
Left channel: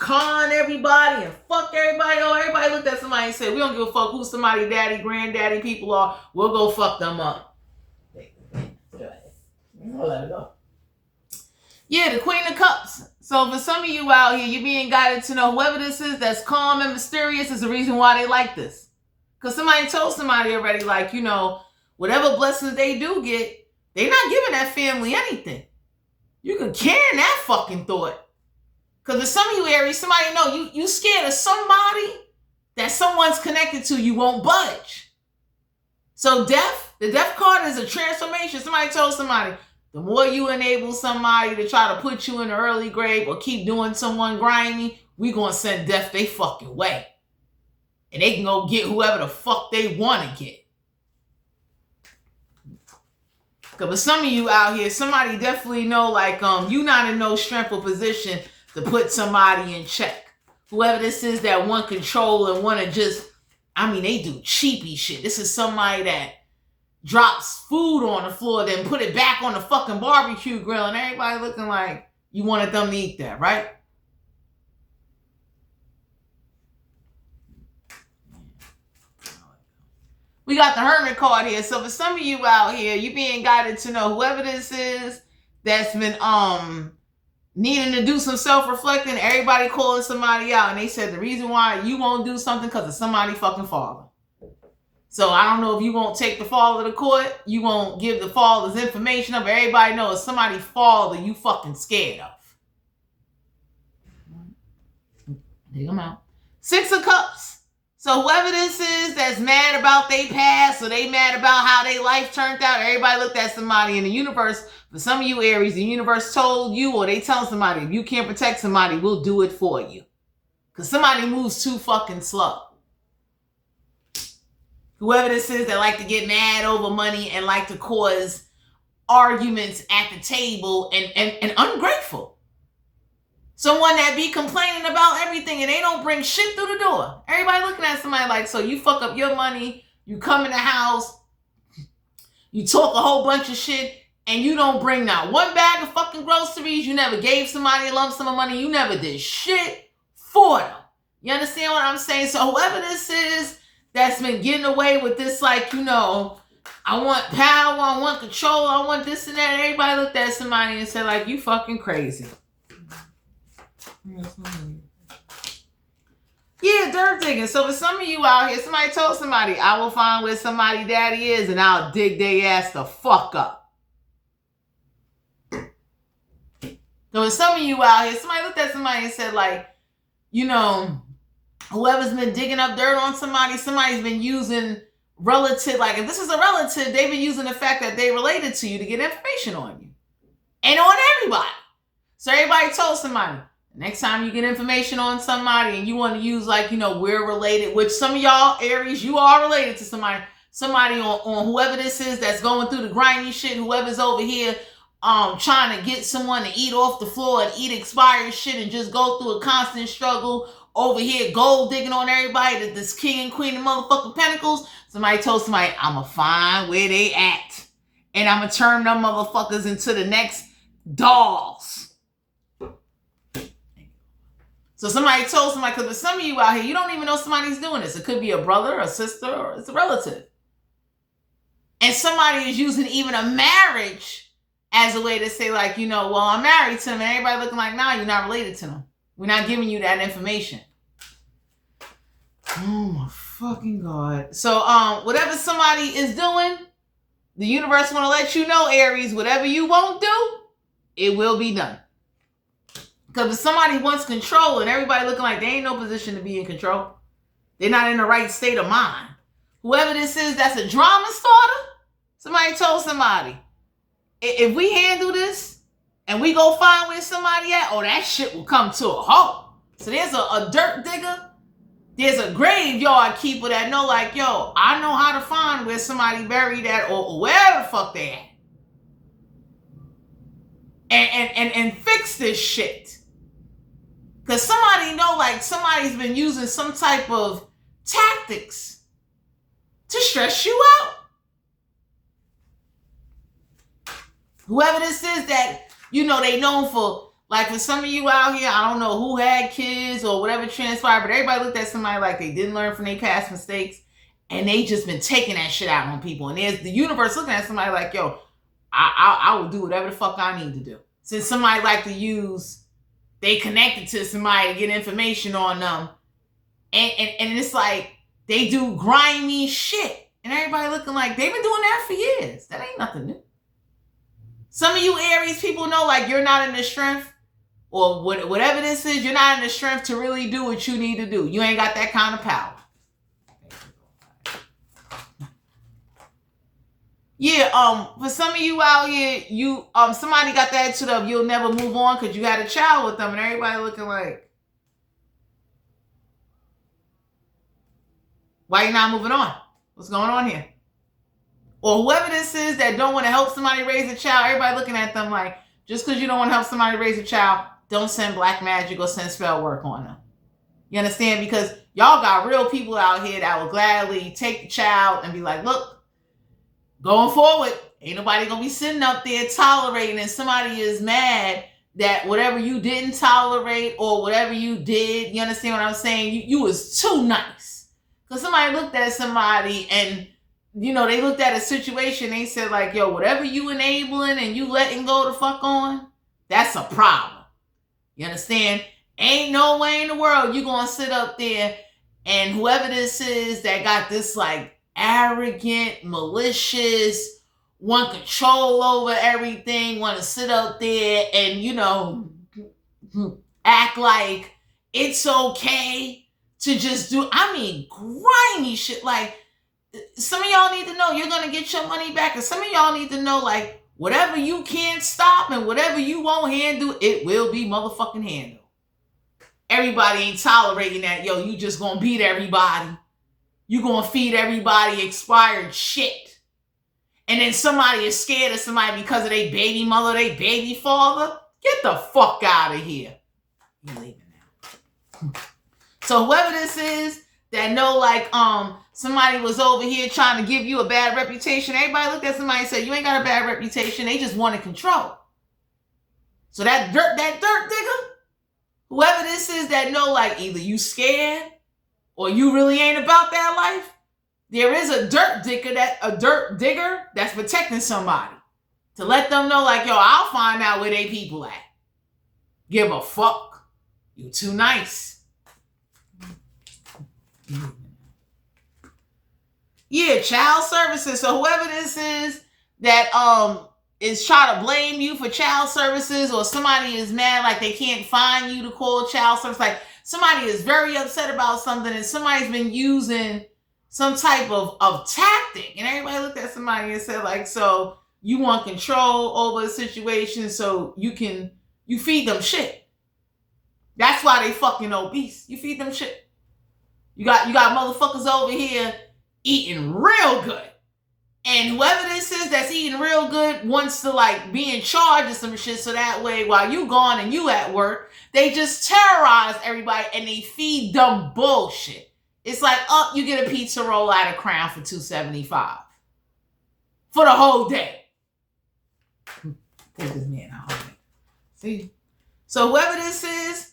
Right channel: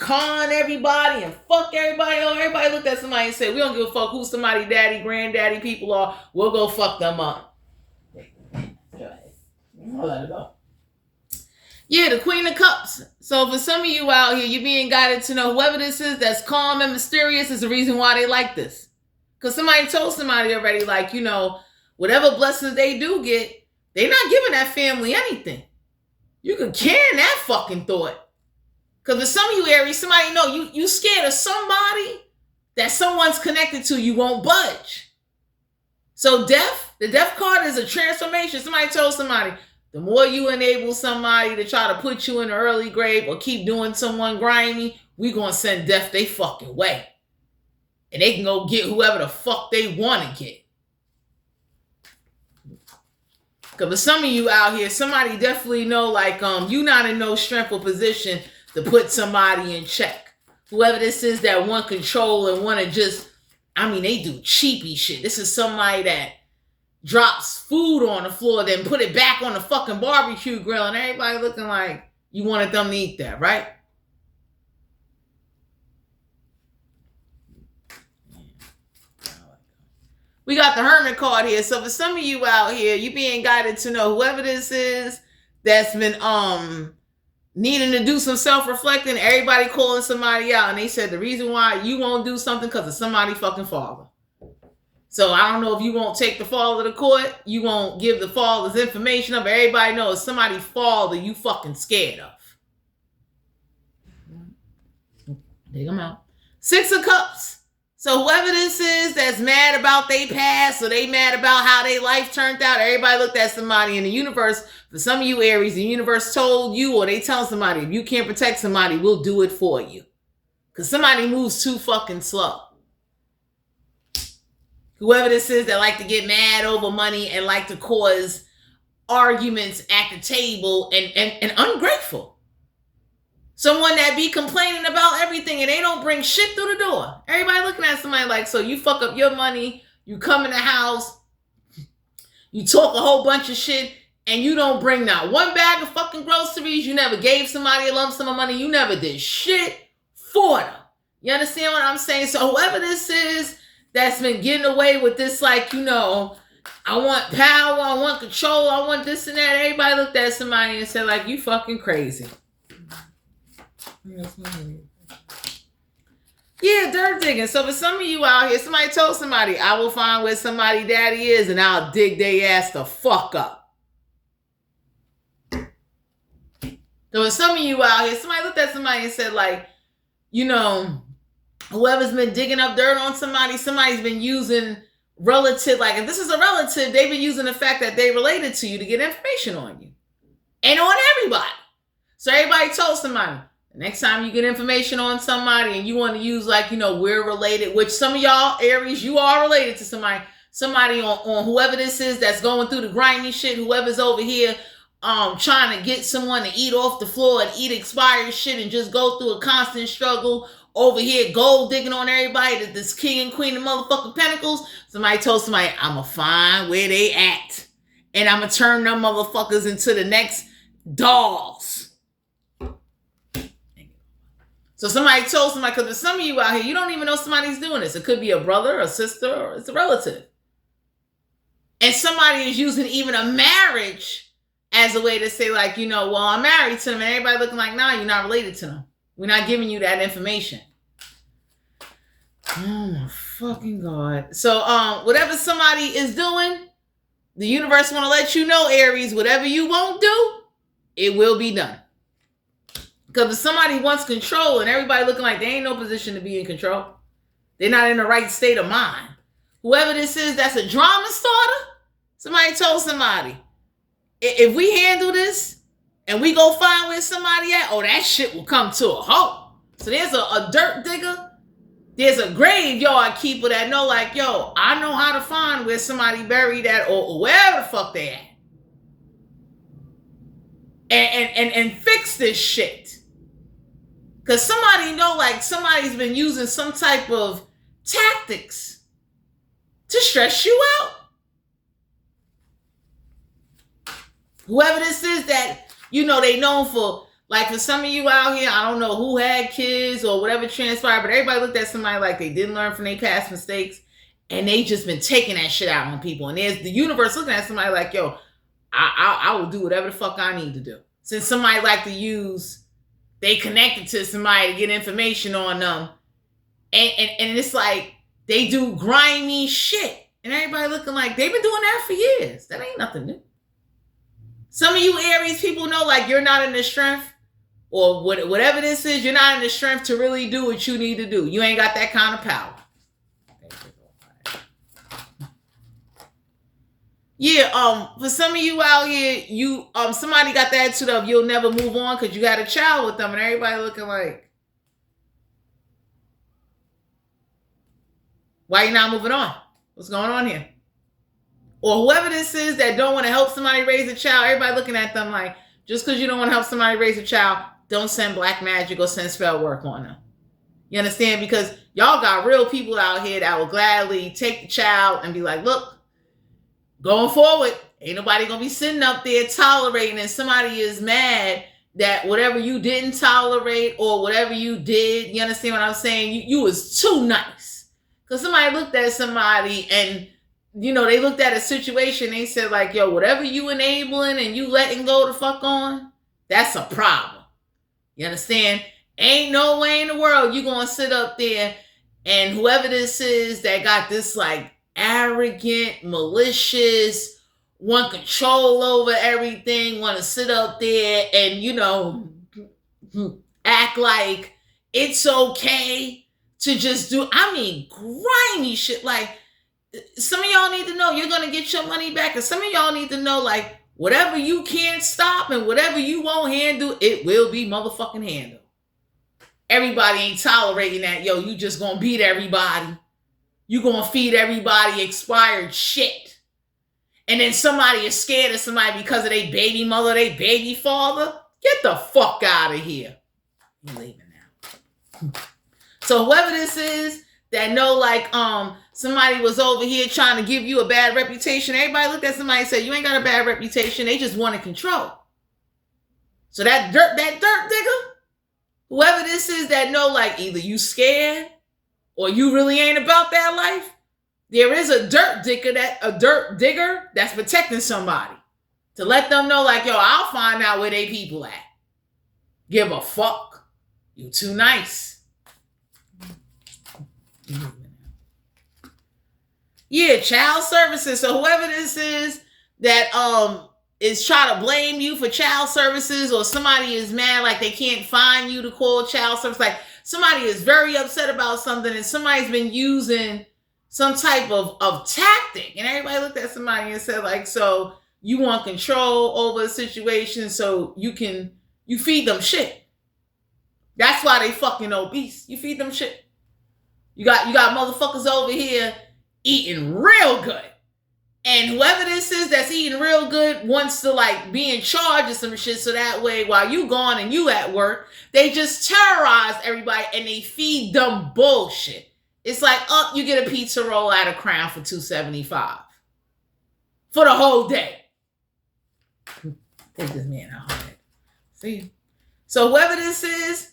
con everybody and fuck everybody. Oh, everybody looked at somebody and said, we don't give a fuck who somebody daddy, granddaddy people are. We'll go fuck them up. I'll let it go. Yeah, the Queen of Cups. So for some of you out here, you're being guided to know whoever this is that's calm and mysterious is the reason why they like this. Because somebody told somebody already, like, whatever blessings they do get, they're not giving that family anything. You can can that fucking thought. Because with some of you, Aries, somebody know you scared of somebody that someone's connected to, you won't budge. So the death card is a transformation. Somebody told somebody, the more you enable somebody to try to put you in the early grave or keep doing someone grimy, we gonna send death they fucking way. And they can go get whoever the fuck they want to get. Because for some of you out here, somebody definitely know, like, you not in no strength or position to put somebody in check. Whoever this is that want control and want to just, they do cheapy shit. This is somebody that drops food on the floor, then put it back on the fucking barbecue grill, and everybody looking like you wanted them to eat that, right? We got the Hermit card here. So for some of you out here, you being guided to know whoever this is that's been needing to do some self-reflecting, everybody calling somebody out, and they said the reason why you won't do something because of somebody fucking father. So I don't know if you won't take the father to court, you won't give the father's information up, but everybody knows somebody father you fucking scared of. Dig them out. Six of Cups. So whoever this is that's mad about their past or they mad about how their life turned out, everybody looked at somebody in the universe. For some of you Aries, the universe told you, or they tell somebody, if you can't protect somebody, we'll do it for you. Because somebody moves too fucking slow. Whoever this is that like to get mad over money and like to cause arguments at the table and ungrateful. Someone that be complaining about everything and they don't bring shit through the door. Everybody looking at somebody like, so you fuck up your money, you come in the house, you talk a whole bunch of shit, and you don't bring not one bag of fucking groceries. You never gave somebody a lump sum of money. You never did shit for them. You understand what I'm saying? So whoever this is that's been getting away with this, like, you know, I want power, I want control, I want this and that. Everybody looked at somebody and said, like, you fucking crazy. Yeah, dirt digging. So for some of you out here, somebody told somebody, I will find where somebody daddy is and I'll dig their ass the fuck up. So for some of you out here, somebody looked at somebody and said, like, you know, whoever's been digging up dirt on somebody, somebody's been using relative, like if this is a relative, they've been using the fact that they related to you to get information on you and on everybody. So everybody told somebody, the next time you get information on somebody and you want to use, like, you know, we're related, which some of y'all Aries, you are related to somebody on whoever this is that's going through the grimy shit, whoever's over here trying to get someone to eat off the floor and eat expired shit and just go through a constant struggle over here, gold digging on everybody, this king and queen of motherfucking pentacles. Somebody told somebody, I'ma find where they at and I'ma turn them motherfuckers into the next dolls. So somebody told somebody, because there's some of you out here, you don't even know somebody's doing this. It could be a brother, a sister, or it's a relative. And somebody is using even a marriage as a way to say, like, you know, well, I'm married to them. And everybody looking like, nah, you're not related to them. We're not giving you that information. Oh my fucking God. So whatever somebody is doing, the universe want to let you know, Aries, whatever you won't do, it will be done. Because if somebody wants control and everybody looking like they ain't no position to be in control, they're not in the right state of mind. Whoever this is that's a drama starter, somebody told somebody, if we handle this and we go find where somebody at, oh, that shit will come to a halt. So there's a dirt digger, there's a graveyard keeper that know, like, yo, I know how to find where somebody buried at or wherever the fuck they at. And fix this shit. Because somebody know, like, somebody's been using some type of tactics to stress you out. Whoever this is that, you know, they known for, like, for some of you out here, I don't know who had kids or whatever transpired, but everybody looked at somebody like they didn't learn from their past mistakes and they just been taking that shit out on people. And there's the universe looking at somebody like, yo, I will do whatever the fuck I need to do. Since somebody like to use, they connected to somebody to get information on them. And it's like, they do grimy shit. And everybody looking like, they've been doing that for years. That ain't nothing new. Some of you Aries people know, like, you're not in the strength, or whatever this is, you're not in the strength to really do what you need to do. You ain't got that kind of power. Yeah, for some of you out here, you somebody got the attitude of you'll never move on because you had a child with them, and everybody looking like, why you not moving on? What's going on here? Or whoever this is that don't want to help somebody raise a child, everybody looking at them like, just because you don't want to help somebody raise a child, don't send black magic or send spell work on them. You understand? Because y'all got real people out here that will gladly take the child and be like, look, going forward, ain't nobody going to be sitting up there tolerating, and somebody is mad that whatever you didn't tolerate or whatever you did, you understand what I'm saying? You was too nice. Because somebody looked at somebody and, you know, they looked at a situation, they said like, yo, whatever you enabling and you letting go the fuck on, that's a problem. You understand? Ain't no way in the world you gonna sit up there and whoever this is that got this like arrogant, malicious, want control over everything, want to sit up there and, you know, act like it's okay to just do, I mean, grimy shit. Like, some of y'all need to know you're going to get your money back. And some of y'all need to know, like, whatever you can't stop and whatever you won't handle, it will be motherfucking handled. Everybody ain't tolerating that. Yo, you just going to beat everybody. You going to feed everybody expired shit. and then somebody is scared of somebody because of their baby mother, their baby father, get the fuck out of here. You leaving now. So whoever this is that know like somebody was over here trying to give you a bad reputation, everybody looked at somebody and said, you ain't got a bad reputation. They just wanted control. So that dirt digger, whoever this is that know like either you scared or you really ain't about that life, there is a dirt digger that's protecting somebody to let them know like, yo, I'll find out where they people at. Give a fuck. You too nice. Yeah, child services. So whoever this is that is trying to blame you for child services, or somebody is mad like they can't find you to call child service, like somebody is very upset about something and somebody's been using some type of tactic, and everybody looked at somebody and said like, so you want control over a situation so you feed them shit. That's why they fucking obese. You feed them shit. You got motherfuckers over here eating real good. And whoever this is that's eating real good wants to like be in charge of some shit, so that way while you gone and you at work, they just terrorize everybody and they feed them bullshit. It's like, you get a pizza roll out of Crown for $2.75 for the whole day. Take this man out. See? So whoever this is,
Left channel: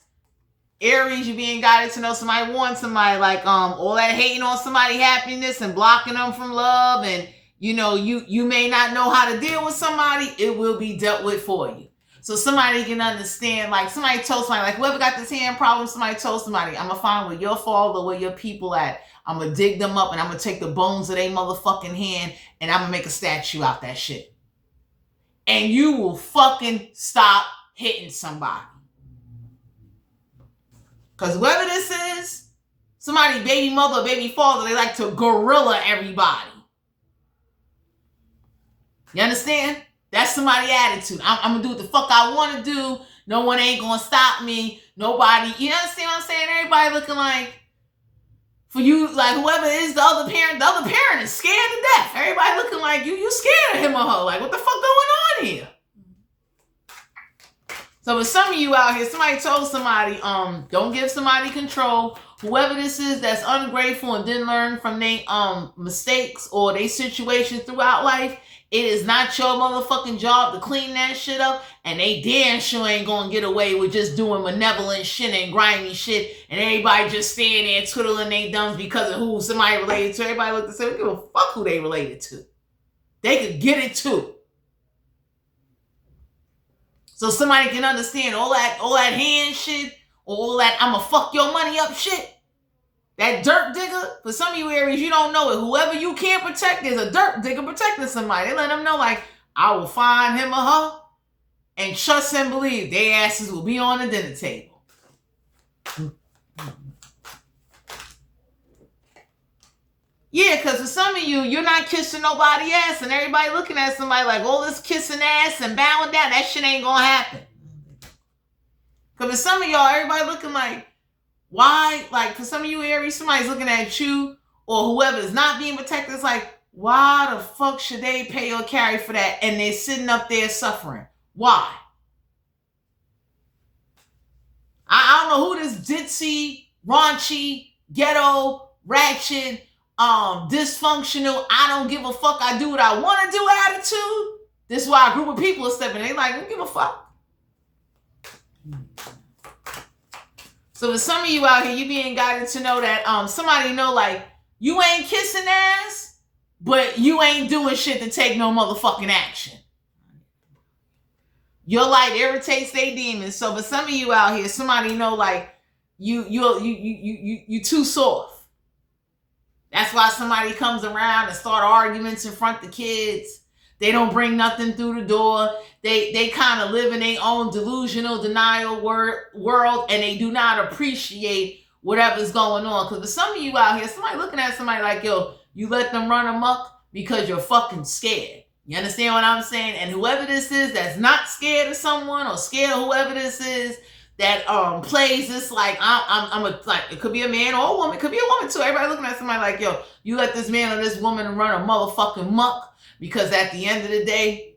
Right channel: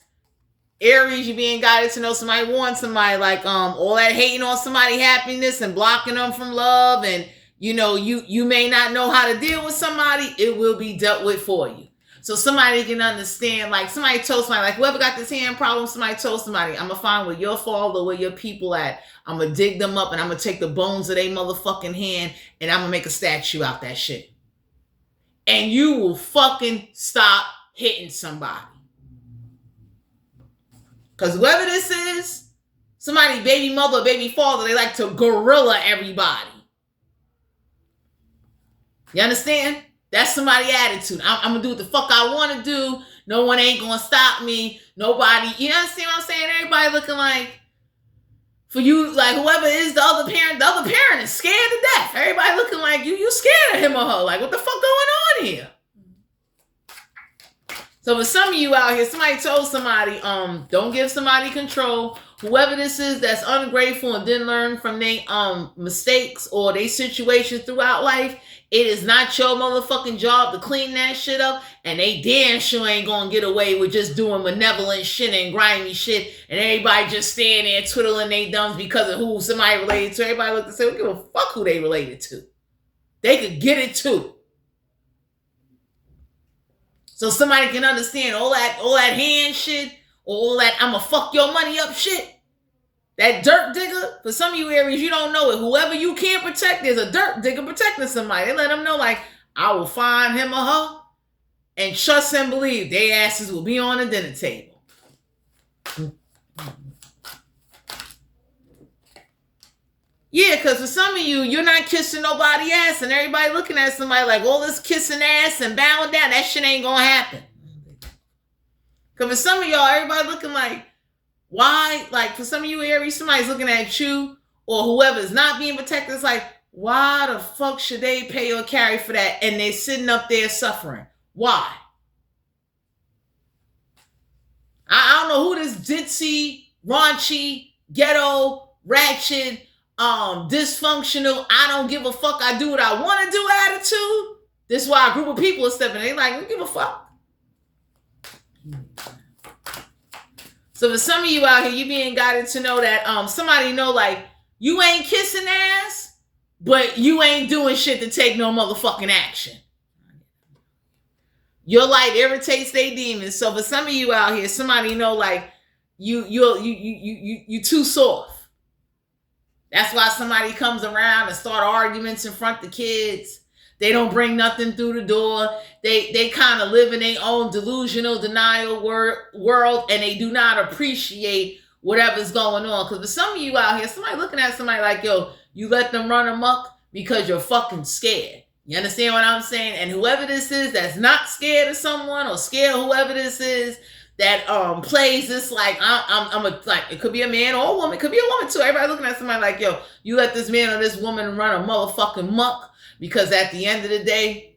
Aries, you being guided to know somebody wants somebody like all that hating on somebody's happiness and blocking them from love, and you know, you may not know how to deal with somebody, it will be dealt with for you. So somebody can understand, like somebody told somebody, like whoever got this hand problem, somebody told somebody, I'm gonna find where your father, where your people at, I'm gonna dig them up and I'm gonna take the bones of their motherfucking hand and I'm gonna make a statue out that shit. And you will fucking stop hitting somebody. Because whoever this is, somebody baby mother or baby father, they like to gorilla everybody. You understand? That's somebody's attitude. I'm going to do what the fuck I want to do. No one ain't going to stop me. Nobody. You understand what I'm saying? Everybody looking like, for you, like whoever is the other parent is scared to death. Everybody looking like you scared of him or her. Like, what the fuck going on here? So for some of you out here, somebody told somebody, don't give somebody control. Whoever this is that's ungrateful and didn't learn from their mistakes or their situations throughout life, it is not your motherfucking job to clean that shit up, and they damn sure ain't gonna get away with just doing malevolent shit and grimy shit, and everybody just standing there twiddling their thumbs because of who somebody related to. Everybody looked and said, we give a fuck who they related to. They could get it too. So somebody can understand all that hand shit, all that I'ma fuck your money up shit. That dirt digger, for some of you Aries, you don't know it. Whoever you can't protect, there's a dirt digger protecting somebody. They let them know, like, I will find him or her and trust and believe their asses will be on the dinner table. Yeah, because for some of you, you're not kissing nobody ass, and everybody looking at somebody like, all this kissing ass and bowing down, that shit ain't gonna happen. Because for some of y'all, everybody looking like, why? Like, for some of you Aries, somebody's looking at you, or whoever is not being protected, it's like, why the fuck should they pay or carry for that? And they're sitting up there suffering. Why? I don't know who this ditzy, raunchy, ghetto, ratchet, dysfunctional, I don't give a fuck, I do what I want to do attitude. This is why a group of people are stepping in. They like, don't give a fuck. So for some of you out here, you being guided to know that somebody know, like, you ain't kissing ass, but you ain't doing shit to take no motherfucking action. Your light irritates their demons. So for some of you out here, somebody know, like, you too soft. That's why somebody comes around and start arguments in front of the kids. They don't bring nothing through the door. They kind of live in their own delusional denial world, and they do not appreciate whatever's going on. Because for some of you out here, somebody looking at somebody like, yo, you let them run amok because you're fucking scared. You understand what I'm saying? And whoever this is that's not scared of someone, or scared of whoever this is that plays this like, I'm a, like, it could be a man or a woman, it could be a woman too. Everybody looking at somebody like, yo, you let this man or this woman run a motherfucking muck Because at the end of the day,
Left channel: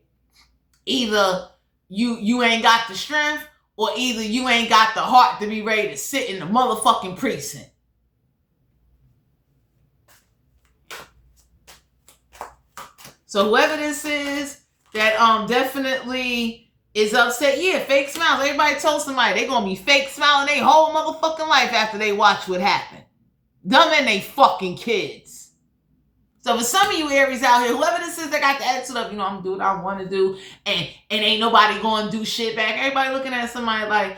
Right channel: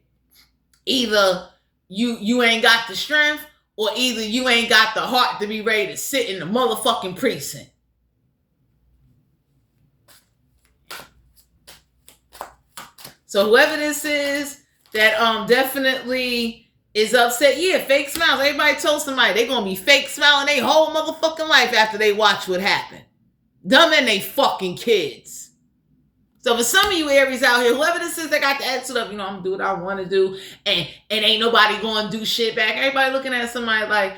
either you ain't got the strength, or either you ain't got the heart to be ready to sit in the motherfucking precinct. So whoever this is that definitely is upset, yeah, fake smiles. Everybody told somebody they gonna be fake smiling their whole motherfucking life after they watch what happened. Them and they fucking kids. So for some of you Aries out here, whoever this is that got the attitude of, I'm gonna do what I want to do, and ain't nobody gonna do shit back. Everybody looking at somebody like,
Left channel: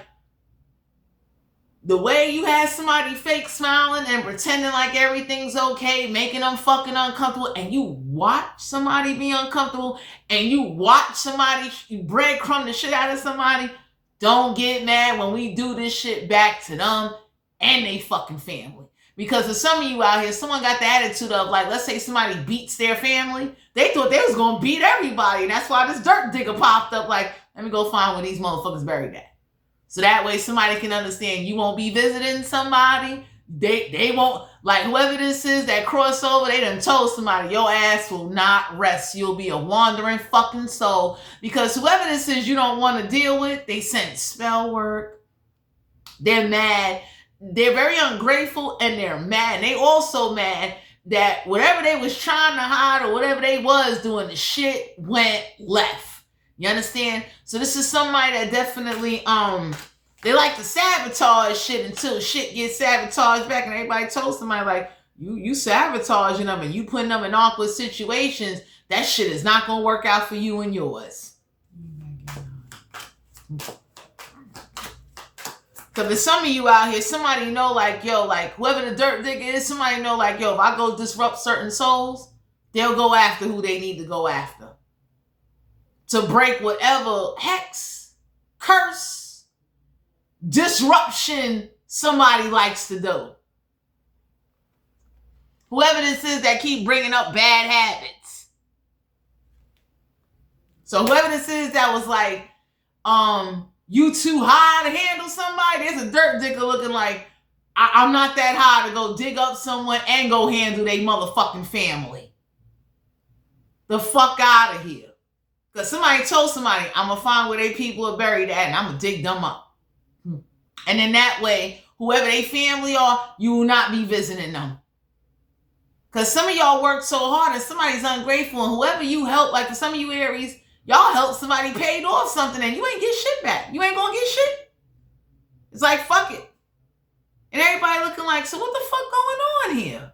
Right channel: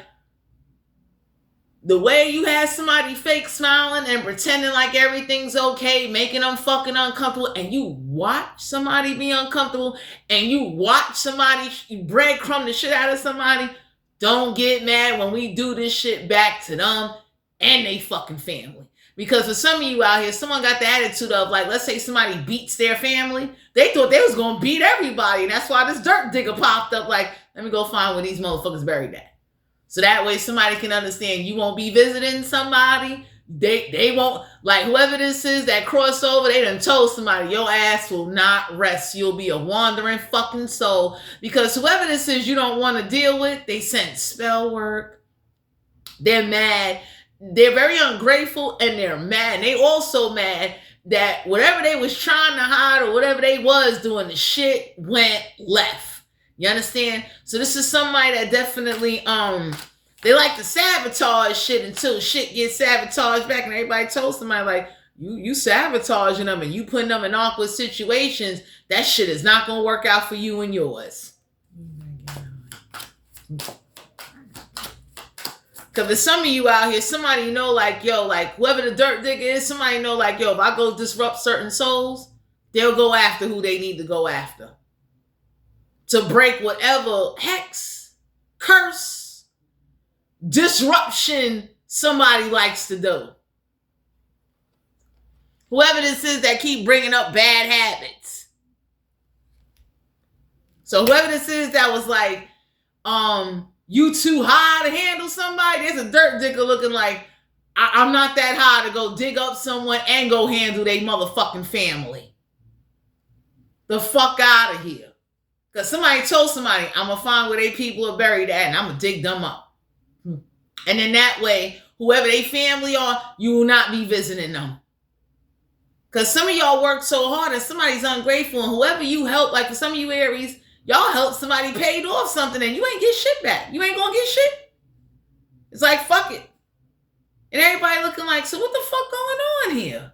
the way you had somebody fake smiling and pretending like everything's okay, making them fucking uncomfortable, and you watch somebody be uncomfortable, and you watch somebody breadcrumb the shit out of somebody, don't get mad when we do this shit back to them and they fucking family. Because for some of you out here, someone got the attitude of, like, let's say somebody beats their family. They thought they was going to beat everybody. And that's why this dirt digger popped up like, let me go find where these motherfuckers buried at. So that way somebody can understand you won't be visiting somebody. They won't, like whoever this is that crossover, they done told somebody your ass will not rest. You'll be a wandering fucking soul. Because whoever this is you don't want to deal with, they sent spell work. They're mad. They're very ungrateful and they're mad. They also mad that whatever they was trying to hide or whatever they was doing, the shit went left. You understand? So this is somebody that definitely, they like to sabotage shit until shit gets sabotaged back. And everybody told somebody like, you sabotaging them and you putting them in awkward situations. That shit is not going to work out for you and yours. Because for some of you out here, somebody know like, yo, like whoever the dirt digger is, somebody know like, yo, if I go disrupt certain souls, they'll go after who they need to go after. To break whatever hex, curse, disruption somebody likes to do. Whoever this is that keep bringing up bad habits. So whoever this is that was like, you too high to handle somebody, there's a dirt digger looking like, I'm not that high to go dig up someone and go handle their motherfucking family. The fuck out of here. Because somebody told somebody, I'm going to find where they people are buried at and I'm going to dig them up. And then that way, whoever they family are, you will not be visiting them. Because some of y'all work so hard and somebody's ungrateful, and whoever you help, like for some of you Aries, y'all help somebody paid off something and you ain't get shit back. You ain't going to get shit. It's like, fuck it. And everybody looking like, so what the fuck going on here?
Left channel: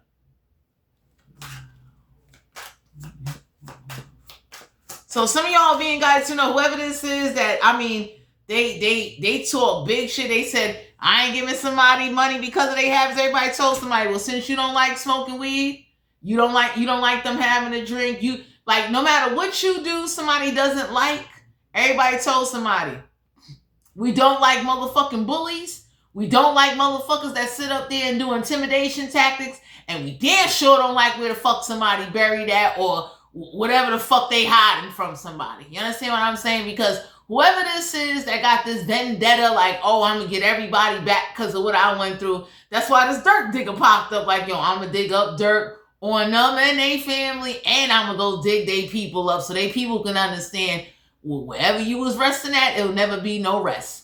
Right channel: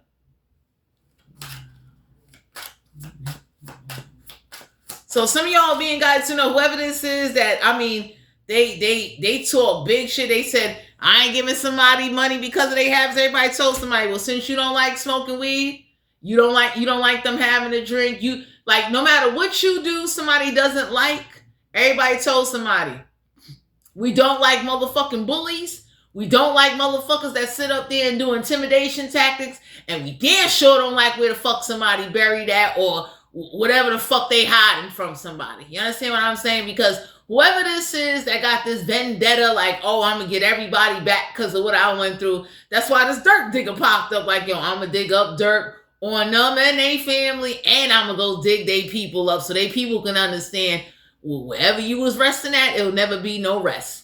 So some of y'all being guys to know whoever this is that, I mean, they talk big shit. They said, I ain't giving somebody money because of their habits. Everybody told somebody, well, since you don't like smoking weed, you don't like them having a drink. You like, no matter what you do, somebody doesn't like. Everybody told somebody, we don't like motherfucking bullies. We don't like motherfuckers that sit up there and do intimidation tactics. And we damn sure don't like where the fuck somebody buried at or whatever the fuck they hiding from somebody. You understand what I'm saying? Because whoever this is that got this vendetta, like, oh, I'm going to get everybody back because of what I went through. That's why this dirt digger popped up like, yo, I'm going to dig up dirt on them and they family, and I'm going to go dig they people up so they people can understand, well, wherever you was resting at, it'll never be no rest.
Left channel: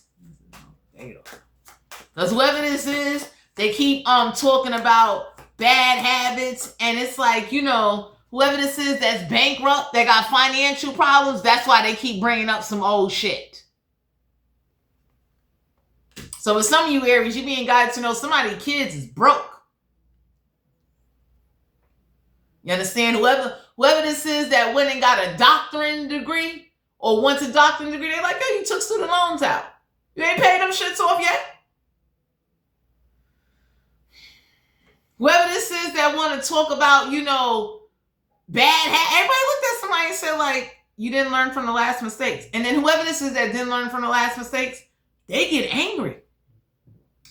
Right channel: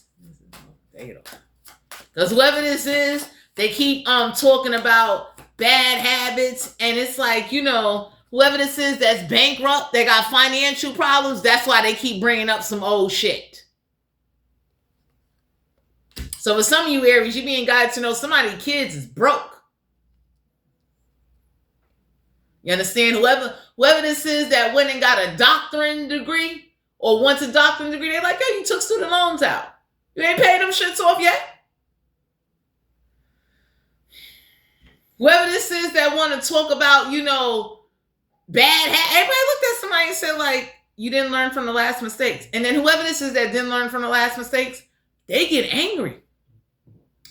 Because whoever this is, they keep talking about bad habits, and it's like, whoever this is that's bankrupt, that got financial problems, that's why they keep bringing up some old shit. So for some of you Aries, you being guided to know somebody's kids is broke. You understand? Whoever this is that went and got a doctorate degree or wants a doctorate degree, they're like, yo, you took student loans out. You ain't paid them shits off yet. Whoever this is that want to talk about, bad habits. Everybody looked at somebody and said, like, you didn't learn from the last mistakes. And then whoever this is that didn't learn from the last mistakes, they get angry.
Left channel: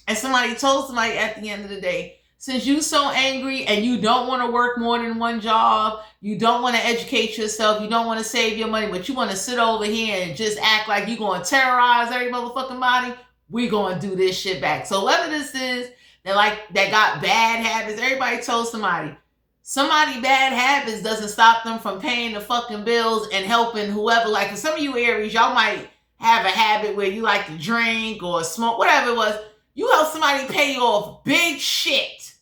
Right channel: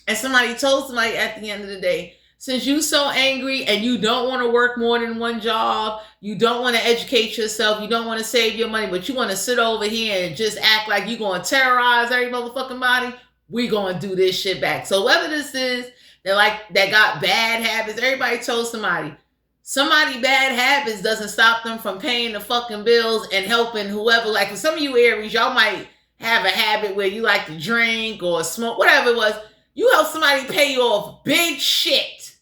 And somebody told somebody at the end of the day, since you so angry and you don't want to work more than one job, you don't want to educate yourself, you don't want to save your money, but you want to sit over here and just act like you're going to terrorize every motherfucking body, we going to do this shit back. So whether this is that got bad habits, everybody told somebody, somebody bad habits doesn't stop them from paying the fucking bills and helping whoever. Like for some of you Aries, y'all might have a habit where you like to drink or smoke, whatever it was. You help somebody pay you off big shit.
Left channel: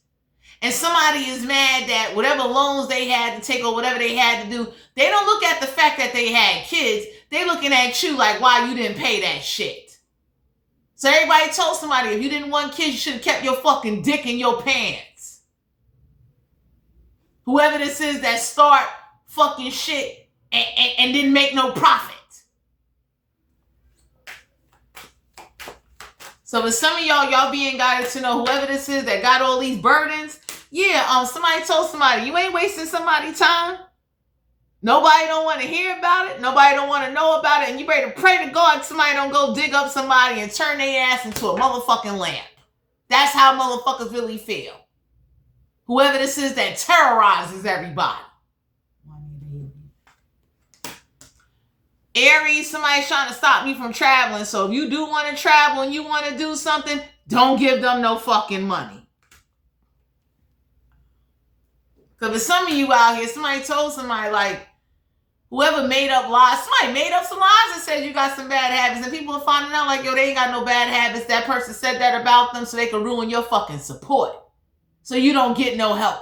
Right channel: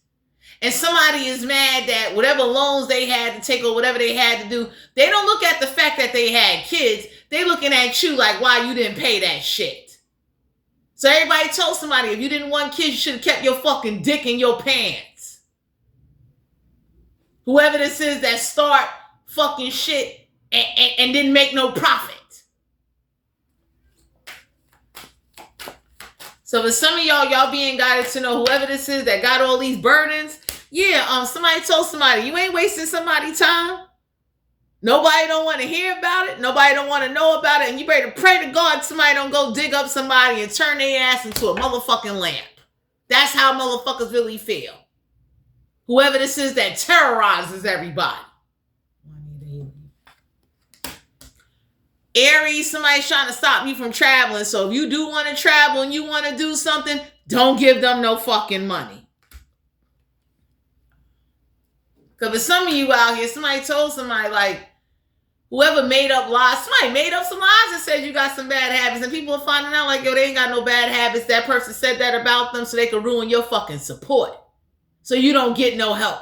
And somebody is mad that whatever loans they had to take or whatever they had to do, they don't look at the fact that they had kids. They looking at you like, why you didn't pay that shit. So everybody told somebody, if you didn't want kids, you should have kept your fucking dick in your pants. Whoever this is that start fucking shit and didn't make no profit. So for some of y'all being guided to know whoever this is that got all these burdens, yeah, somebody told somebody, you ain't wasting somebody's time. Nobody don't want to hear about it. Nobody don't want to know about it. And you better pray to God somebody don't go dig up somebody and turn their ass into a motherfucking lamp. That's how motherfuckers really feel. Whoever this is that terrorizes everybody. Aries, somebody's trying to stop you from traveling. So if you do want to travel and you want to do something, don't give them no fucking money. Because for some of you out here, somebody told somebody like, whoever made up lies, somebody made up some lies and said you got some bad habits. And people are finding out like, yo, they ain't got no bad habits. That person said that about them so they can ruin your fucking support. So you don't get no help.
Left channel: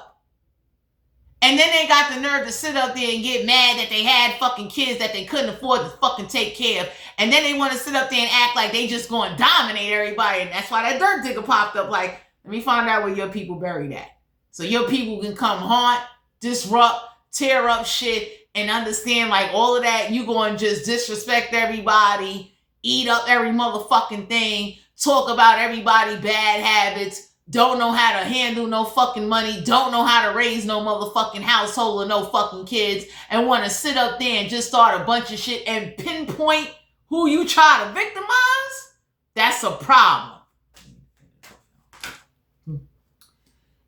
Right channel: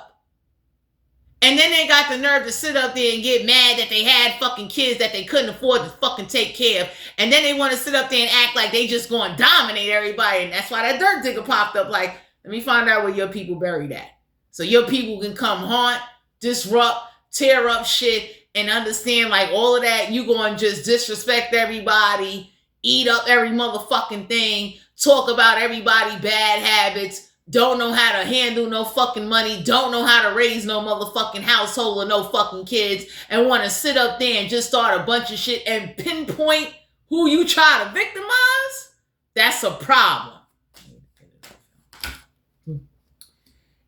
And then they got the nerve to sit up there and get mad that they had fucking kids that they couldn't afford to fucking take care of. And then they want to sit up there and act like they just going to dominate everybody. And that's why that dirt digger popped up like, let me find out where your people buried at. So your people can come haunt, disrupt, tear up shit, and understand like all of that. You going to just disrespect everybody, eat up every motherfucking thing, talk about everybody bad habits, don't know how to handle no fucking money, don't know how to raise no motherfucking household or no fucking kids, and want to sit up there and just start a bunch of shit and pinpoint who you try to victimize. That's a problem.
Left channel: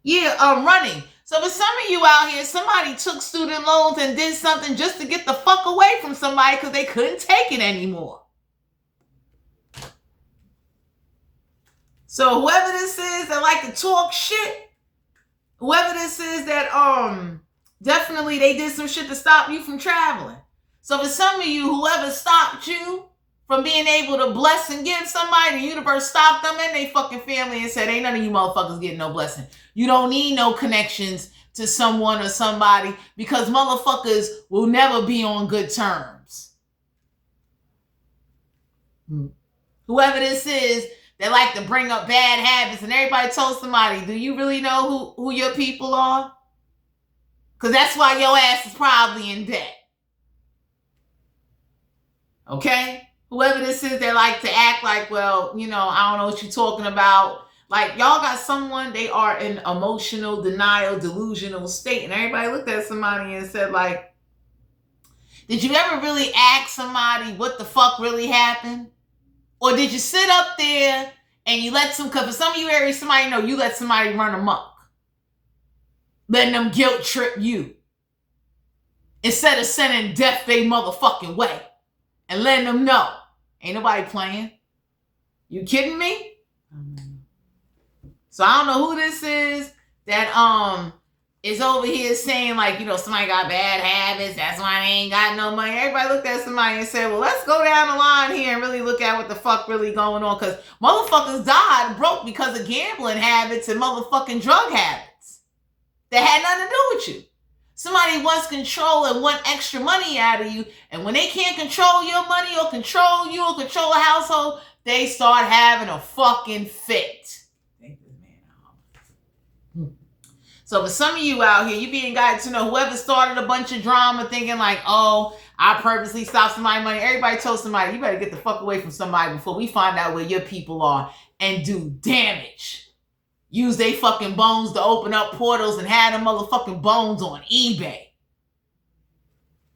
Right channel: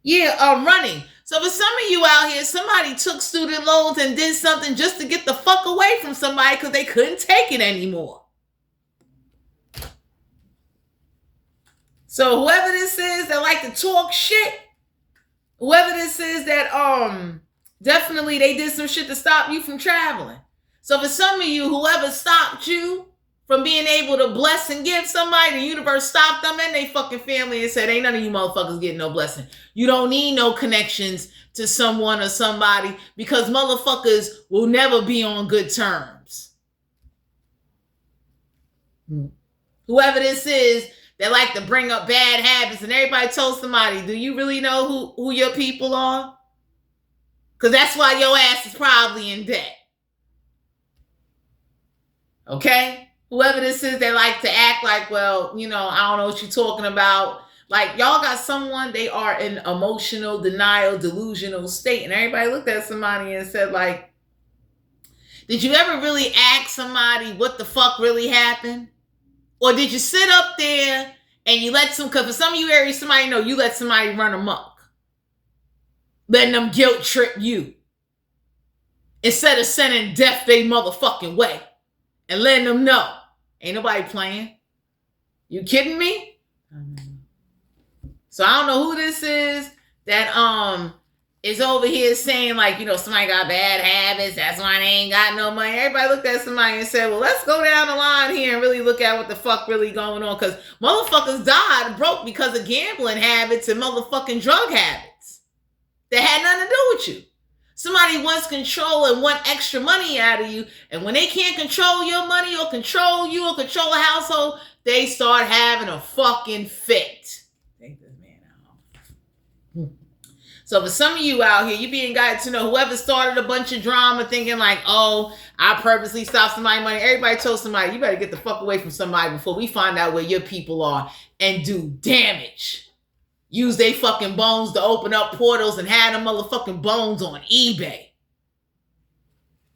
Yeah, running. So for some of you out here, somebody took student loans and did something just to get the fuck away from somebody because they couldn't take it anymore. So whoever this is that like to talk shit, whoever this is that definitely they did some shit to stop you from traveling. So for some of you, whoever stopped you from being able to bless and give somebody, the universe stopped them and they fucking family and said, ain't none of you motherfuckers getting no blessing. You don't need no connections to someone or somebody because motherfuckers will never be on good terms. Whoever this is that like to bring up bad habits and everybody told somebody, do you really know who your people are? Because that's why your ass is probably in debt. Okay? Whoever this is, they like to act like, well, you know, I don't know what you're talking about. Like, y'all got someone, they are in emotional denial, delusional state. And everybody looked at somebody and said, like, did you ever really ask somebody what the fuck really happened? Or did you sit up there and you let some, because for some of you Aries, somebody know you let somebody run amok. Letting them guilt trip you. Instead of sending death they motherfucking way. And letting them know. Ain't nobody playing. You kidding me? So I don't know who this is that is over here saying like, you know, somebody got bad habits. That's why they ain't got no money. Everybody looked at somebody and said, well, let's go down the line here and really look at what the fuck really going on. Because motherfuckers died broke because of gambling habits and motherfucking drug habits that had nothing to do with you. Somebody wants control and want extra money out of you. And when they can't control your money or control you or control a household, they start having a fucking fit. Take this man out. So for some of you out here, you being guided to know whoever started a bunch of drama thinking like, oh, I purposely stopped somebody's money. Everybody told somebody, you better get the fuck away from somebody before we find out where your people are and do damage. Use they fucking bones to open up portals and have them motherfucking bones on eBay.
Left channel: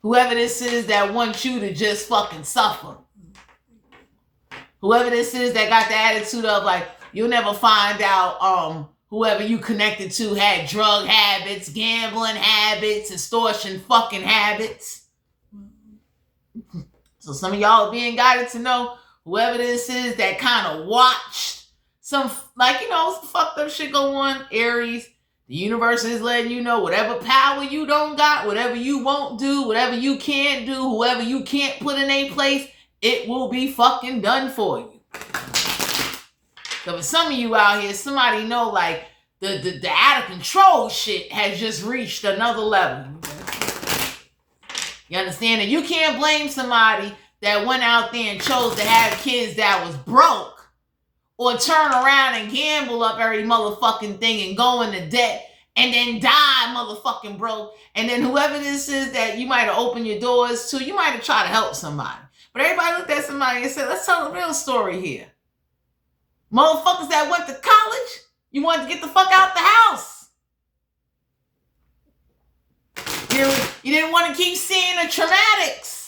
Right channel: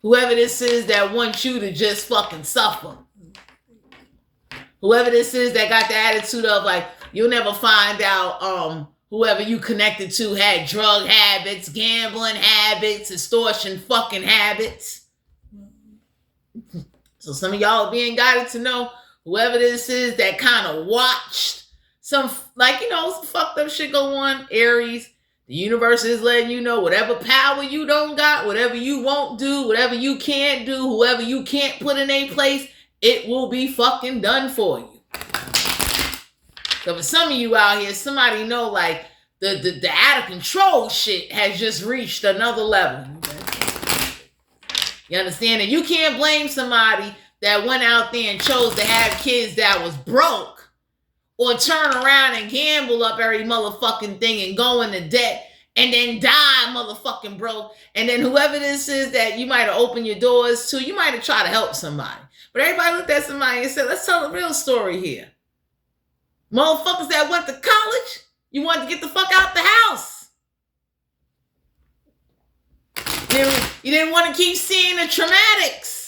Whoever this is that wants you to just fucking suffer. Whoever this is that got the attitude of like, you'll never find out whoever you connected to had drug habits, gambling habits, extortion fucking habits. So some of y'all are being guided to know whoever this is that kind of watched some, like, you know, some fucked up shit go on, Aries, The universe is letting you know whatever power you don't got, whatever you won't do, whatever you can't do, whoever you can't put in a place, it will be fucking done for you. So for some of you out here, somebody know like the out of control shit has just reached another level. You understand? And you can't blame somebody that went out there and chose to have kids that was broke, or turn around and gamble up every motherfucking thing and go into debt and then die motherfucking broke. And then whoever this is that you might have opened your doors to, you might have tried to help somebody. But everybody looked at somebody and said, let's tell a real story here. Motherfuckers that went to college, you wanted to get the fuck out the house. You didn't want to keep seeing the traumatics.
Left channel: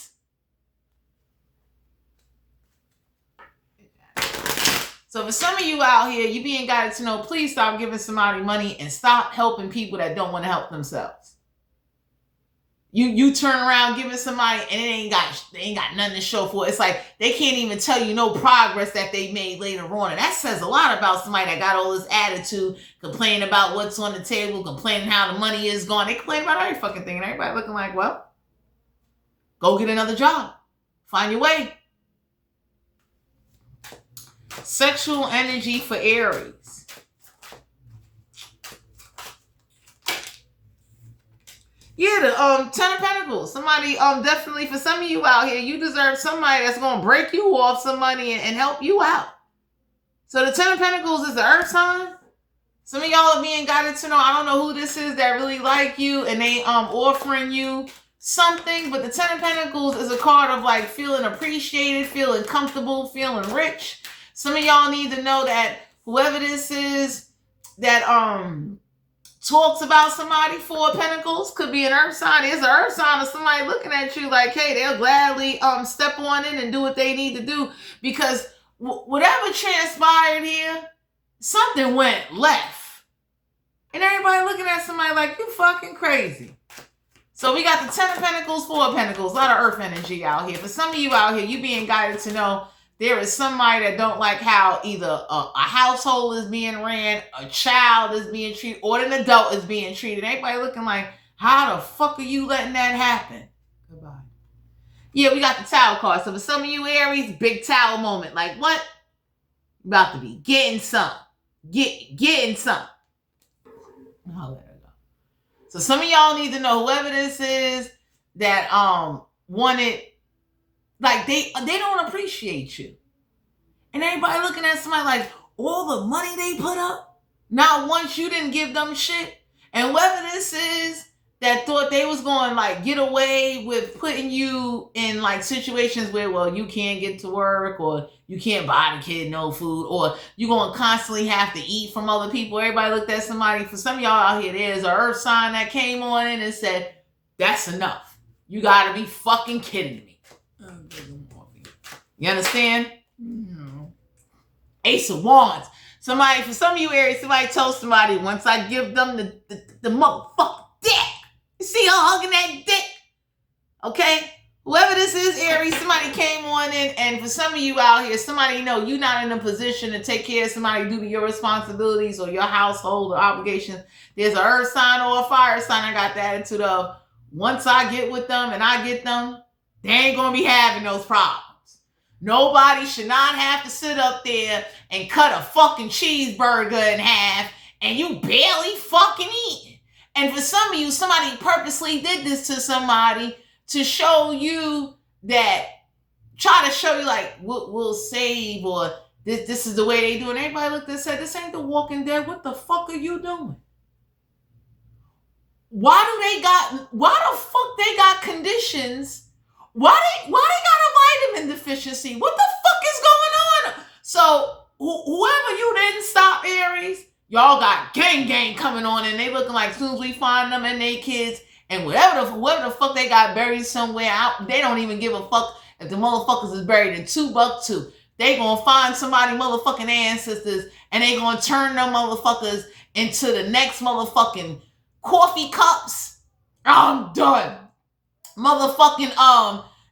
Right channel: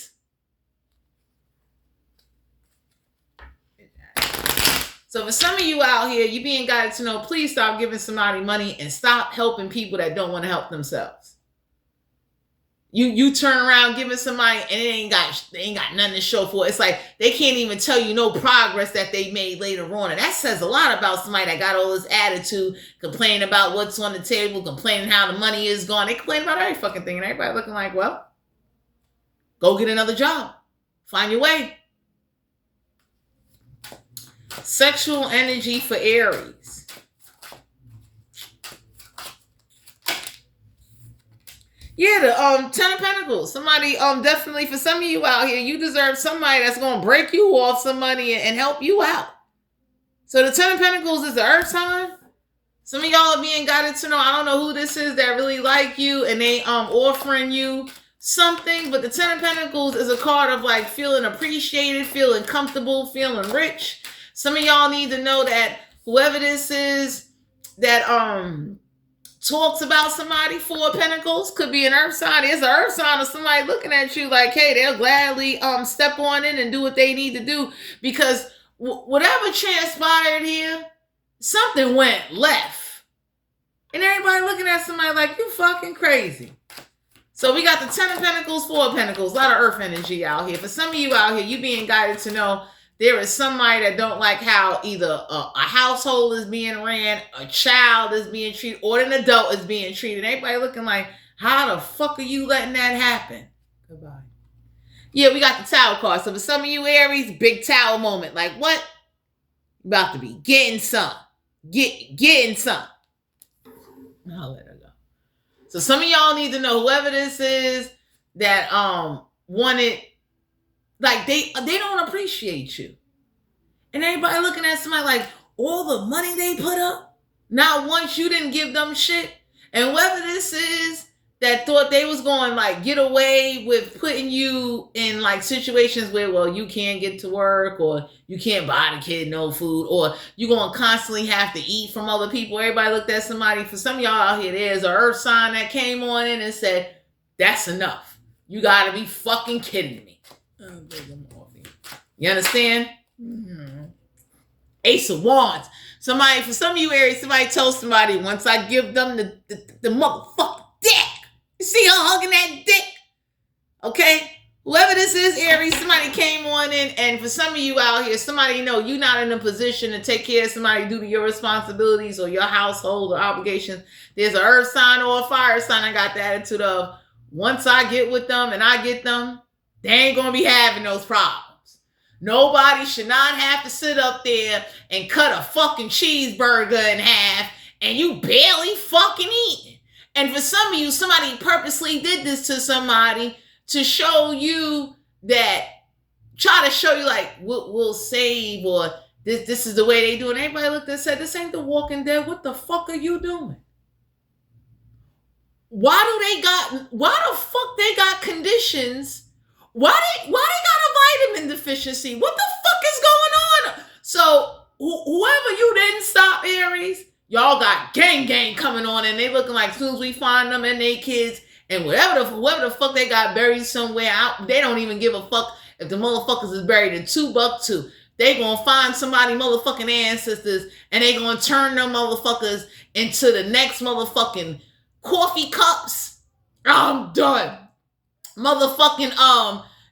So for some of you out here, you being guided to know, please stop giving somebody money and stop helping people that don't want to help themselves. You turn around giving somebody and they ain't got nothing to show for it. It's like they can't even tell you no progress that they made later on. And that says a lot about somebody that got all this attitude, complaining about what's on the table, complaining how the money is gone. They complain about every fucking thing. And everybody looking like, well, go get another job. Find your way. Sexual energy for Aries. Yeah, the 10 of Pentacles. Somebody, definitely for some of you out here, you deserve somebody that's going to break you off some money and help you out. So the 10 of Pentacles is the earth sign. Some of y'all are being guided to know, I don't know who this is that really like you and they offering you something, but the 10 of Pentacles is a card of like feeling appreciated, feeling comfortable, feeling rich. Some of y'all need to know that whoever this is that talks about somebody, 4 of Pentacles, could be an earth sign. It's an earth sign of somebody looking at you like, hey, they'll gladly step on in and do what they need to do, because whatever transpired here, something went left. And everybody looking at somebody like, you fucking crazy. So we got the 10 of Pentacles, 4 of Pentacles, a lot of earth energy out here. For some of you out here, you being guided to know there is somebody that don't like how either a household is being ran, a child is being treated, or an adult is being treated. Everybody looking like, how the fuck are you letting that happen? Goodbye. Yeah, we got the Tower card. So for some of you Aries, big Tower moment. Like what? About to be getting some. Getting some. I'll let her go. So some of y'all need to know whoever this is that wanted, like they don't appreciate you. And everybody looking at somebody like, all the money they put up, not once you didn't give them shit. And whoever this is that thought they was going like get away with putting you in like situations where, well, you can't get to work, or you can't buy the kid no food, or you're going to constantly have to eat from other people. Everybody looked at somebody. For some of y'all out here, there's an earth sign that came on in and said, that's enough. You got to be fucking kidding me. You understand? Mm-hmm. Ace of Wands. Somebody, for some of you Aries, somebody told somebody, once I give them the motherfucking dick. You see her hugging that dick? Okay? Whoever this is, Aries, somebody came on in, and for some of you out here, somebody know you're not in a position to take care of somebody due to your responsibilities or your household or obligations. There's an earth sign or a fire sign. I got the attitude of, once I get with them and I get them, they ain't going to be having those problems. Nobody should not have to sit up there and cut a fucking cheeseburger in half and you barely fucking eating. And for some of you, somebody purposely did this to somebody to show you that, try to show you like, we'll save, or this is the way they do it. And everybody looked and said, this ain't The Walking Dead. What the fuck are you doing? Why the fuck they got conditions? Why they got a vitamin deficiency? What the fuck is going on? So whoever you didn't stop, Aries, y'all got gang coming on, and they looking like as soon as we find them and they kids and whoever the fuck they got buried somewhere out, they don't even give a fuck if the motherfuckers is buried in Timbuktu. They gonna find somebody motherfucking ancestors and they gonna turn them motherfuckers into the next motherfucking coffee cups. I'm done. Motherfucking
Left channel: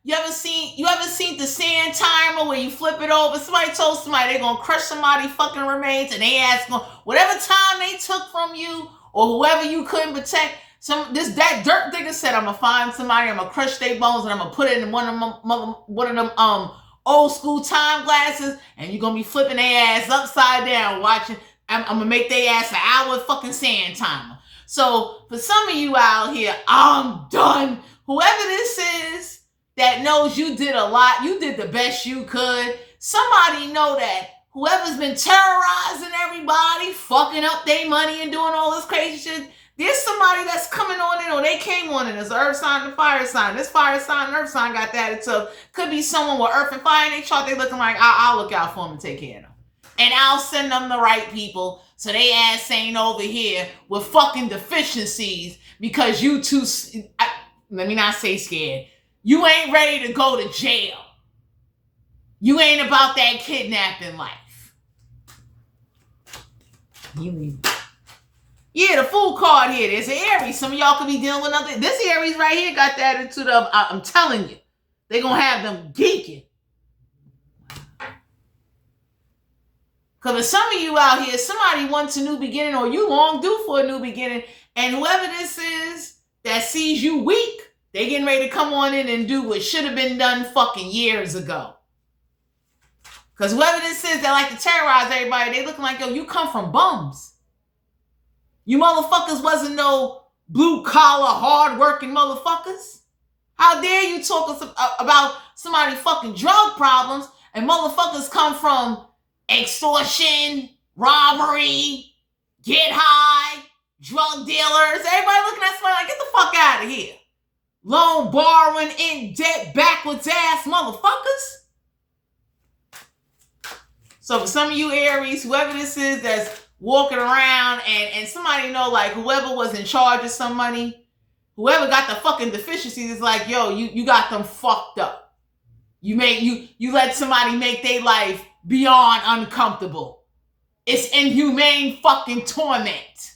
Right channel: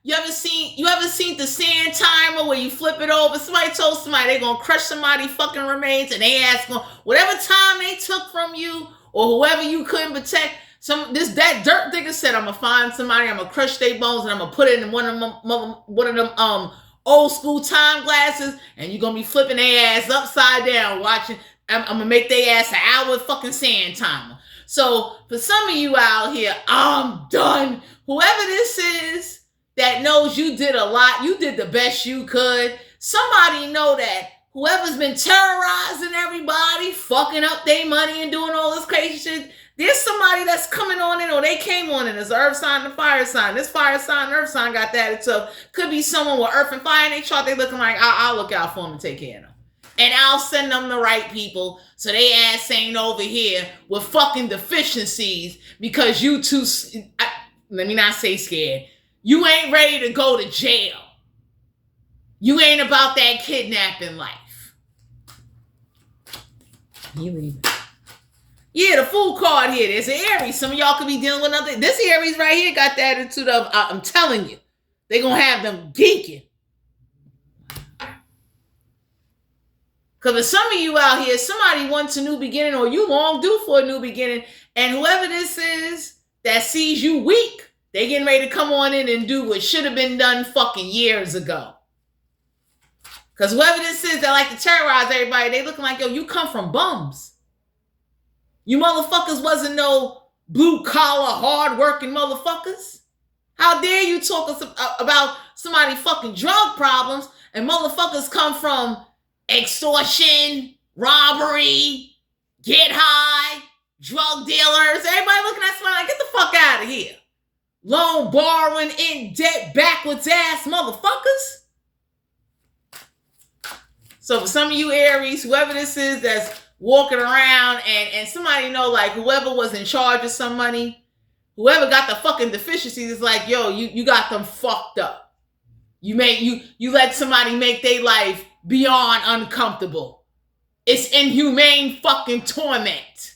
you ever seen the sand timer where you flip it over? Somebody told somebody they're gonna crush somebody fucking remains, and they ask them whatever time they took from you or whoever you couldn't protect. That dirt digger said, I'm gonna find somebody, I'm gonna crush their bones, and I'm gonna put it in one of them old school time glasses, and you're gonna be flipping their ass upside down watching. I'm gonna make their ass an hour fucking sand timer. So for some of you out here, I'm done. Whoever this is that knows you did a lot, you did the best you could. Somebody know that whoever's been terrorizing everybody, fucking up their money and doing all this crazy shit, there's somebody that's coming on in, or they came on in. It's an earth sign and a fire sign. This fire sign and earth sign got that. So could be someone with earth and fire in their chart. They looking like, I'll look out for them and take care of them. And I'll send them the right people so they ass ain't over here with fucking deficiencies because you too, let me not say scared. You ain't ready to go to jail. You ain't about that kidnapping life. You leave it. Yeah, the Fool card here. There's an Aries. Some of y'all could be dealing with another. This Aries right here got the attitude of, I'm telling you, they're going to have them geeking. Because for some of you out here, somebody wants a new beginning, or you long due for a new beginning. And whoever this is that sees you weak, they getting ready to come on in and do what should have been done fucking years ago. Because whoever this is that like to terrorize everybody, they looking like, yo, you come from bums. You motherfuckers wasn't no blue-collar, hard-working motherfuckers. How dare you talk about somebody fucking drug problems and motherfuckers come from extortion, robbery, get high, drug dealers. Everybody looking at somebody like, get the fuck out of here. Loan, borrowing, in debt, backwards ass motherfuckers. So for some of you Aries, whoever this is that's walking around and somebody know like whoever was in charge of some money, whoever got the fucking deficiencies is like, yo, you got them fucked up. You let somebody make their life beyond uncomfortable. It's inhumane fucking torment.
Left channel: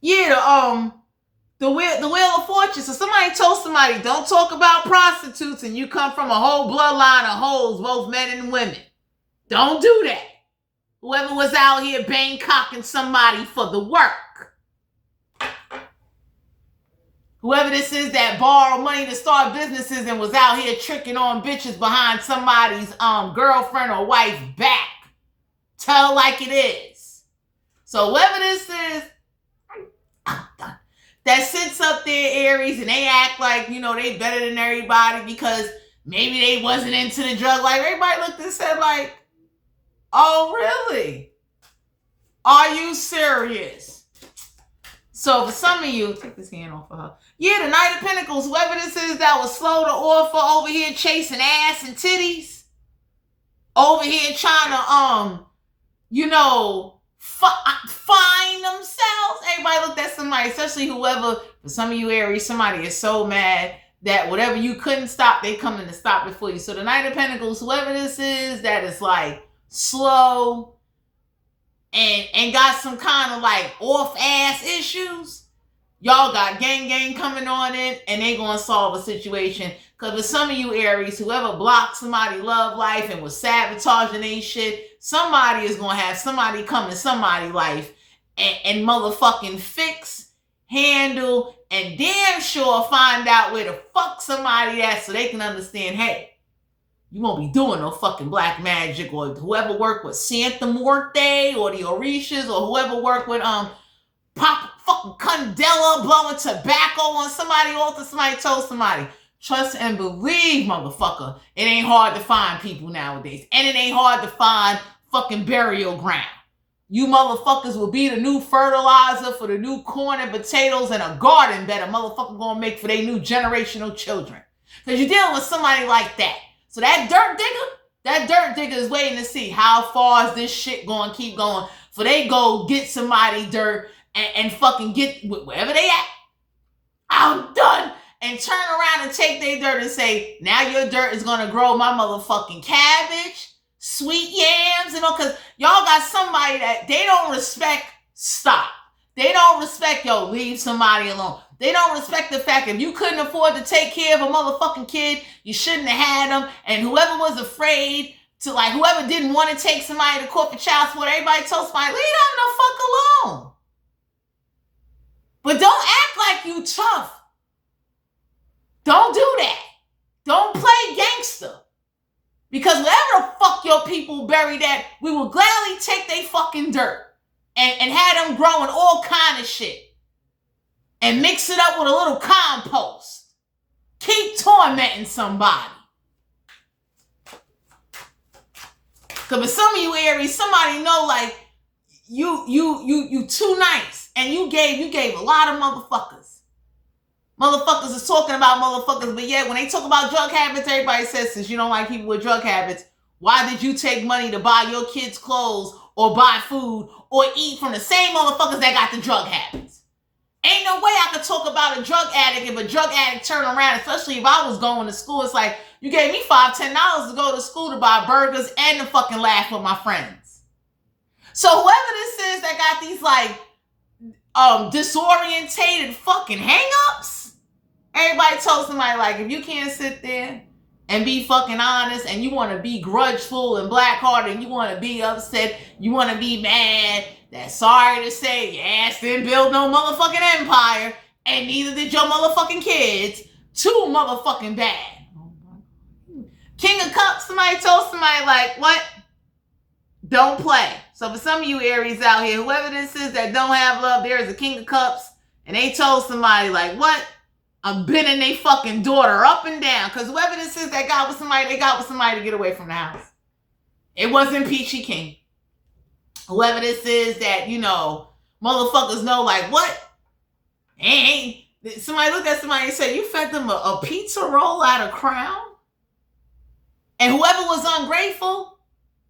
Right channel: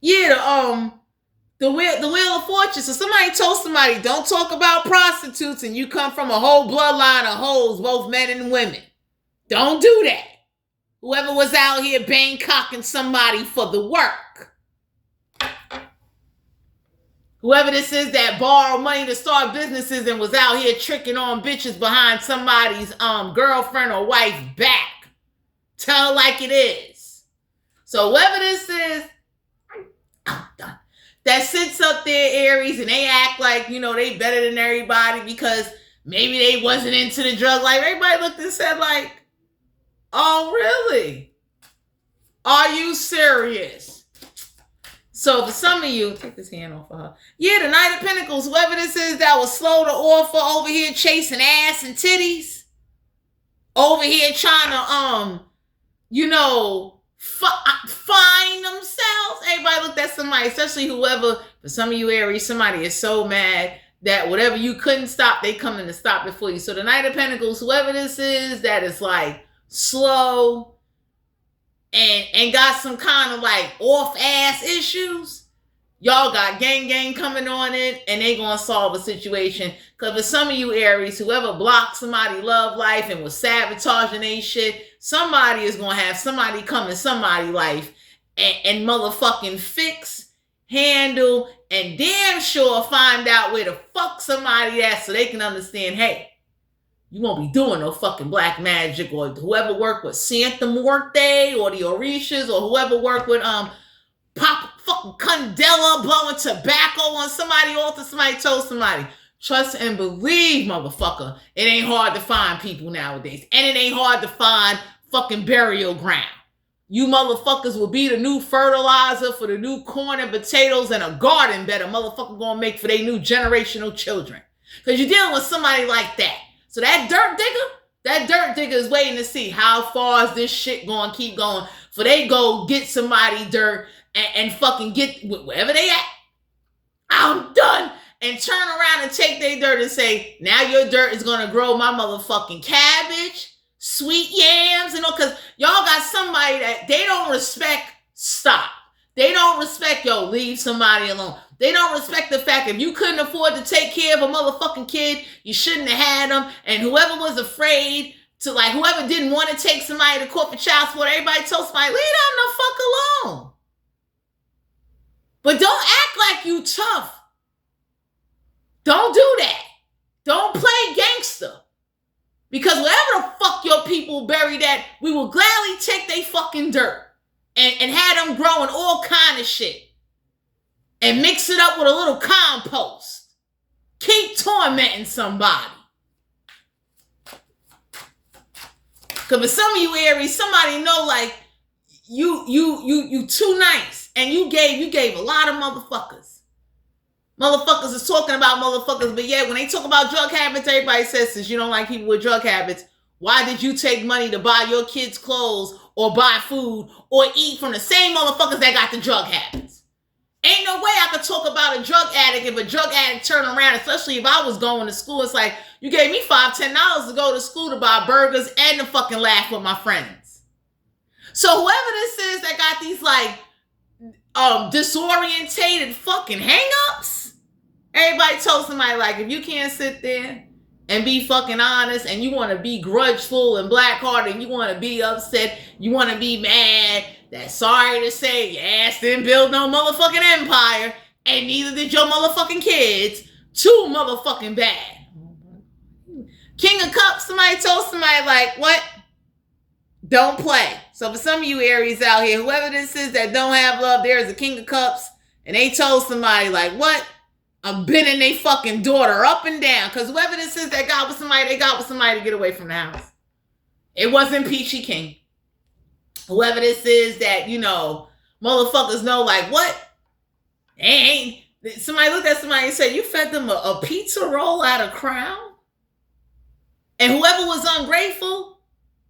Yeah, the wheel of fortune. So somebody told somebody, don't talk about prostitutes, and you come from a whole bloodline of hoes, both men and women. Don't do that. Whoever was out here Bangkocking somebody for the work. Whoever this is that borrowed money to start businesses and was out here tricking on bitches behind somebody's girlfriend or wife's back. Tell like it is. So whoever this is, I'm done. That sits up there, Aries, and they act like, you know, they better than everybody because maybe they wasn't into the drug life. Everybody looked and said like, oh, really? Are you serious? So for some of you, take this hand off of her. Yeah, the Knight of Pentacles, whoever this is that was slow to offer over here chasing ass and titties. Over here trying to, find themselves. Everybody looked at somebody, especially whoever, for some of you Aries, somebody is so mad that whatever you couldn't stop, they coming to stop it for you. So the Knight of Pentacles, whoever this is that is like slow and got some kind of like off-ass issues, y'all got gang coming on in and they gonna solve a situation. Because for some of you Aries, whoever blocked somebody's love life and was sabotaging they shit, somebody is gonna have somebody come in somebody's life and motherfucking fix, handle, and damn sure find out where the fuck somebody at so they can understand, hey, you won't be doing no fucking black magic, or whoever worked with Santa Muerte or the Orishas, or whoever worked with Pop fucking Candela blowing tobacco on somebody altar. Somebody told somebody, trust and believe, motherfucker. It ain't hard to find people nowadays. And it ain't hard to find fucking burial ground. You motherfuckers will be the new fertilizer for the new corn and potatoes and a garden that a motherfucker gonna make for their new generational children. Because you're dealing with somebody like that. So that dirt digger is waiting to see how far is this shit gonna keep going for they go get somebody dirt and fucking get wherever they at. I'm done. And turn around and take their dirt and say, now your dirt is gonna grow my motherfucking cabbage, sweet yams, because y'all got somebody that they don't respect. Stop. They don't respect, leave somebody alone. They don't respect the fact if you couldn't afford to take care of a motherfucking kid, you shouldn't have had them. And whoever was afraid to like whoever didn't want to take somebody to court for child support, everybody told somebody, leave them the fuck alone. But don't act like you tough. Don't do that. Don't play gangster. Because wherever the fuck your people buried at, we will gladly take they fucking dirt and have them growing all kind of shit. And mix it up with a little compost. Keep tormenting somebody. Because for some of you Aries, somebody know like you too nice. And you gave a lot of motherfuckers. Motherfuckers is talking about motherfuckers, but yet when they talk about drug habits, everybody says, since you don't like people with drug habits, why did you take money to buy your kids clothes or buy food or eat from the same motherfuckers that got the drug habits? Ain't no way I could talk about a drug addict if a drug addict turned around, especially if I was going to school. It's like, you gave me $5, $10 to go to school to buy burgers and to fucking laugh with my friends. So whoever this is that got these like disorientated fucking hang-ups, everybody told somebody like, if you can't sit there and be fucking honest and you want to be grudgeful and black-hearted and you want to be upset, you want to be mad, that's sorry to say your ass didn't build no motherfucking empire and neither did your motherfucking kids. Too motherfucking bad. King of Cups, somebody told somebody like, what? Don't play. So for some of you Aries out here, whoever this is that don't have love, there is a King of Cups and they told somebody like, what? I'm bending they fucking daughter up and down. Because whoever this is that got with somebody, they got with somebody to get away from the house. It wasn't Peachy King. Whoever this is that, you know, motherfuckers know like, what? Ain't. Somebody looked at somebody and said, you fed them a pizza roll at a Crown? And whoever was ungrateful,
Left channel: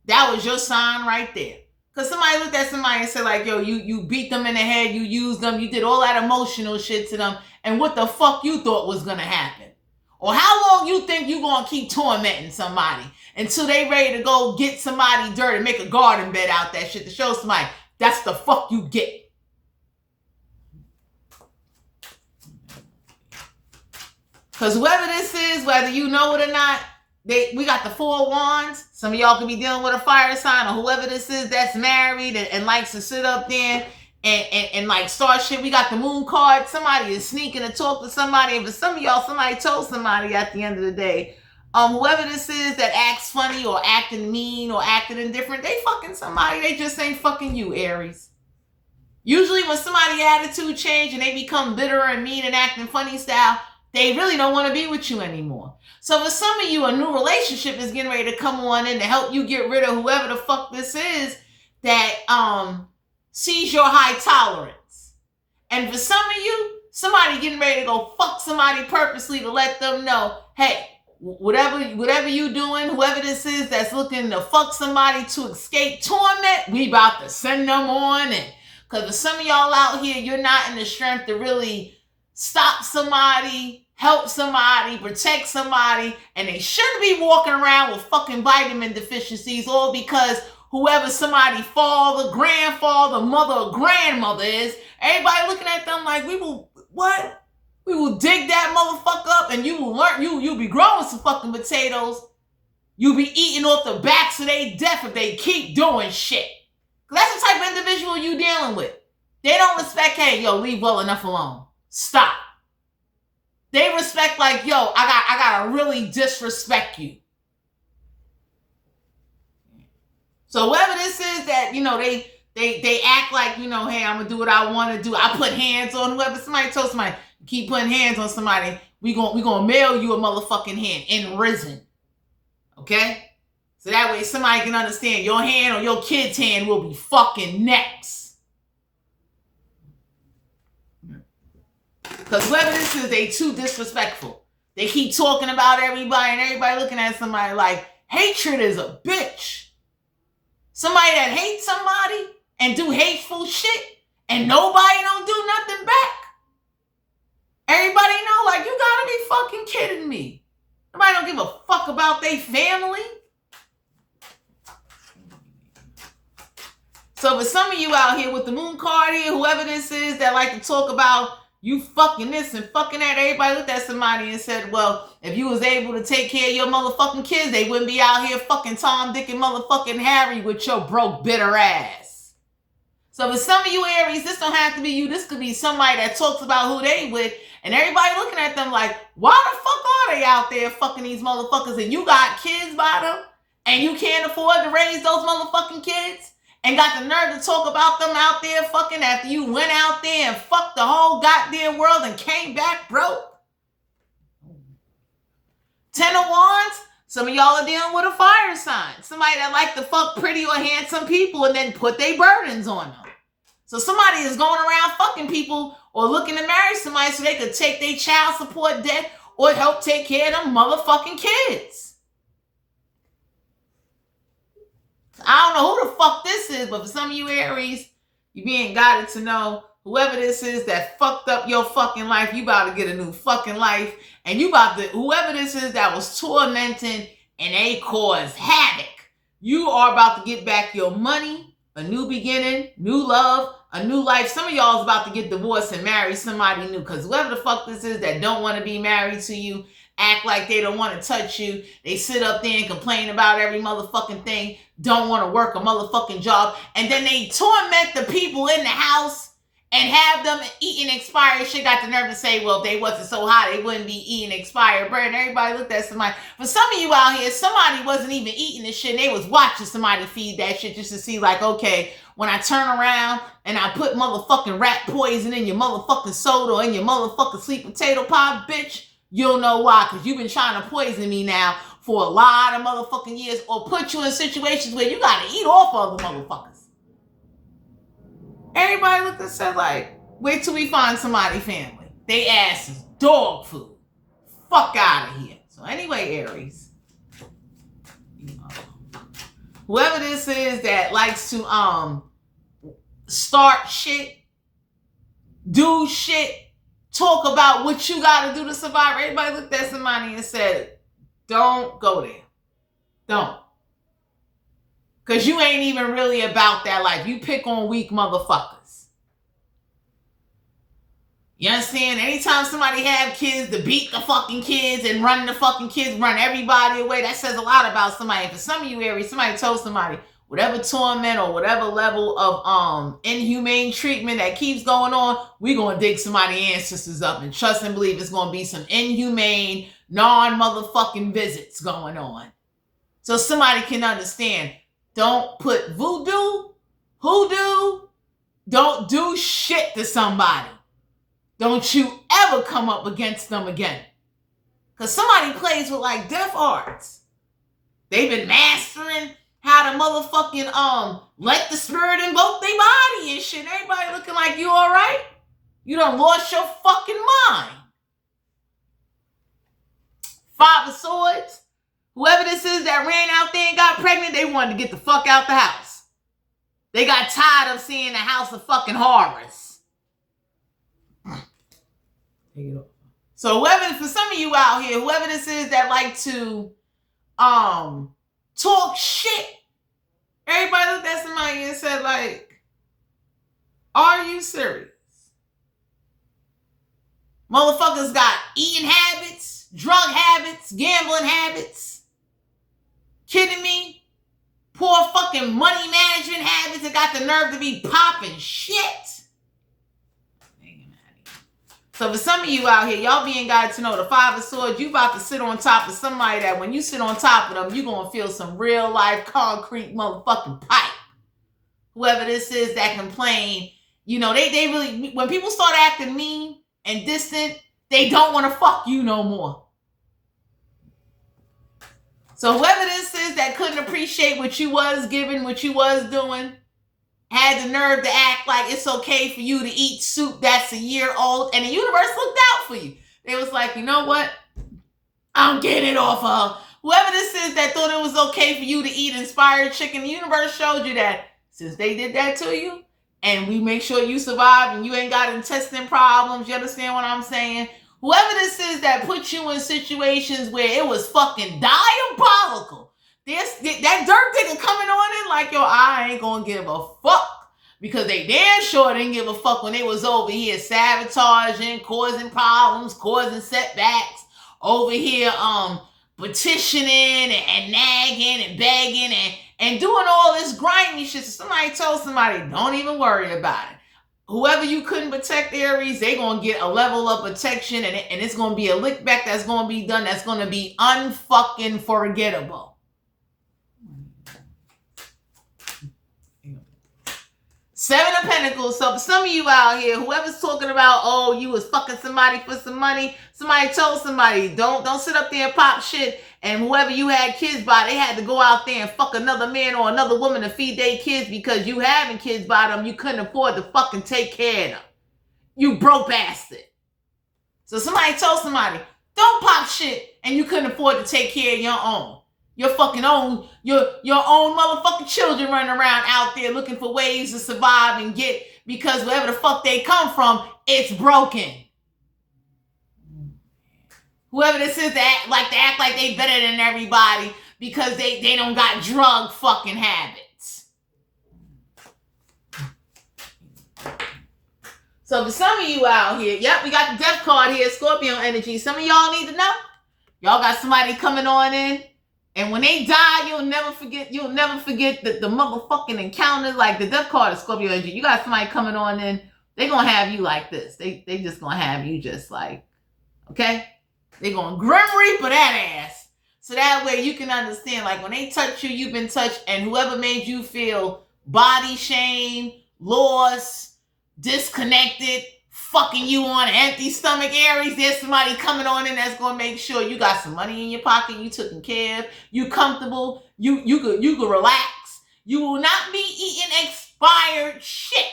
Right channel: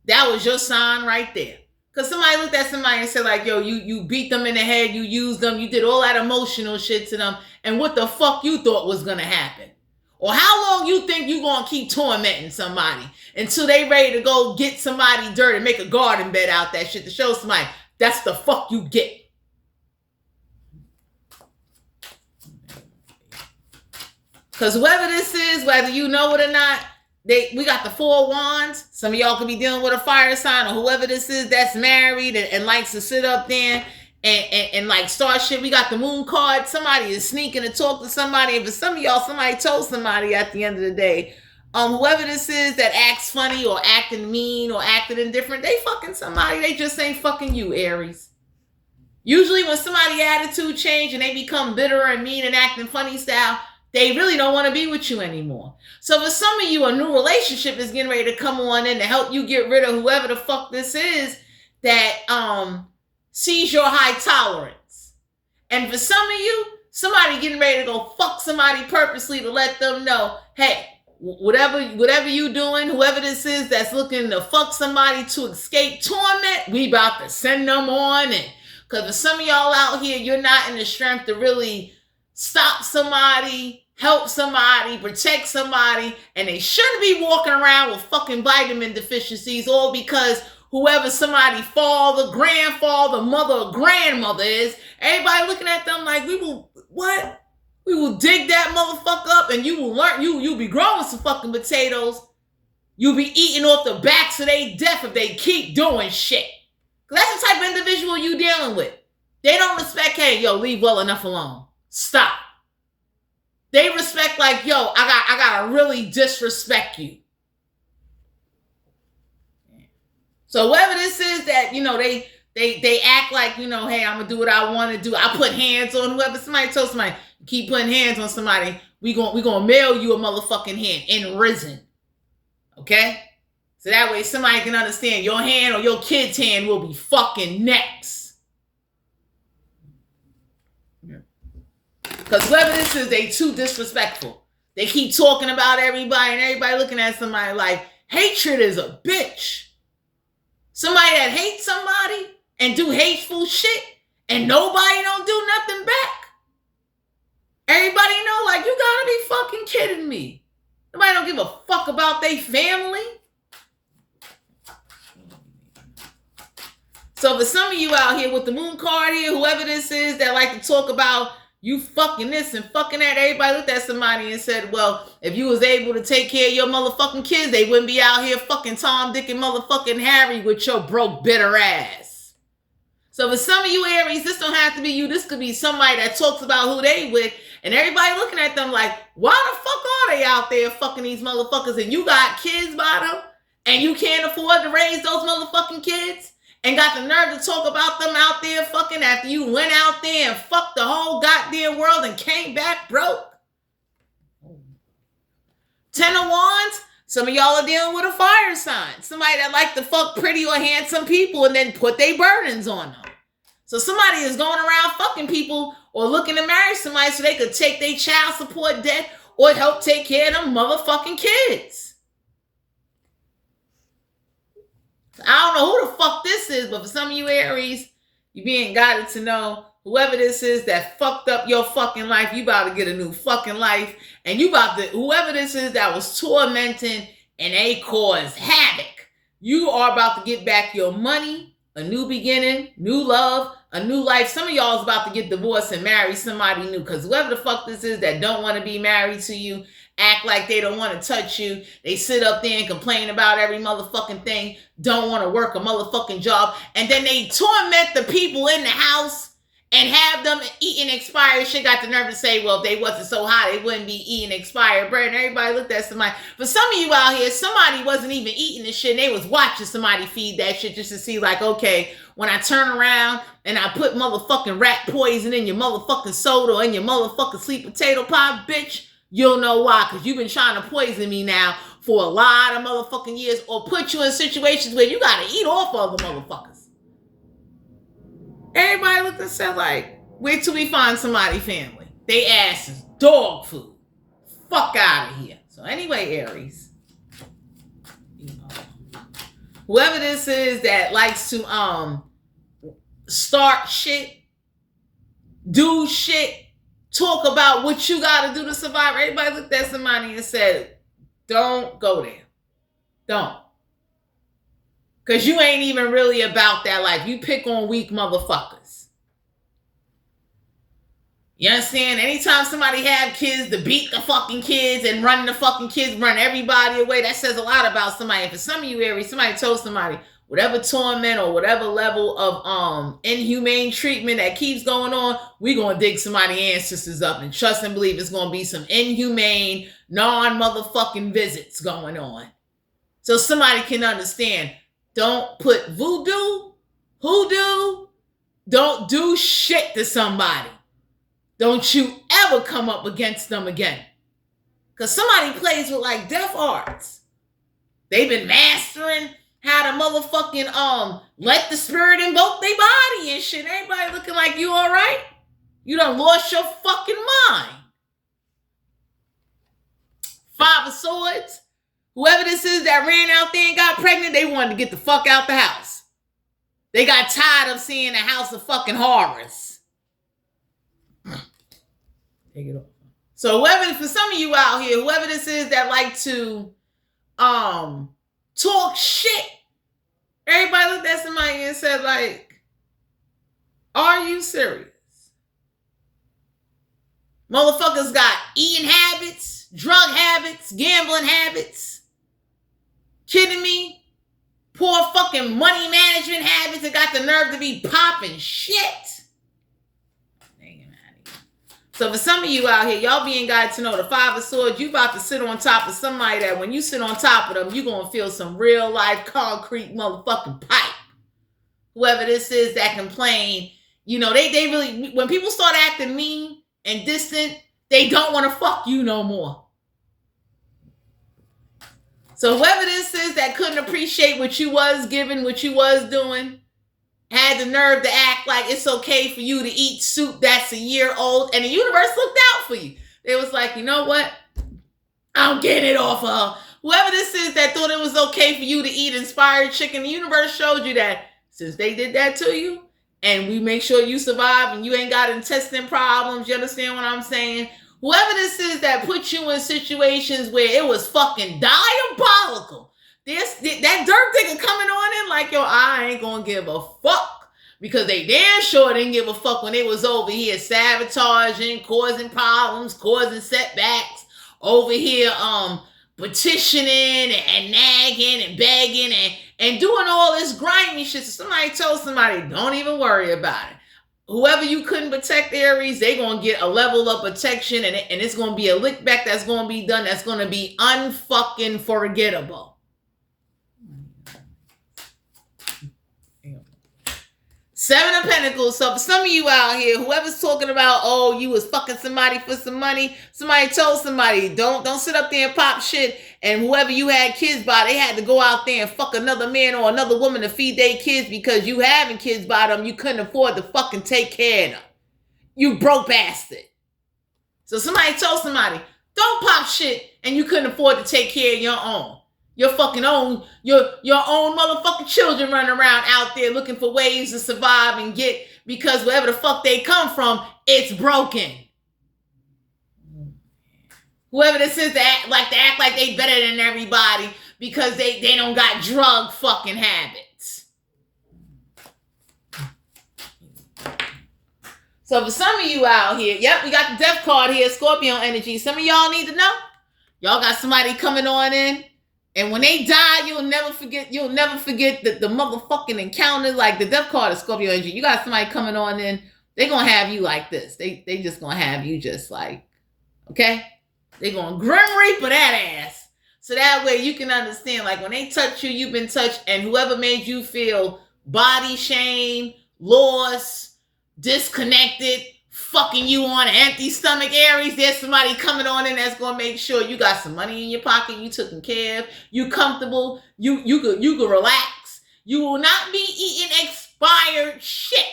that was your sign right there. Because somebody looked at somebody and said like, yo, you beat them in the head, you used them, you did all that emotional shit to them, and what the fuck you thought was going to happen? Or how long you think you going to keep tormenting somebody until they ready to go get somebody dirt and make a garden bed out that shit to show somebody that's the fuck you get. Because whoever this is, whether you know it or not, we got the 4 wands. Some of y'all could be dealing with a fire sign or whoever this is that's married and likes to sit up there and like start shit. We got the moon card. Somebody is sneaking to talk to somebody. And for some of y'all, somebody told somebody at the end of the day, whoever this is that acts funny or acting mean or acting indifferent, they fucking somebody. They just ain't fucking you, Aries. Usually when somebody's attitude change and they become bitter and mean and acting funny style, they really don't want to be with you anymore. So for some of you, a new relationship is getting ready to come on in to help you get rid of whoever the fuck this is that sees your high tolerance. And for some of you, somebody getting ready to go fuck somebody purposely to let them know, hey, whatever you doing, whoever this is that's looking to fuck somebody to escape torment, we about to send them on in. Because for some of y'all out here, you're not in the strength to really stop somebody, help somebody, protect somebody, and they shouldn't be walking around with fucking vitamin deficiencies, all because whoever somebody father, grandfather, mother, or grandmother is, everybody looking at them like, we will dig that motherfucker up and you will learn, you'll be growing some fucking potatoes. You'll be eating off the backs of they death if they keep doing shit. Because that's the type of individual you dealing with. They don't respect, hey, yo, leave well enough alone. Stop. They respect like, yo, I gotta really disrespect you. So whoever this is that, you know, they act like, you know, hey, I'm gonna do what I want to do. I put hands on whoever. Somebody told somebody, keep putting hands on somebody, we gonna mail you a motherfucking hand in risen. Okay? So that way somebody can understand your hand or your kid's hand will be fucking next. Because whoever this is, they too disrespectful. They keep talking about everybody and everybody looking at somebody like, hatred is a bitch. Somebody that hates somebody and do hateful shit and nobody don't do nothing back. Everybody know, like, you gotta be fucking kidding me. Nobody don't give a fuck about their family. So for some of you out here with the moon card here, whoever this is that like to talk about You fucking this and fucking that. Everybody looked at somebody and said, well, if you was able to take care of your motherfucking kids, they wouldn't be out here fucking Tom, Dick, and motherfucking Harry with your broke, bitter ass. So for some of you Aries, this don't have to be you. This could be somebody that talks about who they with, and everybody looking at them like, why the fuck are they out there fucking these motherfuckers, and you got kids by them, and you can't afford to raise those motherfucking kids? And got the nerve to talk about them out there fucking after you went out there and fucked the whole goddamn world and came back broke. 10 of Wands, some of y'all are dealing with a fire sign. Somebody that like to fuck pretty or handsome people and then put their burdens on them. So somebody is going around fucking people or looking to marry somebody so they could take their child support debt or help take care of them motherfucking kids. I don't know who the fuck this is, but for some of you Aries, you being guided to know whoever this is that fucked up your fucking life, you about to get a new fucking life. And you about to, whoever this is that was tormenting and they caused havoc, you are about to get back your money, a new beginning, new love, a new life. Some of y'all is about to get divorced and marry somebody new, because whoever the fuck this is that don't want to be married to you, act like they don't want to touch you. They sit up there and complain about every motherfucking thing. Don't want to work a motherfucking job. And then they torment the people in the house and have them eating expired shit. Got the nerve to say, well, if they wasn't so hot, they wouldn't be eating expired bread. And everybody looked at somebody. For some of you out here, somebody wasn't even eating this shit. And they was watching somebody feed that shit just to see like, okay, when I turn around and I put motherfucking rat poison in your motherfucking soda or in your motherfucking sweet potato pie, bitch, you'll know why, because you've been trying to poison me now for a lot of motherfucking years, or put you in situations where you got to eat off other motherfuckers. Everybody looked and said like, wait till we find somebody family. They ass is dog food. Fuck out of here. So anyway, Aries, whoever this is that likes to start shit, do shit, talk about what you got to do to survive. Everybody looked at somebody and said, don't go there. Don't. Because you ain't even really about that life. You pick on weak motherfuckers. You understand? Anytime somebody have kids, to beat the fucking kids and run the fucking kids, run everybody away, that says a lot about somebody. And for some of you Aries, somebody told somebody, whatever torment or whatever level of inhumane treatment that keeps going on, we're going to dig somebody's ancestors up and trust and believe it's going to be some inhumane, non-motherfucking visits going on. So somebody can understand. Don't put voodoo, hoodoo, don't do shit to somebody. Don't you ever come up against them again. Because somebody plays with like death arts. They've been mastering how to motherfucking let the spirit invoke their body and shit. Everybody looking like you all right? You done lost your fucking mind. 5 of Swords. Whoever this is that ran out there and got pregnant, they wanted to get the fuck out the house. They got tired of seeing the house of fucking horrors. Take it off. So whoever, for some of you out here, whoever this is that like to talk shit, everybody looked at somebody and said like, are you serious? Motherfuckers got eating habits, drug habits, gambling habits. Kidding me? Poor fucking money management habits that got the nerve to be popping shit. So for some of you out here, y'all being guided to know the 5 of Swords, you about to sit on top of somebody that when you sit on top of them, you're going to feel some real life concrete motherfucking pipe. Whoever this is that complain, you know, they really, when people start acting mean and distant, they don't want to fuck you no more. So whoever this is that couldn't appreciate what you was giving, what you was doing, had the nerve to act like it's okay for you to eat soup that's a year old, and the universe looked out for you. They was like, you know what? I'm getting it off of her. Whoever this is that thought it was okay for you to eat inspired chicken, the universe showed you that since they did that to you, and we make sure you survive and you ain't got intestine problems, you understand what I'm saying? Whoever this is that put you in situations where it was fucking diabolical. That dirt digger coming on in like, yo, I ain't gonna give a fuck. because they damn sure didn't give a fuck when they was over here sabotaging, causing problems, causing setbacks, over here petitioning and nagging and begging and doing all this grimy shit. So somebody told somebody, don't even worry about it. Whoever you couldn't protect, Aries, they gonna get a level of protection, and it's gonna be a lick back that's gonna be done that's gonna be unfucking forgettable. Seven of Pentacles. So for some of you out here, whoever's talking about, oh, you was fucking somebody for some money, somebody told somebody, don't sit up there and pop shit. And whoever you had kids by, they had to go out there and fuck another man or another woman to feed their kids because you having kids by them, you couldn't afford to fucking take care of them. You broke bastard. So somebody told somebody, don't pop shit, and you couldn't afford to take care of your own. Your fucking own, your own motherfucking children running around out there looking for ways to survive and get, because wherever the fuck they come from, it's broken. Whoever this is that act like they better than everybody because they don't got drug fucking habits. So for some of you out here, yep, we got the death card here, Scorpio energy. Some of y'all need to know. Y'all got somebody coming on in, and when they die, you'll never forget the motherfucking encounter. Like the death card is Scorpio energy. You got somebody coming on in, they gonna have you like this. They just gonna have you just like, okay? They gonna grim reaper that ass. So that way you can understand, like when they touch you, you've been touched, and whoever made you feel body shame, lost, disconnected, fucking you on an empty stomach, Aries, there's somebody coming on in that's gonna make sure you got some money in your pocket, you taken care of, you comfortable, you could relax. You will not be eating expired shit.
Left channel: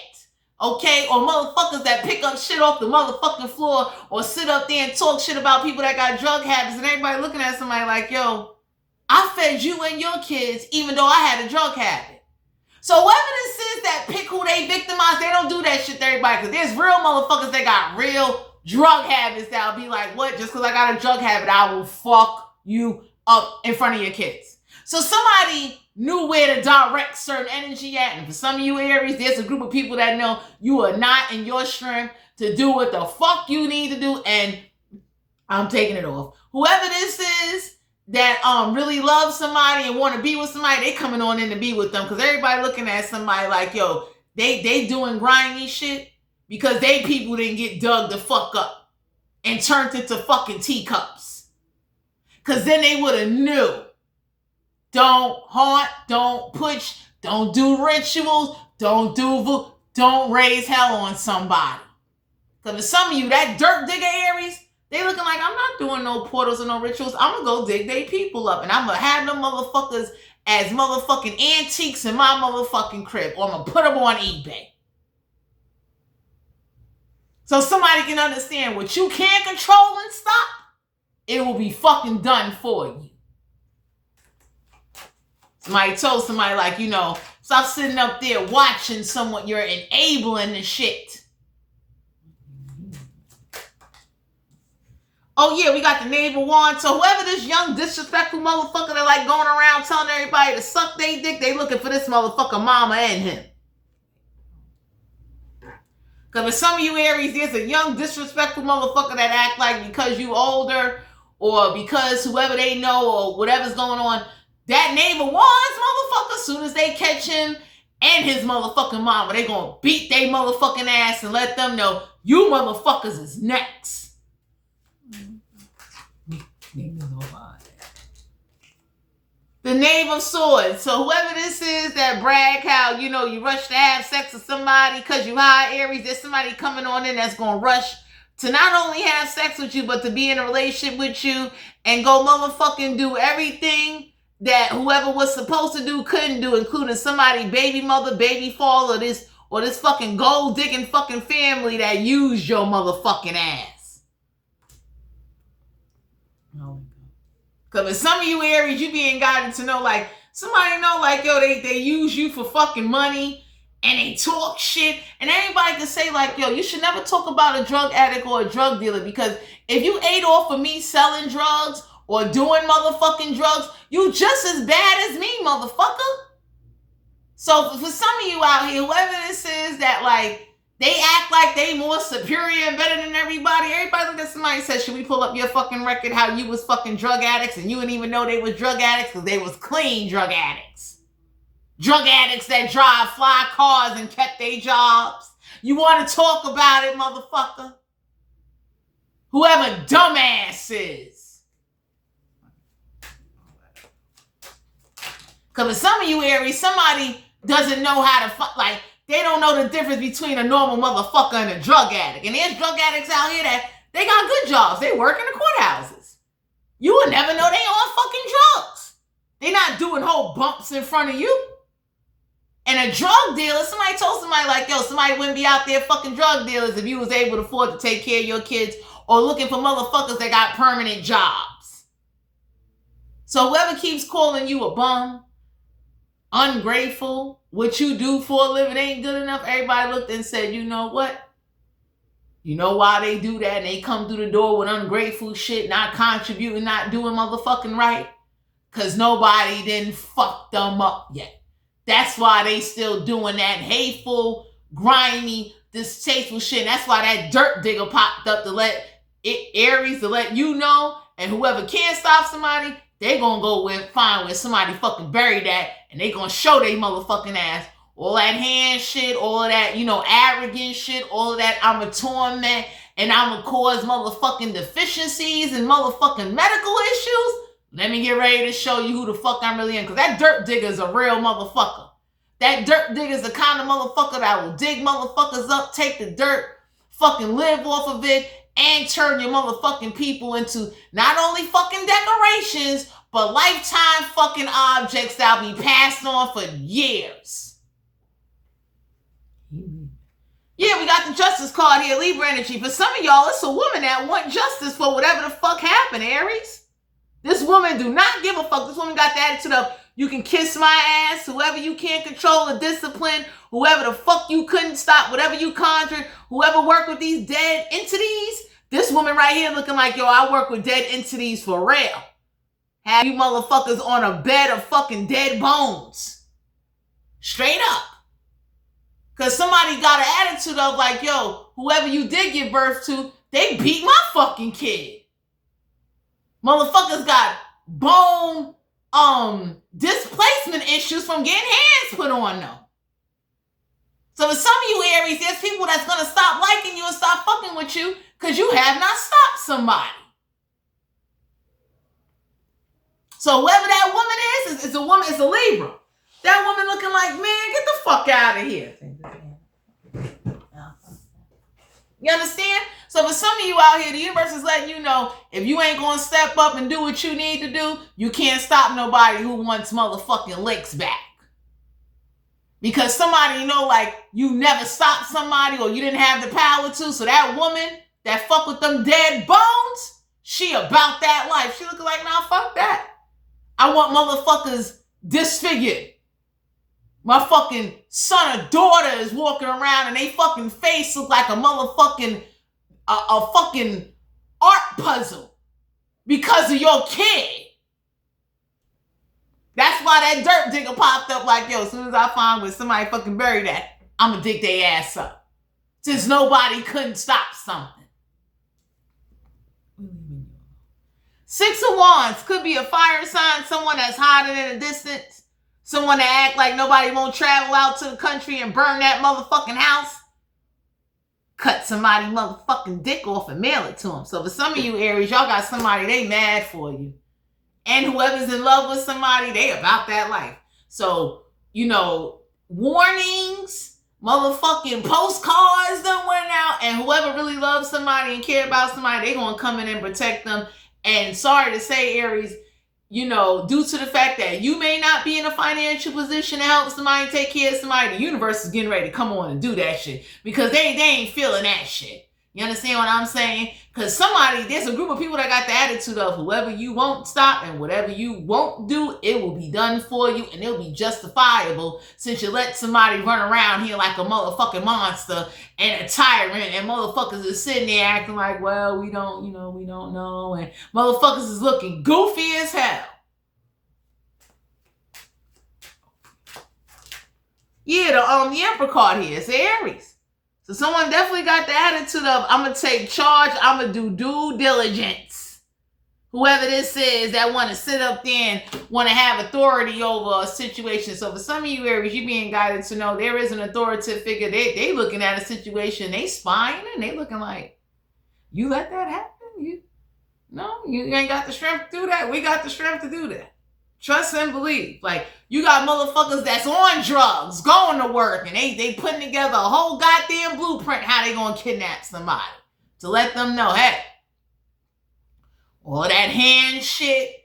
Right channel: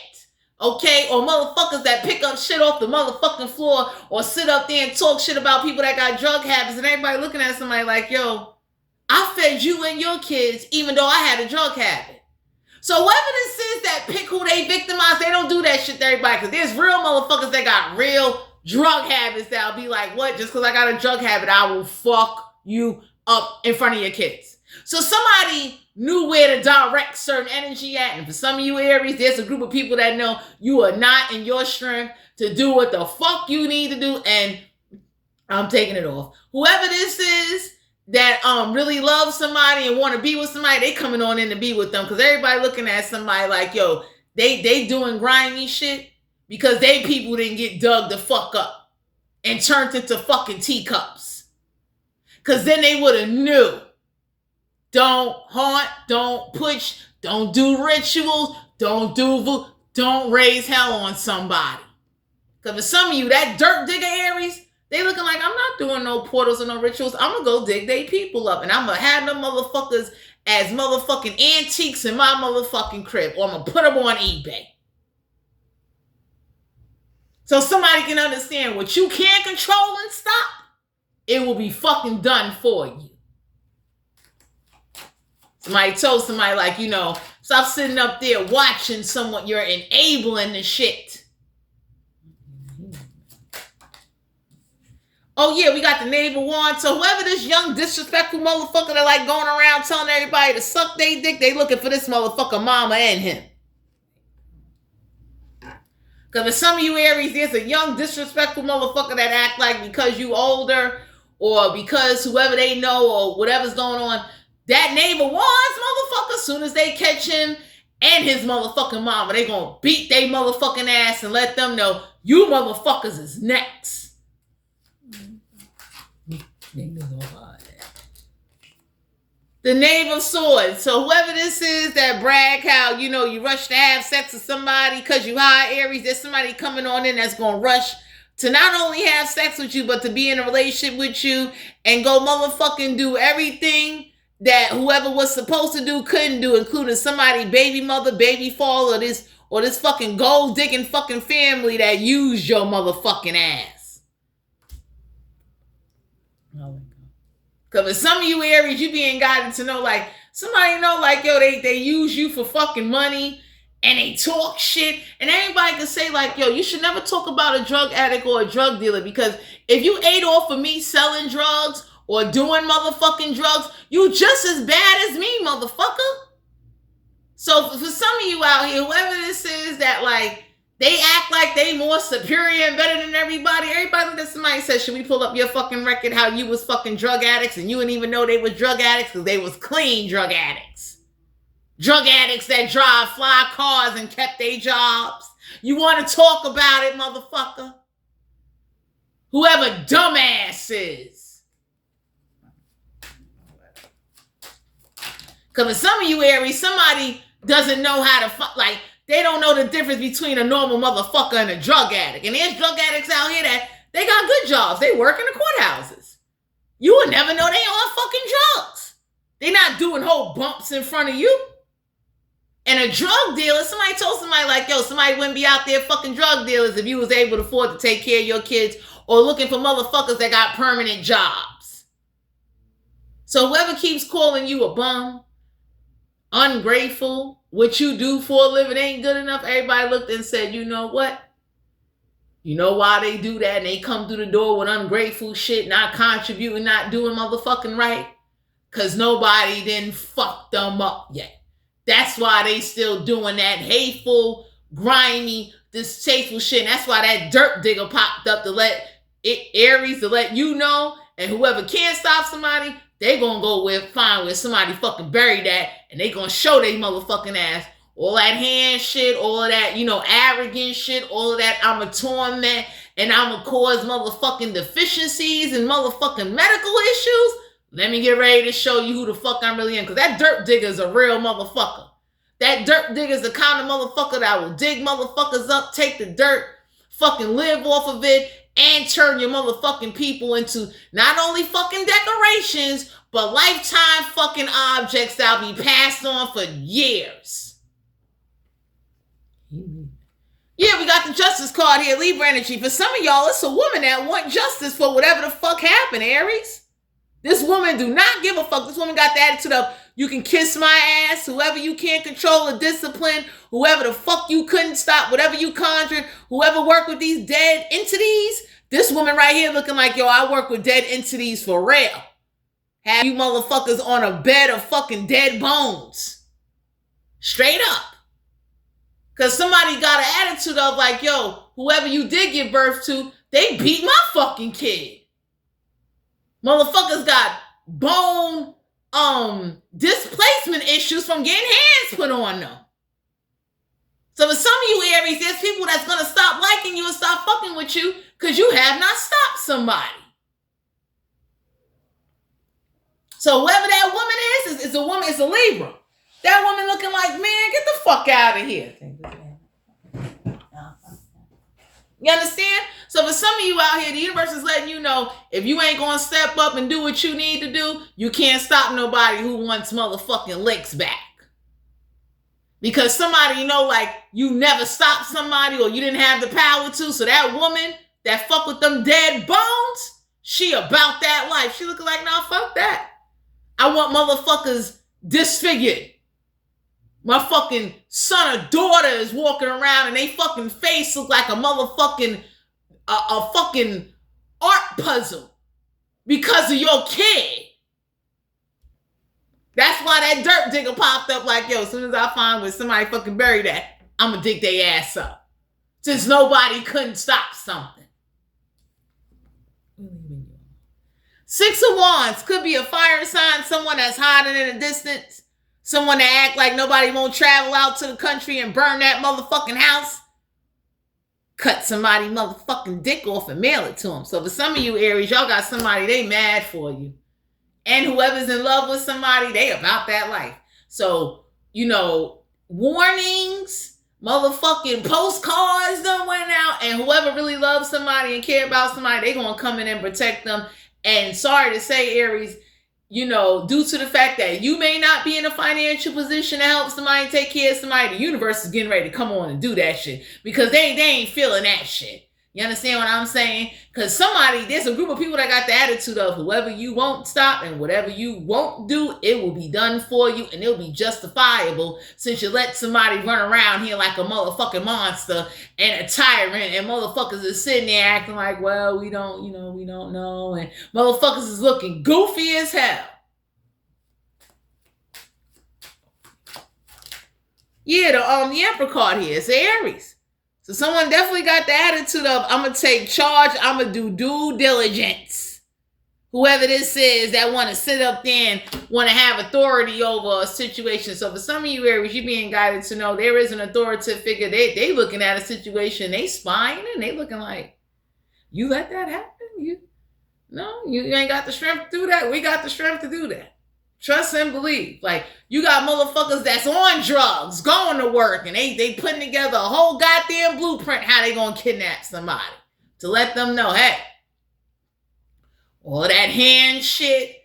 Okay, or motherfuckers that pick up shit off the motherfucking floor or sit up there and talk shit about people that got drug habits, and everybody looking at somebody like, yo, I fed you and your kids even though I had a drug habit. So whoever this is that pick who they victimize, they don't do that shit to everybody, because there's real motherfuckers that got real drug habits that'll be like, what, just because I got a drug habit, I will fuck you up in front of your kids. So somebody knew where to direct certain energy at. And for some of you Aries, there's a group of people that know you are not in your strength to do what the fuck you need to do. And I'm taking it off. Whoever this is that really loves somebody and want to be with somebody, they coming on in to be with them. Because everybody looking at somebody like, yo, they doing grimy shit because they people didn't get dug the fuck up and turned into fucking teacups. Because then they would have knew. Don't haunt, don't push, don't do rituals, don't raise hell on somebody. Because for some of you, that dirt digger Aries, they looking like, I'm not doing no portals or no rituals. I'm going to go dig they people up. And I'm going to have them motherfuckers as motherfucking antiques in my motherfucking crib. Or I'm going to put them on eBay. So somebody can understand what you can't control and stop, it will be fucking done for you. Somebody told somebody like, you know, stop sitting up there watching someone. You're enabling the shit. Oh yeah, we got the Knave of Wands. So whoever this young disrespectful motherfucker that like going around telling everybody to suck their dick, they looking for this motherfucker mama and him. Because for some of you Aries, there's a young disrespectful motherfucker that act like because you older or because whoever they know or whatever's going on, that Knave of Wands motherfucker, as soon as they catch him and his motherfucking mama, they gonna beat they motherfucking ass and let them know you motherfuckers is next. The Knave of Swords. So whoever this is that brag how, you know, you rush to have sex with somebody because you high Aries, there's somebody coming on in that's gonna rush to not only have sex with you, but to be in a relationship with you and go motherfucking do everything that whoever was supposed to do couldn't do, including somebody baby mother, baby father, or this fucking gold digging fucking family that used your motherfucking ass. Oh. Because for some of you Aries, you being guided to know, like, somebody know, like, yo, they use you for fucking money and they talk shit. And everybody can say, like, yo, you should never talk about a drug addict or a drug dealer, because if you ate off of me selling drugs or doing motherfucking drugs, you just as bad as me, motherfucker. So for some of you out here, whoever this is that like, they act like they more superior and better than everybody. Everybody look at somebody and says, should we pull up your fucking record how you was fucking drug addicts and you didn't even know they was drug addicts because they was clean drug addicts. Drug addicts that drive fly cars and kept their jobs. You want to talk about it, motherfucker? Whoever dumbass is. Because for some of you Aries, somebody doesn't know how to like, they don't know the difference between a normal motherfucker and a drug addict. And there's drug addicts out here that they got good jobs. They work in the courthouses. You would never know they on fucking drugs. They not doing whole bumps in front of you. And a drug dealer, somebody told somebody like, yo, somebody wouldn't be out there fucking drug dealers if you was able to afford to take care of your kids or looking for motherfuckers that got permanent jobs. So whoever keeps calling you a bum, ungrateful, what you do for a living ain't good enough, everybody looked and said, you know what? You know why they do that and they come through the door with ungrateful shit, not contributing, not doing motherfucking right? Because nobody didn't fuck them up yet. That's why they still doing that hateful, grimy, distasteful shit. And that's why that dirt digger popped up to let Aries to let you know. And whoever can't stop somebody, they gonna go find where somebody fucking buried that, and they gonna show they motherfucking ass. All that hand shit, all of that, arrogant shit, all of that I'ma torment and I'ma cause motherfucking deficiencies and motherfucking medical issues. Let me get ready to show you who the fuck I'm really in. Because that dirt digger is a real motherfucker. That dirt digger is the kind of motherfucker that will dig motherfuckers up, take the dirt, fucking live off of it, and turn your motherfucking people into not only fucking decorations, but lifetime fucking objects that'll be passed on for years. Yeah, we got the justice card here, Libra energy. For some of y'all, it's a woman that want justice for whatever the fuck happened, Aries. This woman do not give a fuck. This woman got the attitude of, you can kiss my ass, whoever you can't control or discipline, whoever the fuck you couldn't stop, whatever you conjured, whoever worked with these dead entities. This woman right here looking like, yo, I work with dead entities for real. Have you motherfuckers on a bed of fucking dead bones. Straight up. Because somebody got an attitude of like, yo, whoever you did give birth to, they beat my fucking kid. Motherfuckers got bone displacement issues from getting hands put on them. So for some of you Aries, there's people that's going to stop liking you and stop fucking with you because you have not stopped somebody. So whoever that woman is a woman, it's a Libra. That woman looking like, man, get the fuck out of here. You understand? So for some of you out here, the universe is letting you know, if you ain't going to step up and do what you need to do, you can't stop nobody who wants motherfucking licks back. Because somebody, like you never stopped somebody or you didn't have the power to. So that woman that fuck with them dead bones, she about that life. She looking like, nah, fuck that. I want motherfuckers disfigured. My fucking son or daughter is walking around and they fucking face look like a motherfucking, a fucking art puzzle because of your kid. That's why that dirt digger popped up like, yo, as soon as I find where somebody fucking buried that, I'm gonna dig their ass up. Since nobody couldn't stop something. Six of Wands could be a fire sign, someone that's hiding in the distance. Someone that act like nobody won't travel out to the country and burn that motherfucking house. Cut somebody motherfucking dick off and mail it to them. So for some of you Aries, y'all got somebody, they mad for you. And whoever's in love with somebody, they about that life. So, warnings, motherfucking postcards done went out. And whoever really loves somebody and care about somebody, they gonna come in and protect them. And sorry to say, Aries, due to the fact that you may not be in a financial position to help somebody take care of somebody, the universe is getting ready to come on and do that shit. Because they ain't feeling that shit. You understand what I'm saying? Because there's a group of people that got the attitude of whoever you won't stop and whatever you won't do, it will be done for you and it'll be justifiable since you let somebody run around here like a motherfucking monster and a tyrant and motherfuckers is sitting there acting like, well, we don't know. And motherfuckers is looking goofy as hell. Yeah, the Emperor card here. It's Aries. So someone definitely got the attitude of, I'm going to take charge. I'm going to do due diligence. Whoever this is that want to sit up there and want to have authority over a situation. So for some of you Aries, you're being guided to know there is an authoritative figure. They looking at a situation, they spying, and they looking like, you let that happen? You ain't got the strength to do that. We got the strength to do that. Trust and believe. Like, you got motherfuckers that's on drugs, going to work, and they putting together a whole goddamn blueprint how they gonna kidnap somebody. To let them know, hey, all that hand shit,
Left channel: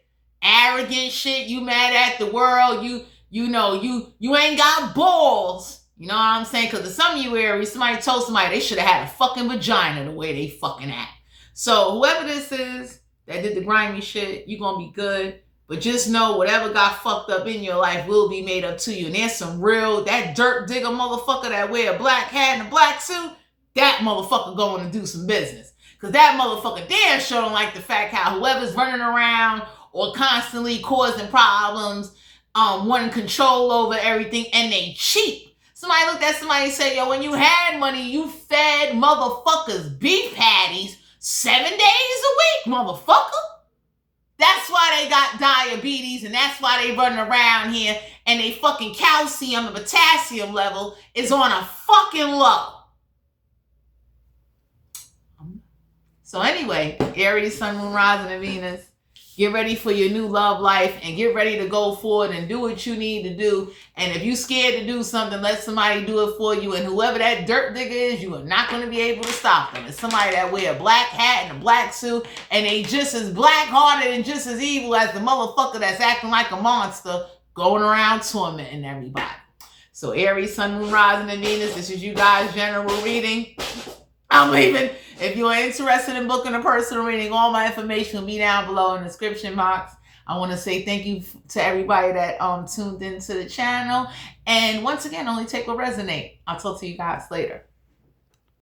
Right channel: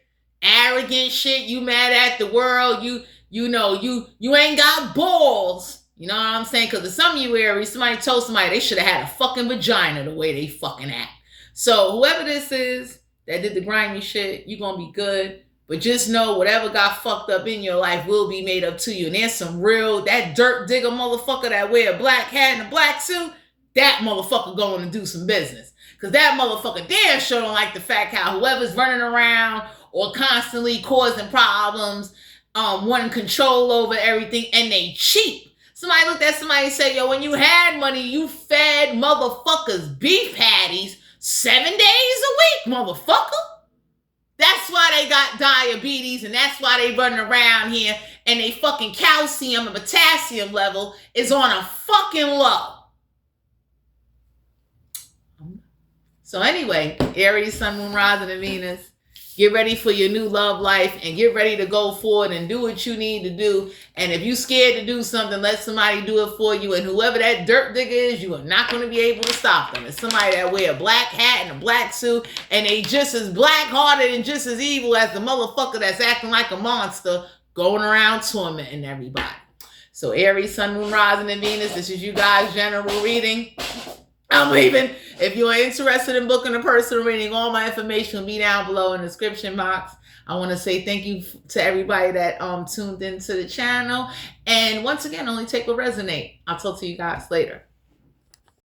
arrogant shit, you mad at the world, you ain't got balls. You know what I'm saying? Because to some of you Aries, somebody told somebody they should have had a fucking vagina the way they fucking act. So whoever this is that did the grimy shit, you gonna be good. But just know whatever got fucked up in your life will be made up to you. And there's some real, that dirt digger motherfucker that wear a black hat and a black suit, that motherfucker going to do some business. Because that motherfucker damn sure don't like the fact how whoever's running around or constantly causing problems, wanting control over everything, and they cheap. Somebody looked at somebody and said, yo, when you had money, you fed motherfuckers beef patties 7 days a week, motherfucker. That's why they got diabetes, and that's why they running around here, and they fucking calcium and potassium level is on a fucking low. So anyway, Aries, Sun, Moon, Rising, and Venus, get ready for your new love life and get ready to go forward and do what you need to do. And if you're scared to do something, let somebody do it for you. And whoever that dirt digger is, you are not going to be able to stop them. It's somebody that wear a black hat and a black suit, and they just as black-hearted and just as evil as the motherfucker that's acting like a monster going around tormenting everybody. So Aries, Sun, Moon, Rising, and Venus, this is you guys' general reading. I'm leaving. If you're interested in booking a personal reading, all my information will be down below in the description box. I want to say thank you to everybody that tuned into the channel. And once again, only take what resonate. I'll talk to you guys later.